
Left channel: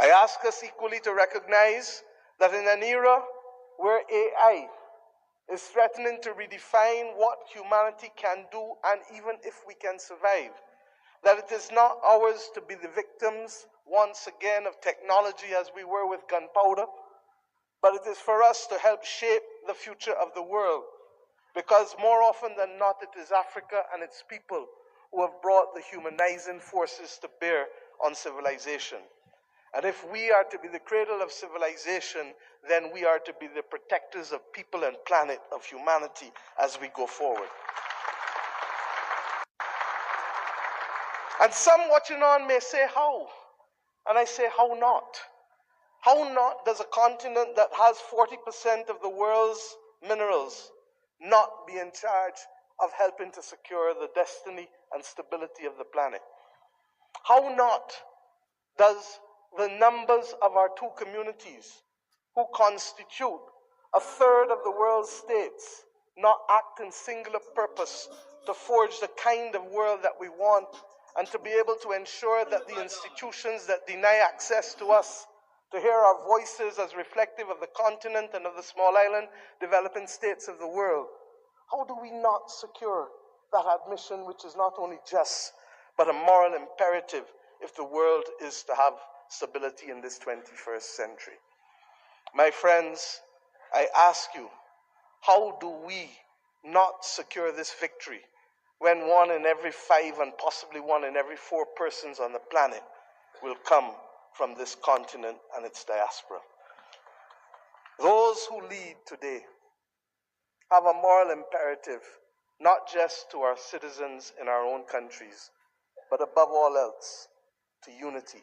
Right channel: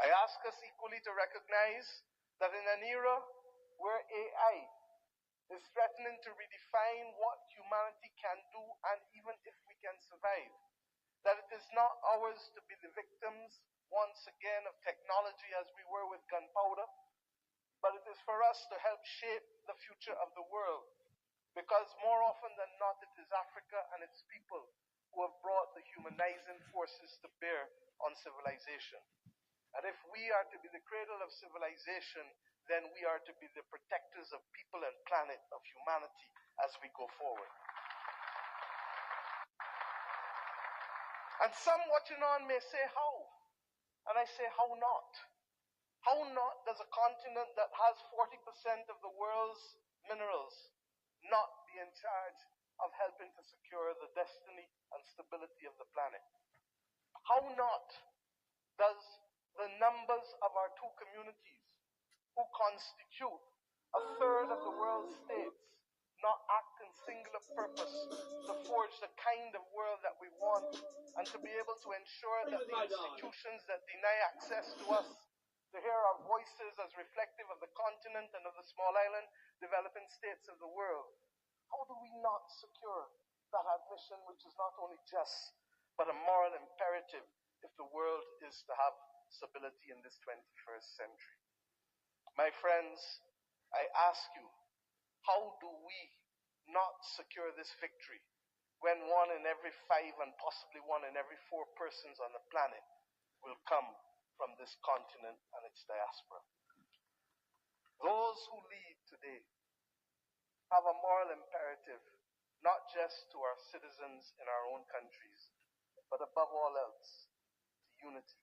I ask us equally to recognize that in an era where AI is threatening to redefine what humanity can do and even if we can survive, that it is not ours to be the victims once again of technology as we were with gunpowder, but it is for us to help shape the future of the world, because more often than not it is Africa and its people who have brought the humanizing forces to bear on civilization. And if we are to be the cradle of civilization, then we are to be the protectors of people and planet, of humanity, as we go forward. And some watching on may say, how? And I say, how not? How not does a continent that has 40% of the world's minerals not be in charge of helping to secure the destiny and stability of the planet? How not does the numbers of our two communities, who constitute a third of the world's states, not act in singular purpose to forge the kind of world that we want and to be able to ensure that the institutions that deny access to us, to hear our voices as reflective of the continent and of the small island developing states of the world, how do we not secure that admission, which is not only just, but a moral imperative if the world is to have stability in this 21st century? My friends, I ask you, how do we not secure this victory when 1 in every 5 and possibly 1 in every 4 persons on the planet will come from this continent and its diaspora? Those who lead today have a moral imperative, not just to our citizens in our own countries, but above all else, to unity.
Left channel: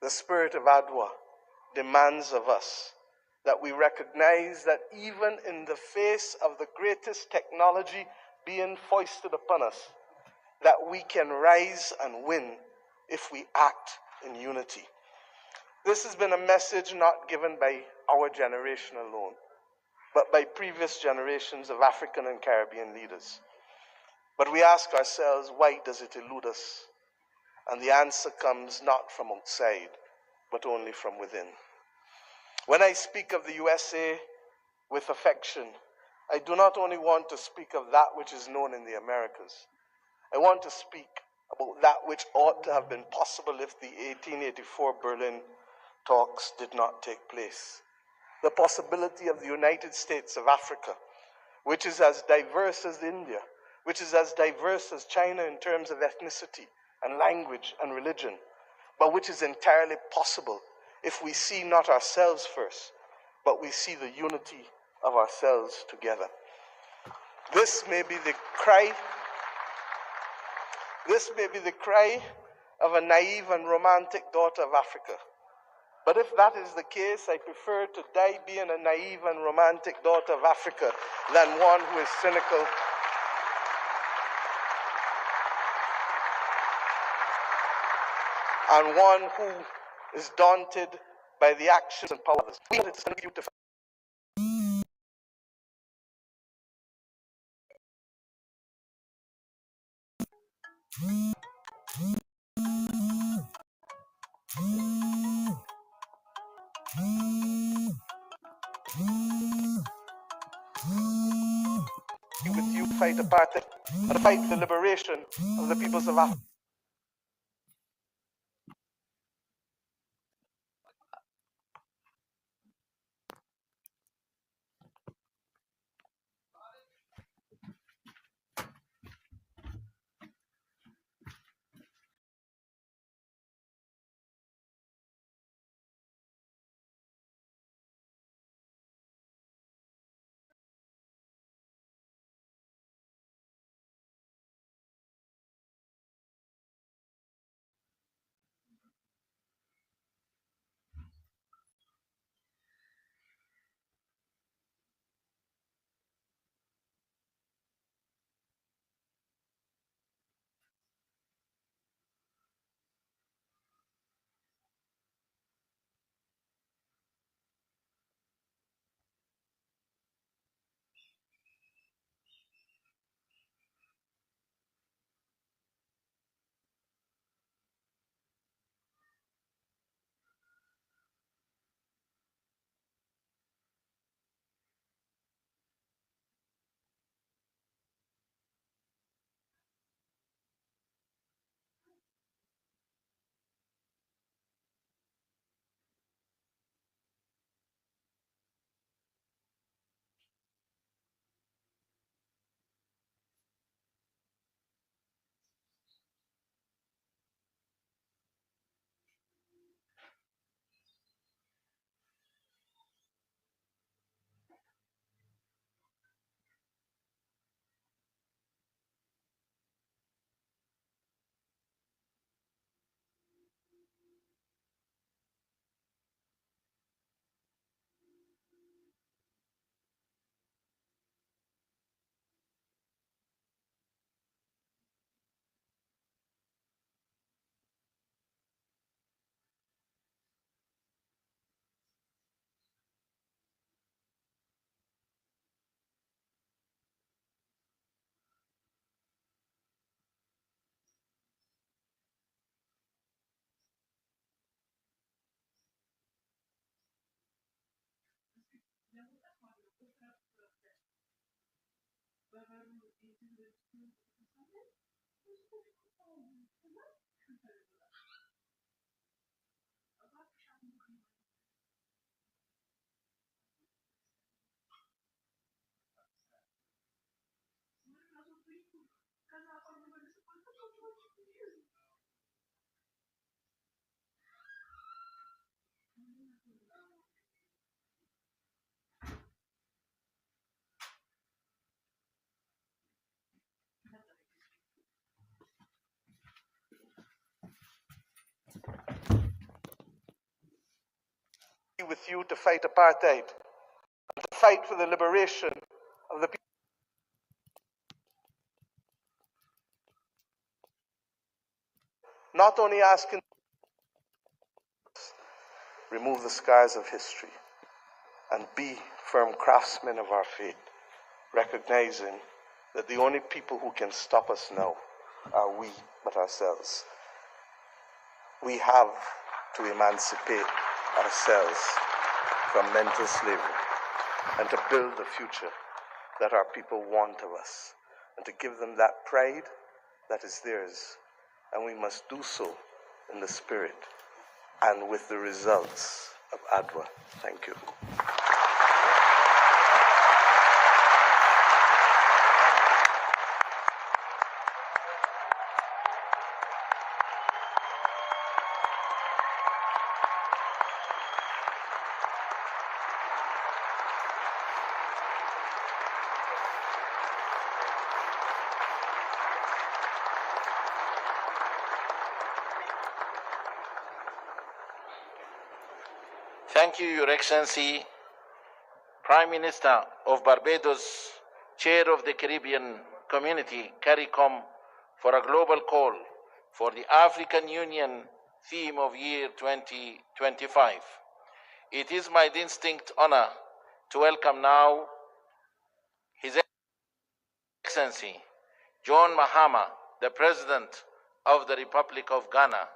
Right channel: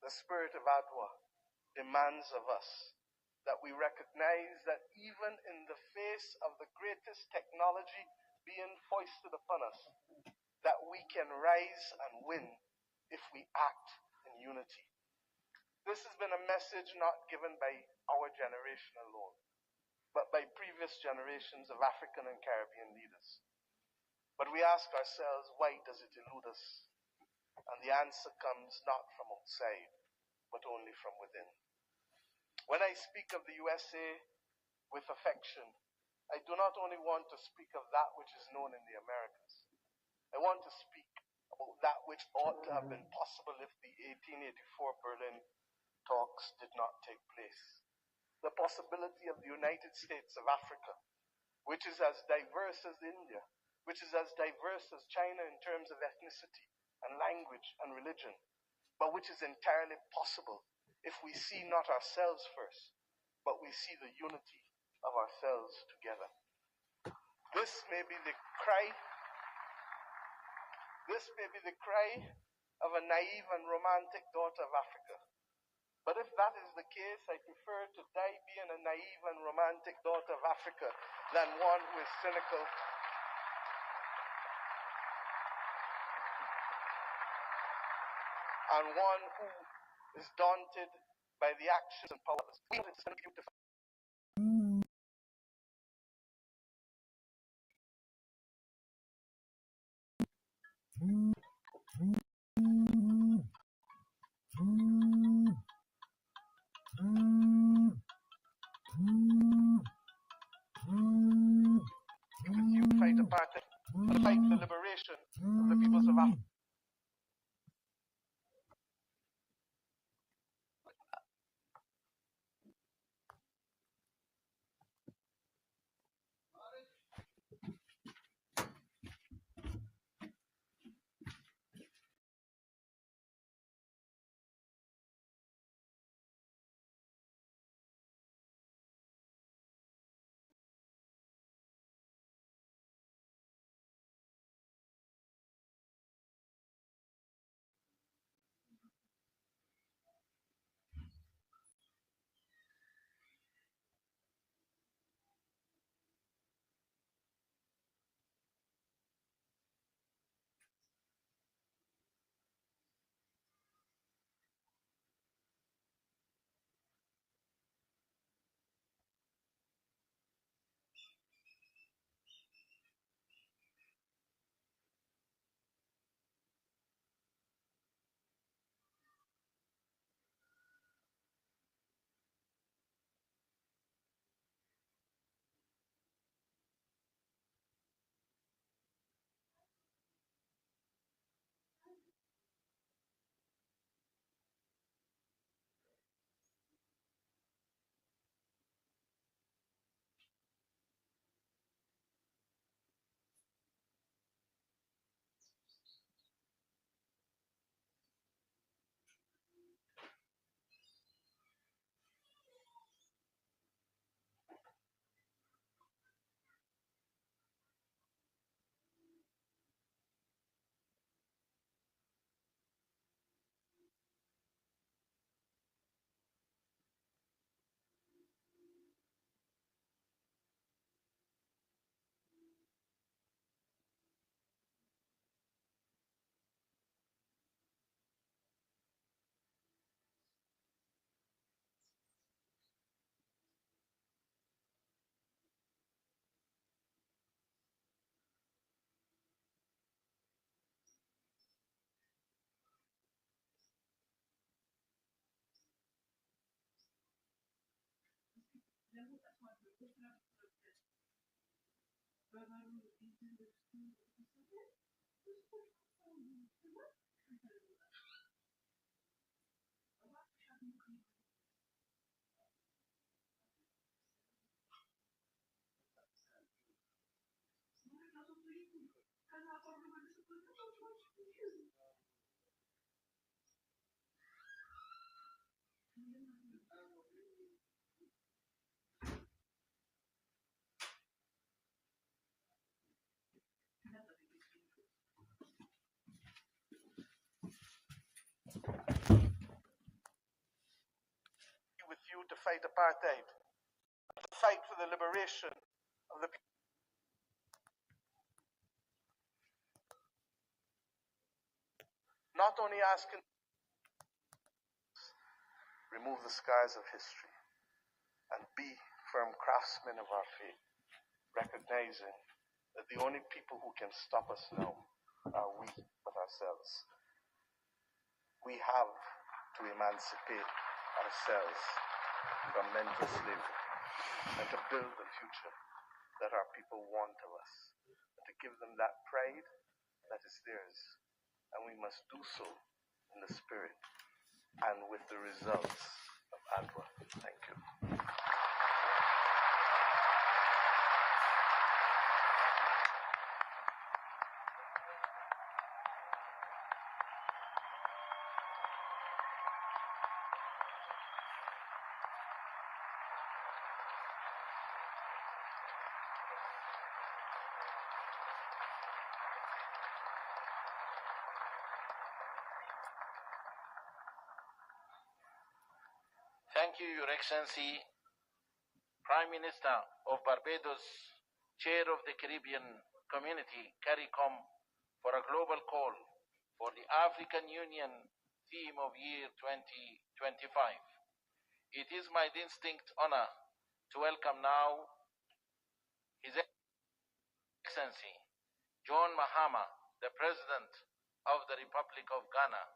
The spirit of Adwa demands of us that we recognize that even in the face of the greatest technology being foisted upon us, that we can rise and win if we act in unity. This has been a message not given by our generation alone, but by previous generations of African and Caribbean leaders. But we ask ourselves, why does it elude us? And the answer comes not from outside, but only from within. When I speak of the USA with affection, I do not only want to speak of that which is known in the Americas. I want to speak about that which ought to have been possible if the 1884 Berlin talks did not take place. The possibility of the United States of Africa, which is as diverse as India, which is as diverse as China in terms of ethnicity and language and religion, but which is entirely possible if we see not ourselves first, but we see the unity of ourselves together. This may be the cry of a naive and romantic daughter of Africa. But if that is the case, I prefer to die being a naive and romantic daughter of Africa than one who is cynical and one who is daunted by the actions and power of others. We want to beautify. With you fight apartheid and fight the liberation of the peoples of Africa. With you to fight apartheid, and to fight for the liberation of the people. Not only asking, remove the scars of history and be firm craftsmen of our faith, recognizing that the only people who can stop us now are we but ourselves. We have to emancipate ourselves from mental slavery and to build the future that our people want of us and to give them that pride that is theirs. And we must do so in the spirit and with the results of ADWA. Thank you. Thank you, Your Excellency, Prime Minister of Barbados, Chair of the Caribbean Community, CARICOM, for a global call for the African Union theme of year 2025. It is my distinct honor to welcome now His Excellency John Mahama, the President of the Republic of Ghana,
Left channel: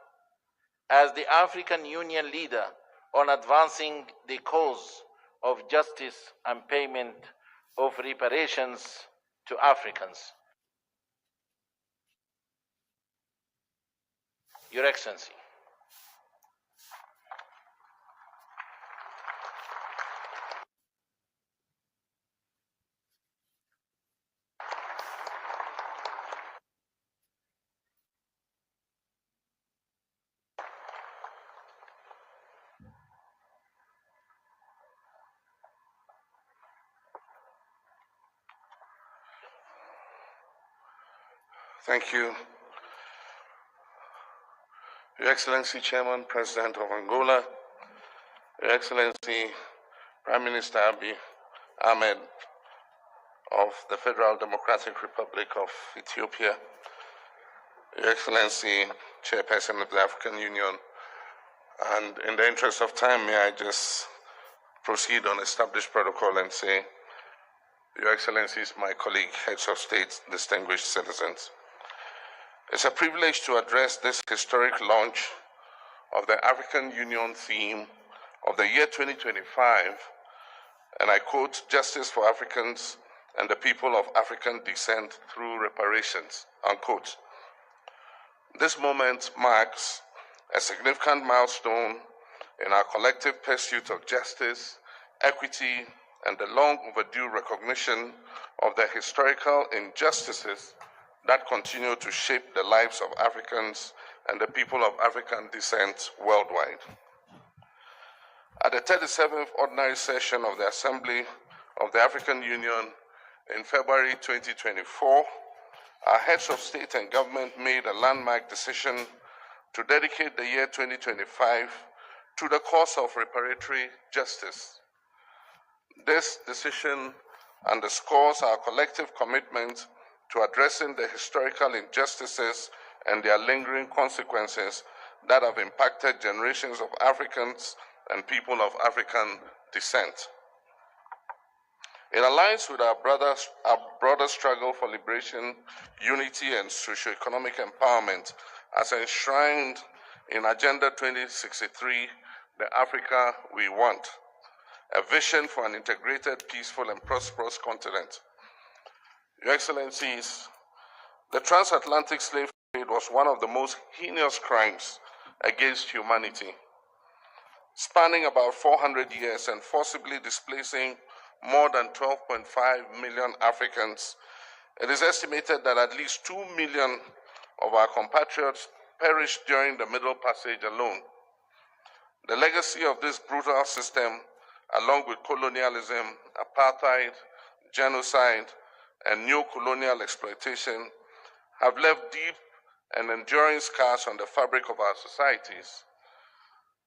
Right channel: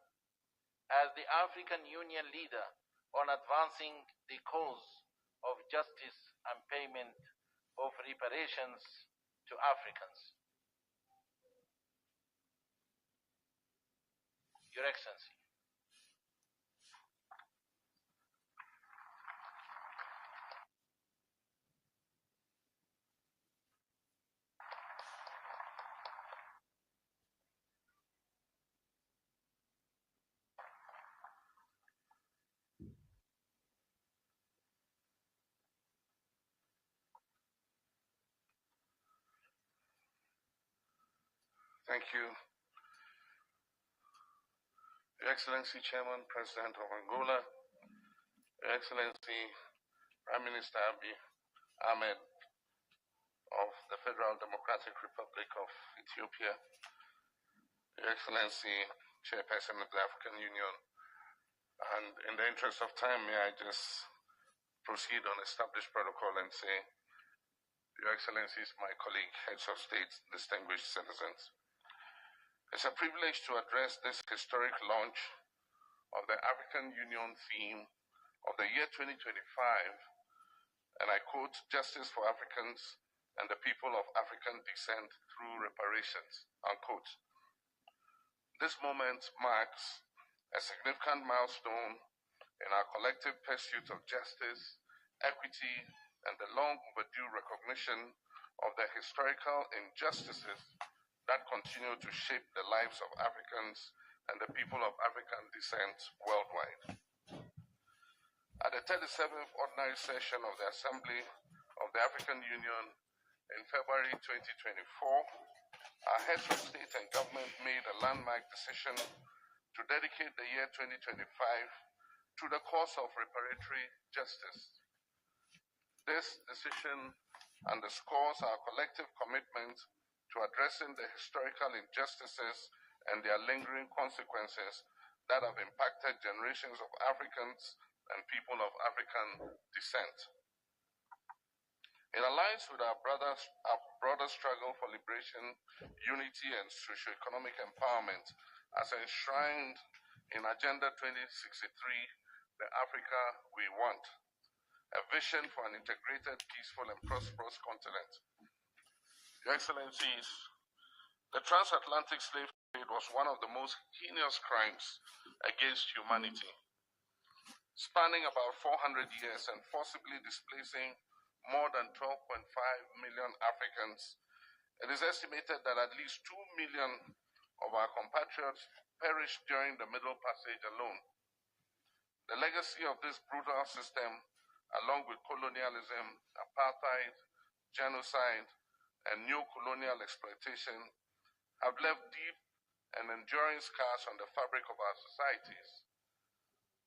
as the African Union leader on advancing the cause of justice and payment of reparations to Africans. Your Excellency. Thank you. Your Excellency, Chairman, President of Angola, Your Excellency, Prime Minister Abiy Ahmed of the Federal Democratic Republic of Ethiopia, Your Excellency, Chairperson of the African Union, and in the interest of time, may I just proceed on established protocol and say, Your Excellencies, my colleague, heads of state, distinguished citizens. It's a privilege to address this historic launch of the African Union theme of the year 2025, and I quote, "Justice for Africans and the people of African descent through reparations," unquote. This moment marks a significant milestone in our collective pursuit of justice, equity, and the long overdue recognition of the historical injustices that continue to shape the lives of Africans and the people of African descent worldwide. At the 37th Ordinary Session of the Assembly of the African Union in February 2024, our heads of state and government made a landmark decision to dedicate the year 2025 to the cause of reparatory justice. This decision underscores our collective commitment to addressing the historical injustices and their lingering consequences that have impacted generations of Africans and people of African descent. It aligns with our broader struggle for liberation, unity, and socio-economic empowerment as enshrined in Agenda 2063, the Africa we want, a vision for an integrated, peaceful, and prosperous continent. Your Excellencies, the transatlantic slave trade was one of the most heinous crimes against humanity, spanning about 400 years and forcibly displacing more than 12.5 million Africans. It is estimated that at least 2 million of our compatriots perished during the Middle Passage alone. The legacy of this brutal system, along with colonialism, apartheid, genocide, and neo-colonial exploitation, have left deep and enduring scars on the fabric of our societies.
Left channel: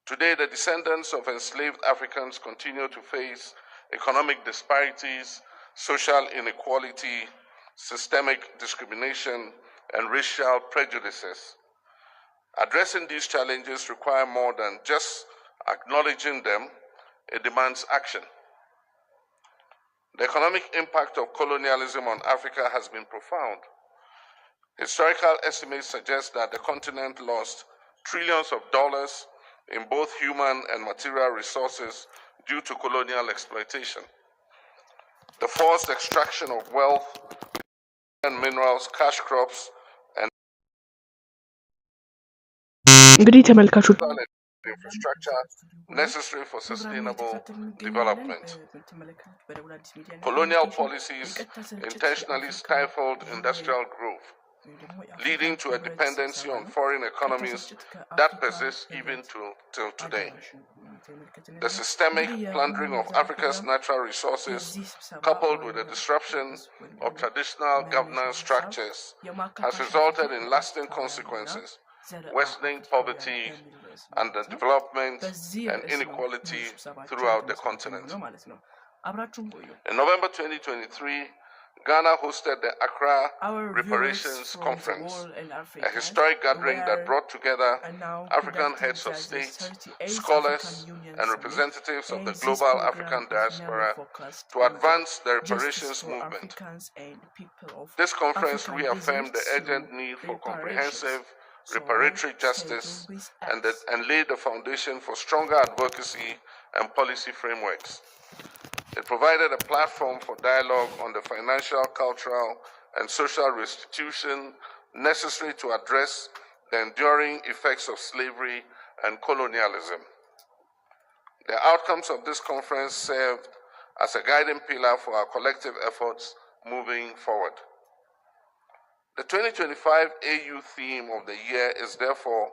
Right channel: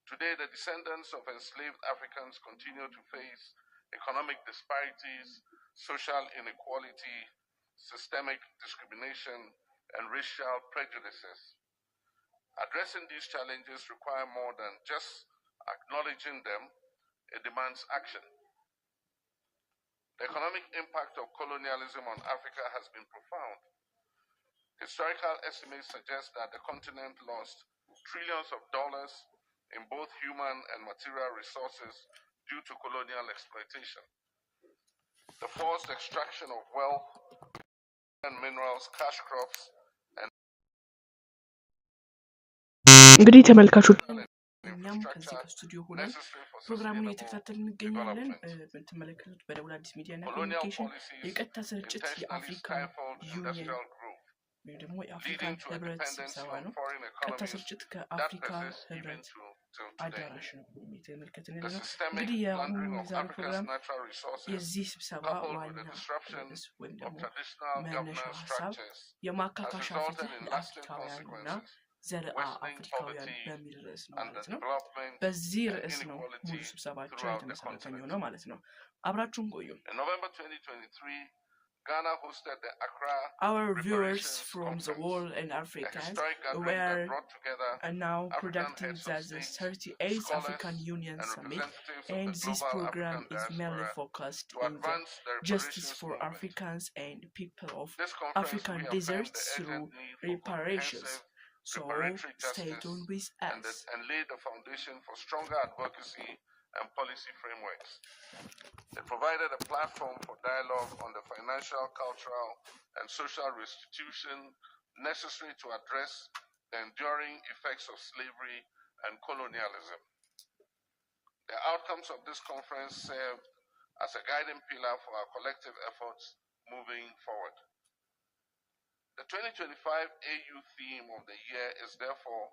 Today, the descendants of enslaved Africans continue to face economic disparities, social inequality, systemic discrimination, and racial prejudices. Addressing these challenges require more than just acknowledging them. It demands action. The economic impact of colonialism on Africa has been profound. Historical estimates suggest that the continent lost trillions of dollars in both human and material resources due to colonial exploitation. The forced extraction of wealth and minerals, cash crops, and እንግዲህ ተመልካቾች infrastructure necessary for ፕሮግራሙ sustainable እየተከታተልን እንገኛለን። development. የምትመለከቱት በደቡብ አዲስ ሚዲያ እና Colonial ኮሚኒኬሽን policies የቀጥታ ስርጭት intentionally የአፍሪካ stifled ዩኒየን industrial growth, ወይም ደግሞ የአፍሪካ leading to a ሕብረት dependency ስብሰባ on ነው። foreign ቀጥታ economies ስርጭት that ከአፍሪካ persists even ሕብረት till today. አዳራሽ ነው የተመለከትን The ያለነው። systemic እንግዲህ የአሁኑ plundering of ዛሬ Africa's ፕሮግራም natural resources, የዚህ ስብሰባ coupled with the ዋና disruption ርዕስ ወይም of ደግሞ traditional መነሻ governance ሀሳብ structures, has የማካካሻ resulted ፍትህ in lasting ለአፍሪካውያንና consequences, ዘረ worsening አፍሪካውያን poverty በሚል ርዕስ ነው and the ማለት ነው። development በዚህ and ርዕስ ነው ሙሉ inequality ስብሰባችን throughout the የተመሰረተ continent. የሚሆነው ማለት ነው። አብራችሁን ቆዩ። In November 2023, Ghana hosted the Accra Our viewers Reparations from the Conference, world and a Africa historic gathering that were brought together and now African productive heads of as the state, 38th scholars, African Union and Summit, representatives of and the this global program African is mainly diaspora focused to on the advance the justice reparations for movement. Africans and people of This conference African reaffirmed the deserts urgent through need for reparations. comprehensive So reparatory stay justice tuned with us. and laid the foundation for stronger advocacy and policy frameworks. It provided a platform for dialogue on the financial, cultural, and social restitution necessary to address the enduring effects of slavery and colonialism. The outcomes of this conference served as a guiding pillar for our collective efforts moving forward. The 2025 AU theme of the year is therefore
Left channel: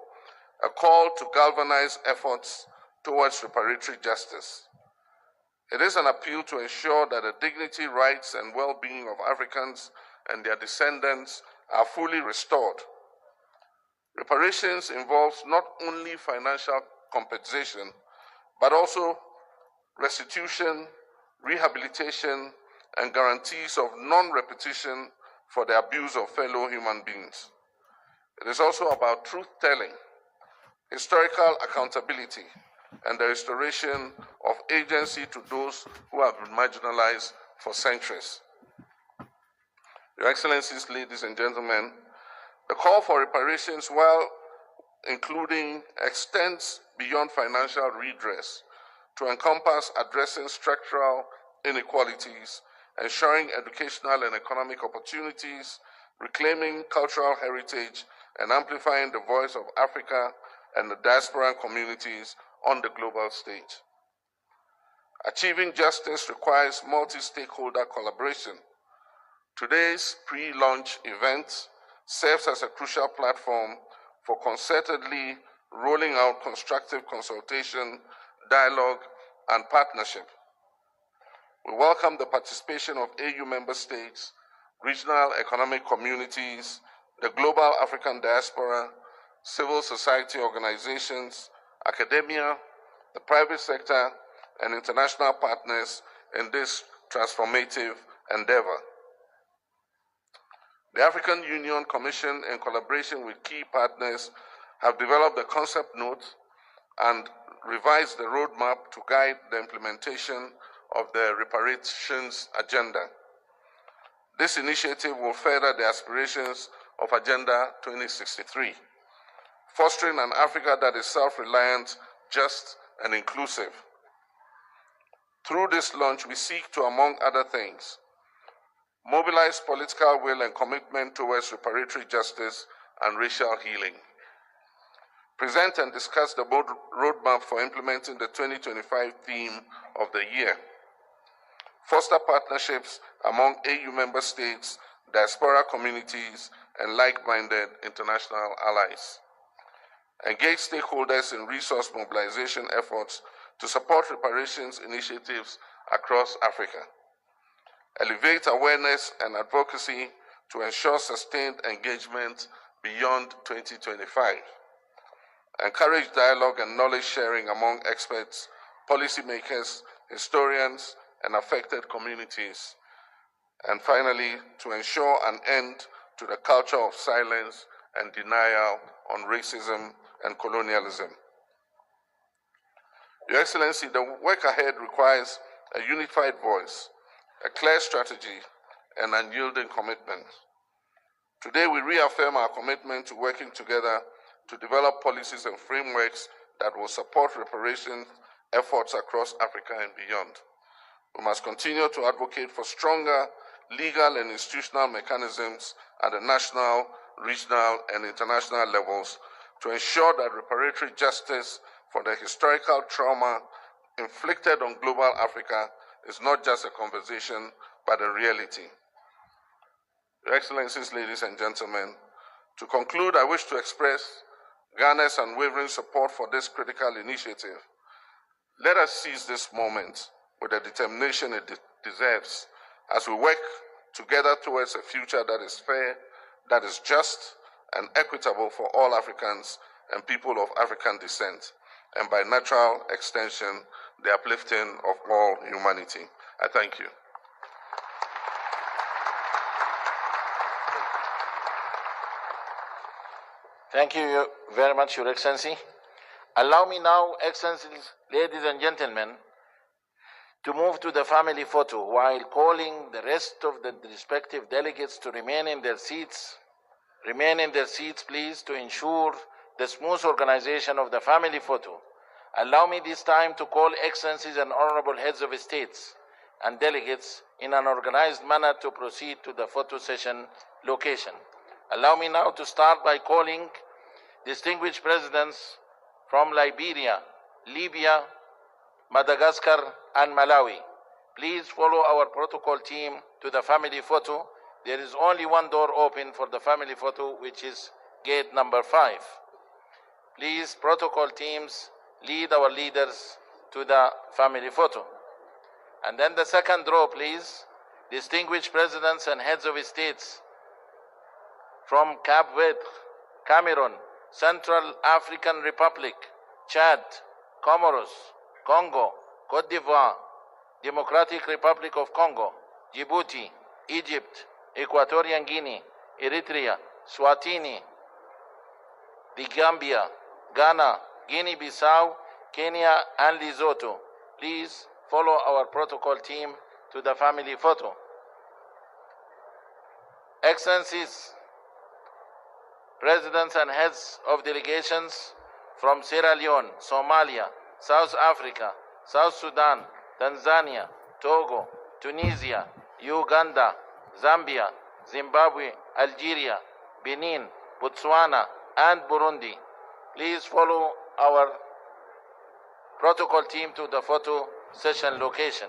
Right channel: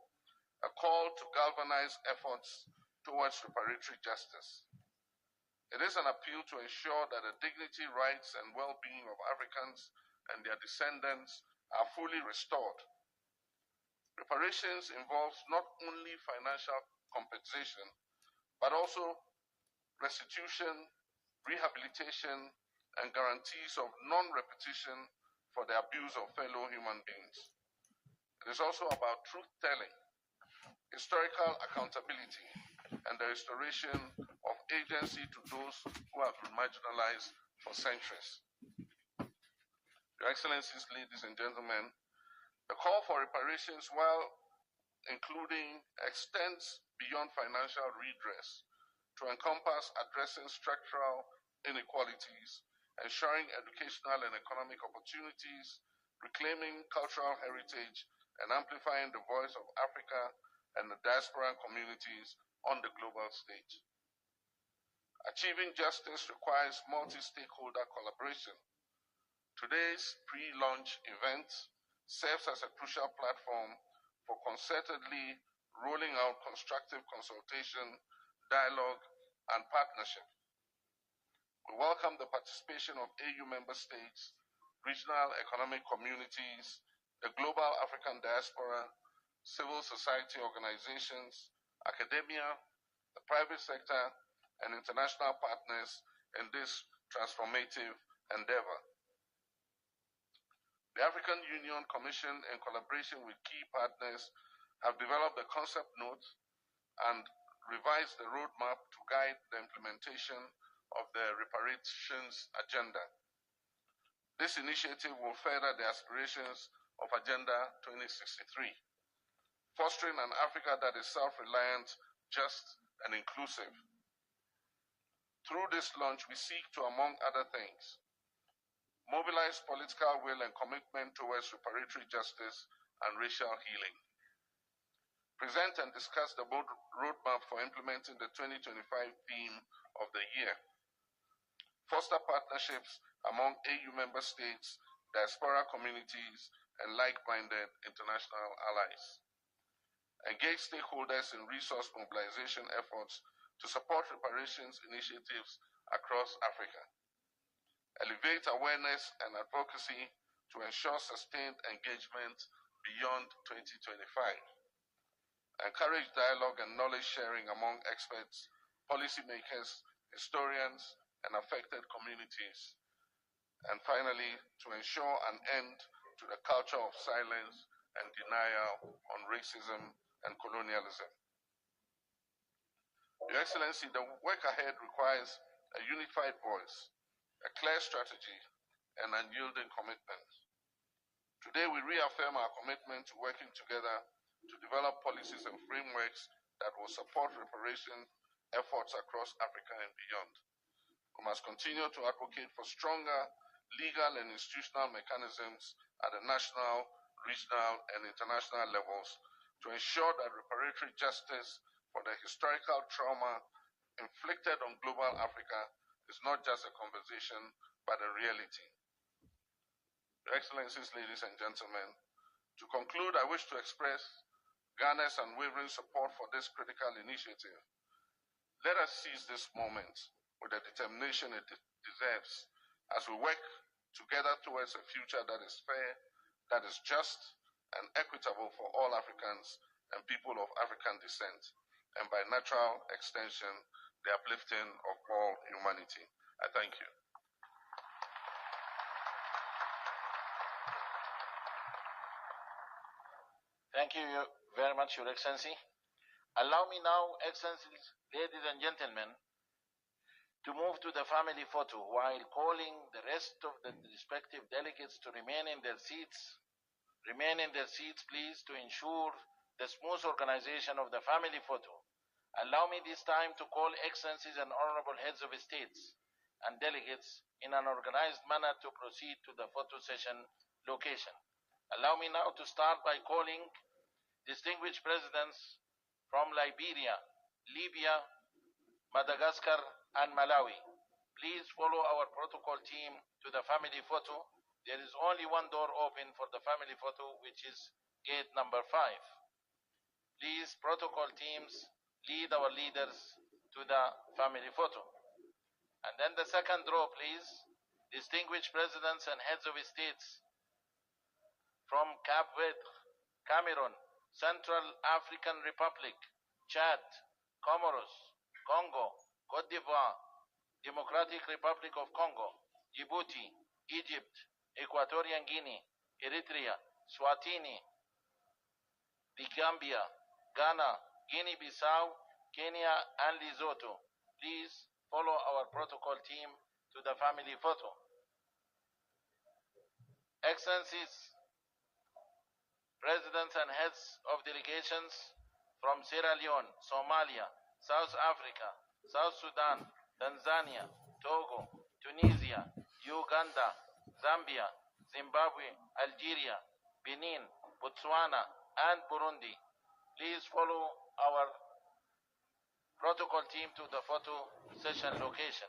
a call to galvanize efforts towards reparatory justice. It is an appeal to ensure that the dignity, rights, and well-being of Africans and their descendants are fully restored. Reparations involves not only financial compensation, but also restitution, rehabilitation, and guarantees of non-repetition for the abuse of fellow human beings. It is also about truth-telling, historical accountability, and the restoration of agency to those who have been marginalized for centuries. Your Excellencies, ladies and gentlemen, the call for reparations, while including, extends beyond financial redress to encompass addressing structural inequalities, ensuring educational and economic opportunities, reclaiming cultural heritage, and amplifying the voice of Africa and the diaspora communities on the global stage. Achieving justice requires multi-stakeholder collaboration. Today's pre-launch event serves as a crucial platform for concertedly rolling out constructive consultation, dialogue, and partnership. We welcome the participation of AU member states, regional economic communities, the global African diaspora, civil society organizations, academia, the private sector, and international partners in this transformative endeavor. The African Union Commission, in collaboration with key partners, have developed a concept note and revised the roadmap to guide the implementation of the reparations agenda. This initiative will further the aspirations of Agenda 2063, fostering an Africa that is self-reliant, just, and inclusive. Through this launch, we seek to, among other things, mobilize political will and commitment towards reparatory justice and racial healing. Present and discuss the roadmap for implementing the 2025 theme of the year. Foster partnerships among AU member states, diaspora communities, and like-minded international allies. Engage stakeholders in resource mobilization efforts to support reparations initiatives across Africa. Elevate awareness and advocacy to ensure sustained engagement beyond 2025. Encourage dialogue and knowledge sharing among experts, policymakers, historians, and affected communities. And finally, to ensure an end to the culture of silence and denial on racism and colonialism. Your Excellency, the work ahead requires a unified voice, a clear strategy, and unyielding commitment. Today, we reaffirm our commitment to working together to develop policies and frameworks that will support reparation efforts across Africa and beyond. We must continue to advocate for stronger legal and institutional mechanisms at the national, regional, and international levels to ensure that reparatory justice for the historical trauma inflicted on global Africa is not just a conversation, but a reality. Your Excellencies, ladies and gentlemen, to conclude, I wish to express Ghana's unwavering support for this critical initiative. Let us seize this moment with the determination it deserves as we work together towards a future that is fair, that is just, and equitable for all Africans and people of African descent, and by natural extension, the uplifting of all humanity. I thank you. Thank you very much, Your Excellency. Allow me now, Excellencies, ladies and gentlemen, to move to the family photo while calling the rest of the respective delegates to remain in their seats. Remain in their seats, please, to ensure the smooth organization of the family photo. Allow me this time to call Excellencies and Honorable Heads of States and delegates in an organized manner to proceed to the photo session location. Allow me now to start by calling distinguished presidents from Liberia, Libya, Madagascar, and Malawi. Please follow our protocol team to the family photo. There is only one door open for the family photo, which is gate number 5. Please, protocol teams, lead our leaders to the family photo. And then the second row, please. Distinguished presidents and heads of states from Cape Verde, Cameroon, Central African Republic, Chad, Comoros, Congo, Cote d'Ivoire, Democratic Republic of Congo, Djibouti, Egypt, Equatorial Guinea, Eritrea, Swatini, the Gambia, Ghana, Guinea-Bissau, Kenya, and Lesotho. Please follow our protocol team to the family photo. Excellencies, presidents and heads of delegations from Sierra Leone, Somalia, South Africa, South Sudan, Tanzania, Togo, Tunisia, Uganda, Zambia, Zimbabwe, Algeria, Benin, Botswana, and Burundi. Please follow our protocol team to the photo session location.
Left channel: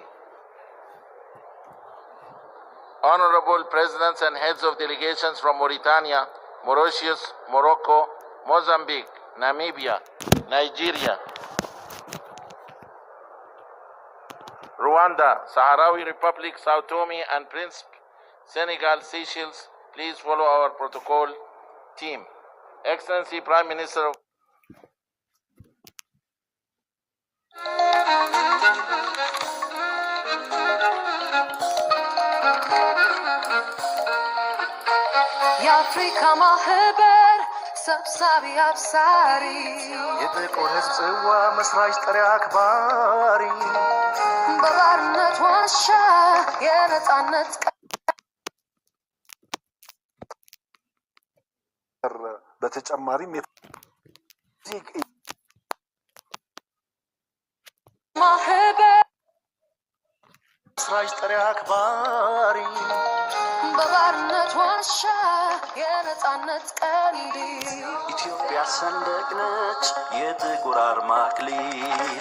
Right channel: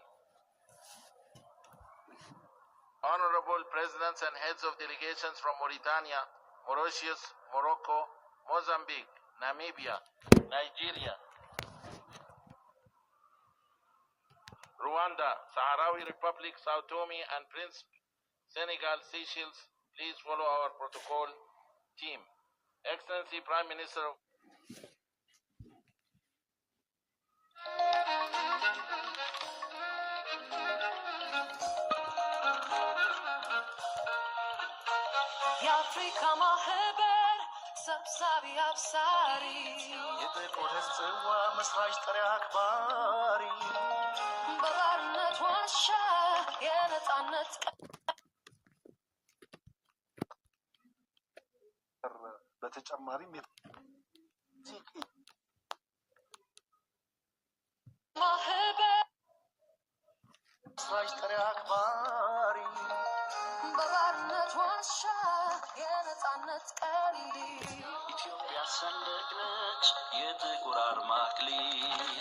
Honorable presidents and heads of delegations from Mauritania, Mauritius, Morocco, Mozambique, Namibia, Nigeria, Rwanda, Sahrawi Republic, Sao Tome and Principe, Senegal, Seychelles, please follow our protocol team. Excellency Prime Minister of የአፍሪካ ማህበር ሰብሳቢ አብሳሪ የጥቁር ሕዝብ ጽዋ መስራች ጠሪ አክባሪ በባርነት ዋሻ የነጻነት በተጨማሪም ማህበር መስራች ጠሪ አክባሪ ዋሻ የነጻነት ቀንዲ ኢትዮጵያ ሰንደቅ ነች የጥቁር አርማ አክሊል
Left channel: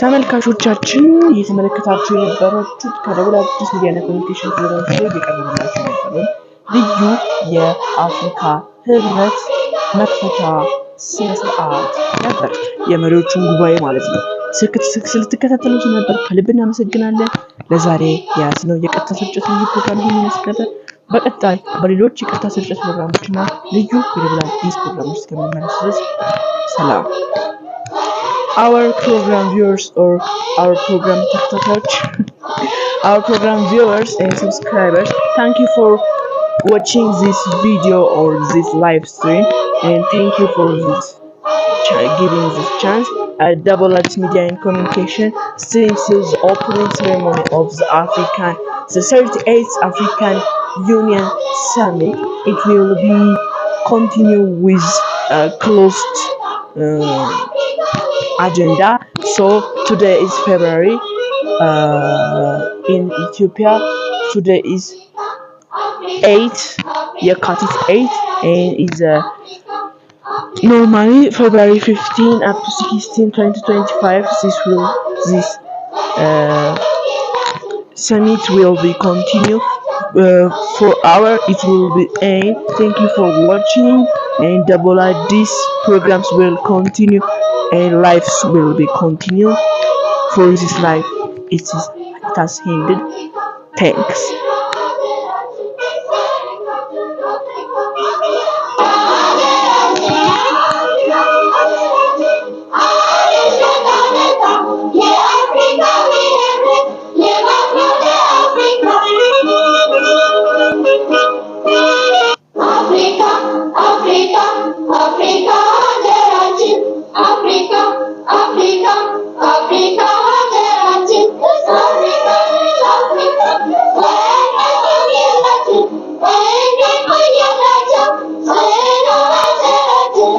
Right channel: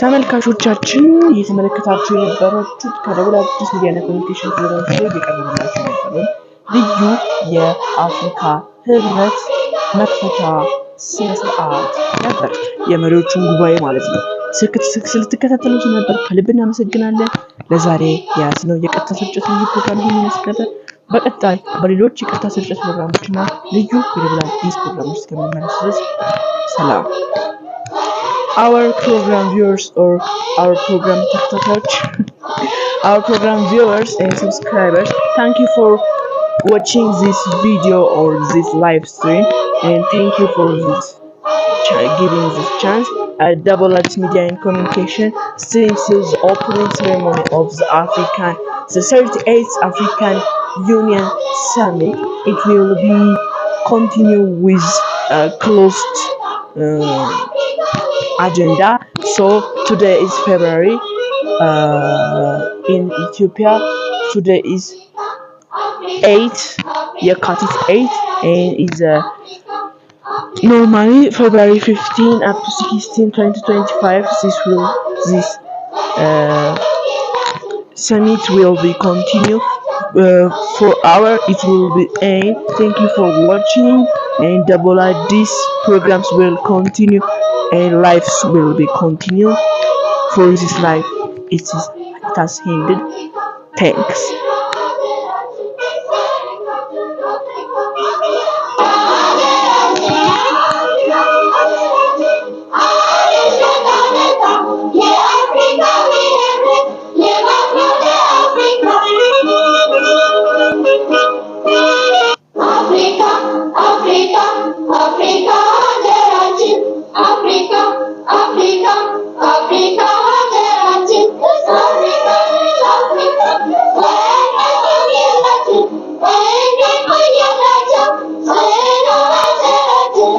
ተመልካቾቻችን እየተመለከታችሁ የነበራችሁት ከደቡብ አዲስ ሚዲያና ኮሚኒኬሽን ፕሮግራም ላይ የቀረበላችሁ የነበረው ልዩ የአፍሪካ ሕብረት መክፈቻ ስነ ስርዓት ነበር። የመሪዎቹን ጉባኤ ማለት ነው። ስለተከታተሉት ነበር ከልብ እናመሰግናለን። ለዛሬ የያዝነው የቀጥታ ስርጭት ልዩ ፕሮግራም ይህን ይመስላል። በቀጣይ በሌሎች የቀጥታ ስርጭት ፕሮግራሞችና ልዩ የደቡብ አዲስ ፕሮግራሞች እስከምንመለስ ድረስ ሰላም። Our program viewers or our program spectators, our program viewers and subscribers, thank you for watching this video or this live stream, and thank you for this giving this chance. Double X Media and Communication streams the opening ceremony of the 38th African Union Summit. It will be continue with closed agenda. So today is February in Ethiopia. Today is 8 የካቲት 8 and is normally February 15 up to 16 2025. This summit will be continue for hour. It will be end. Thank you for watching, and double like these programs will continue and lives will be continue. For this life it has ended. Thanks.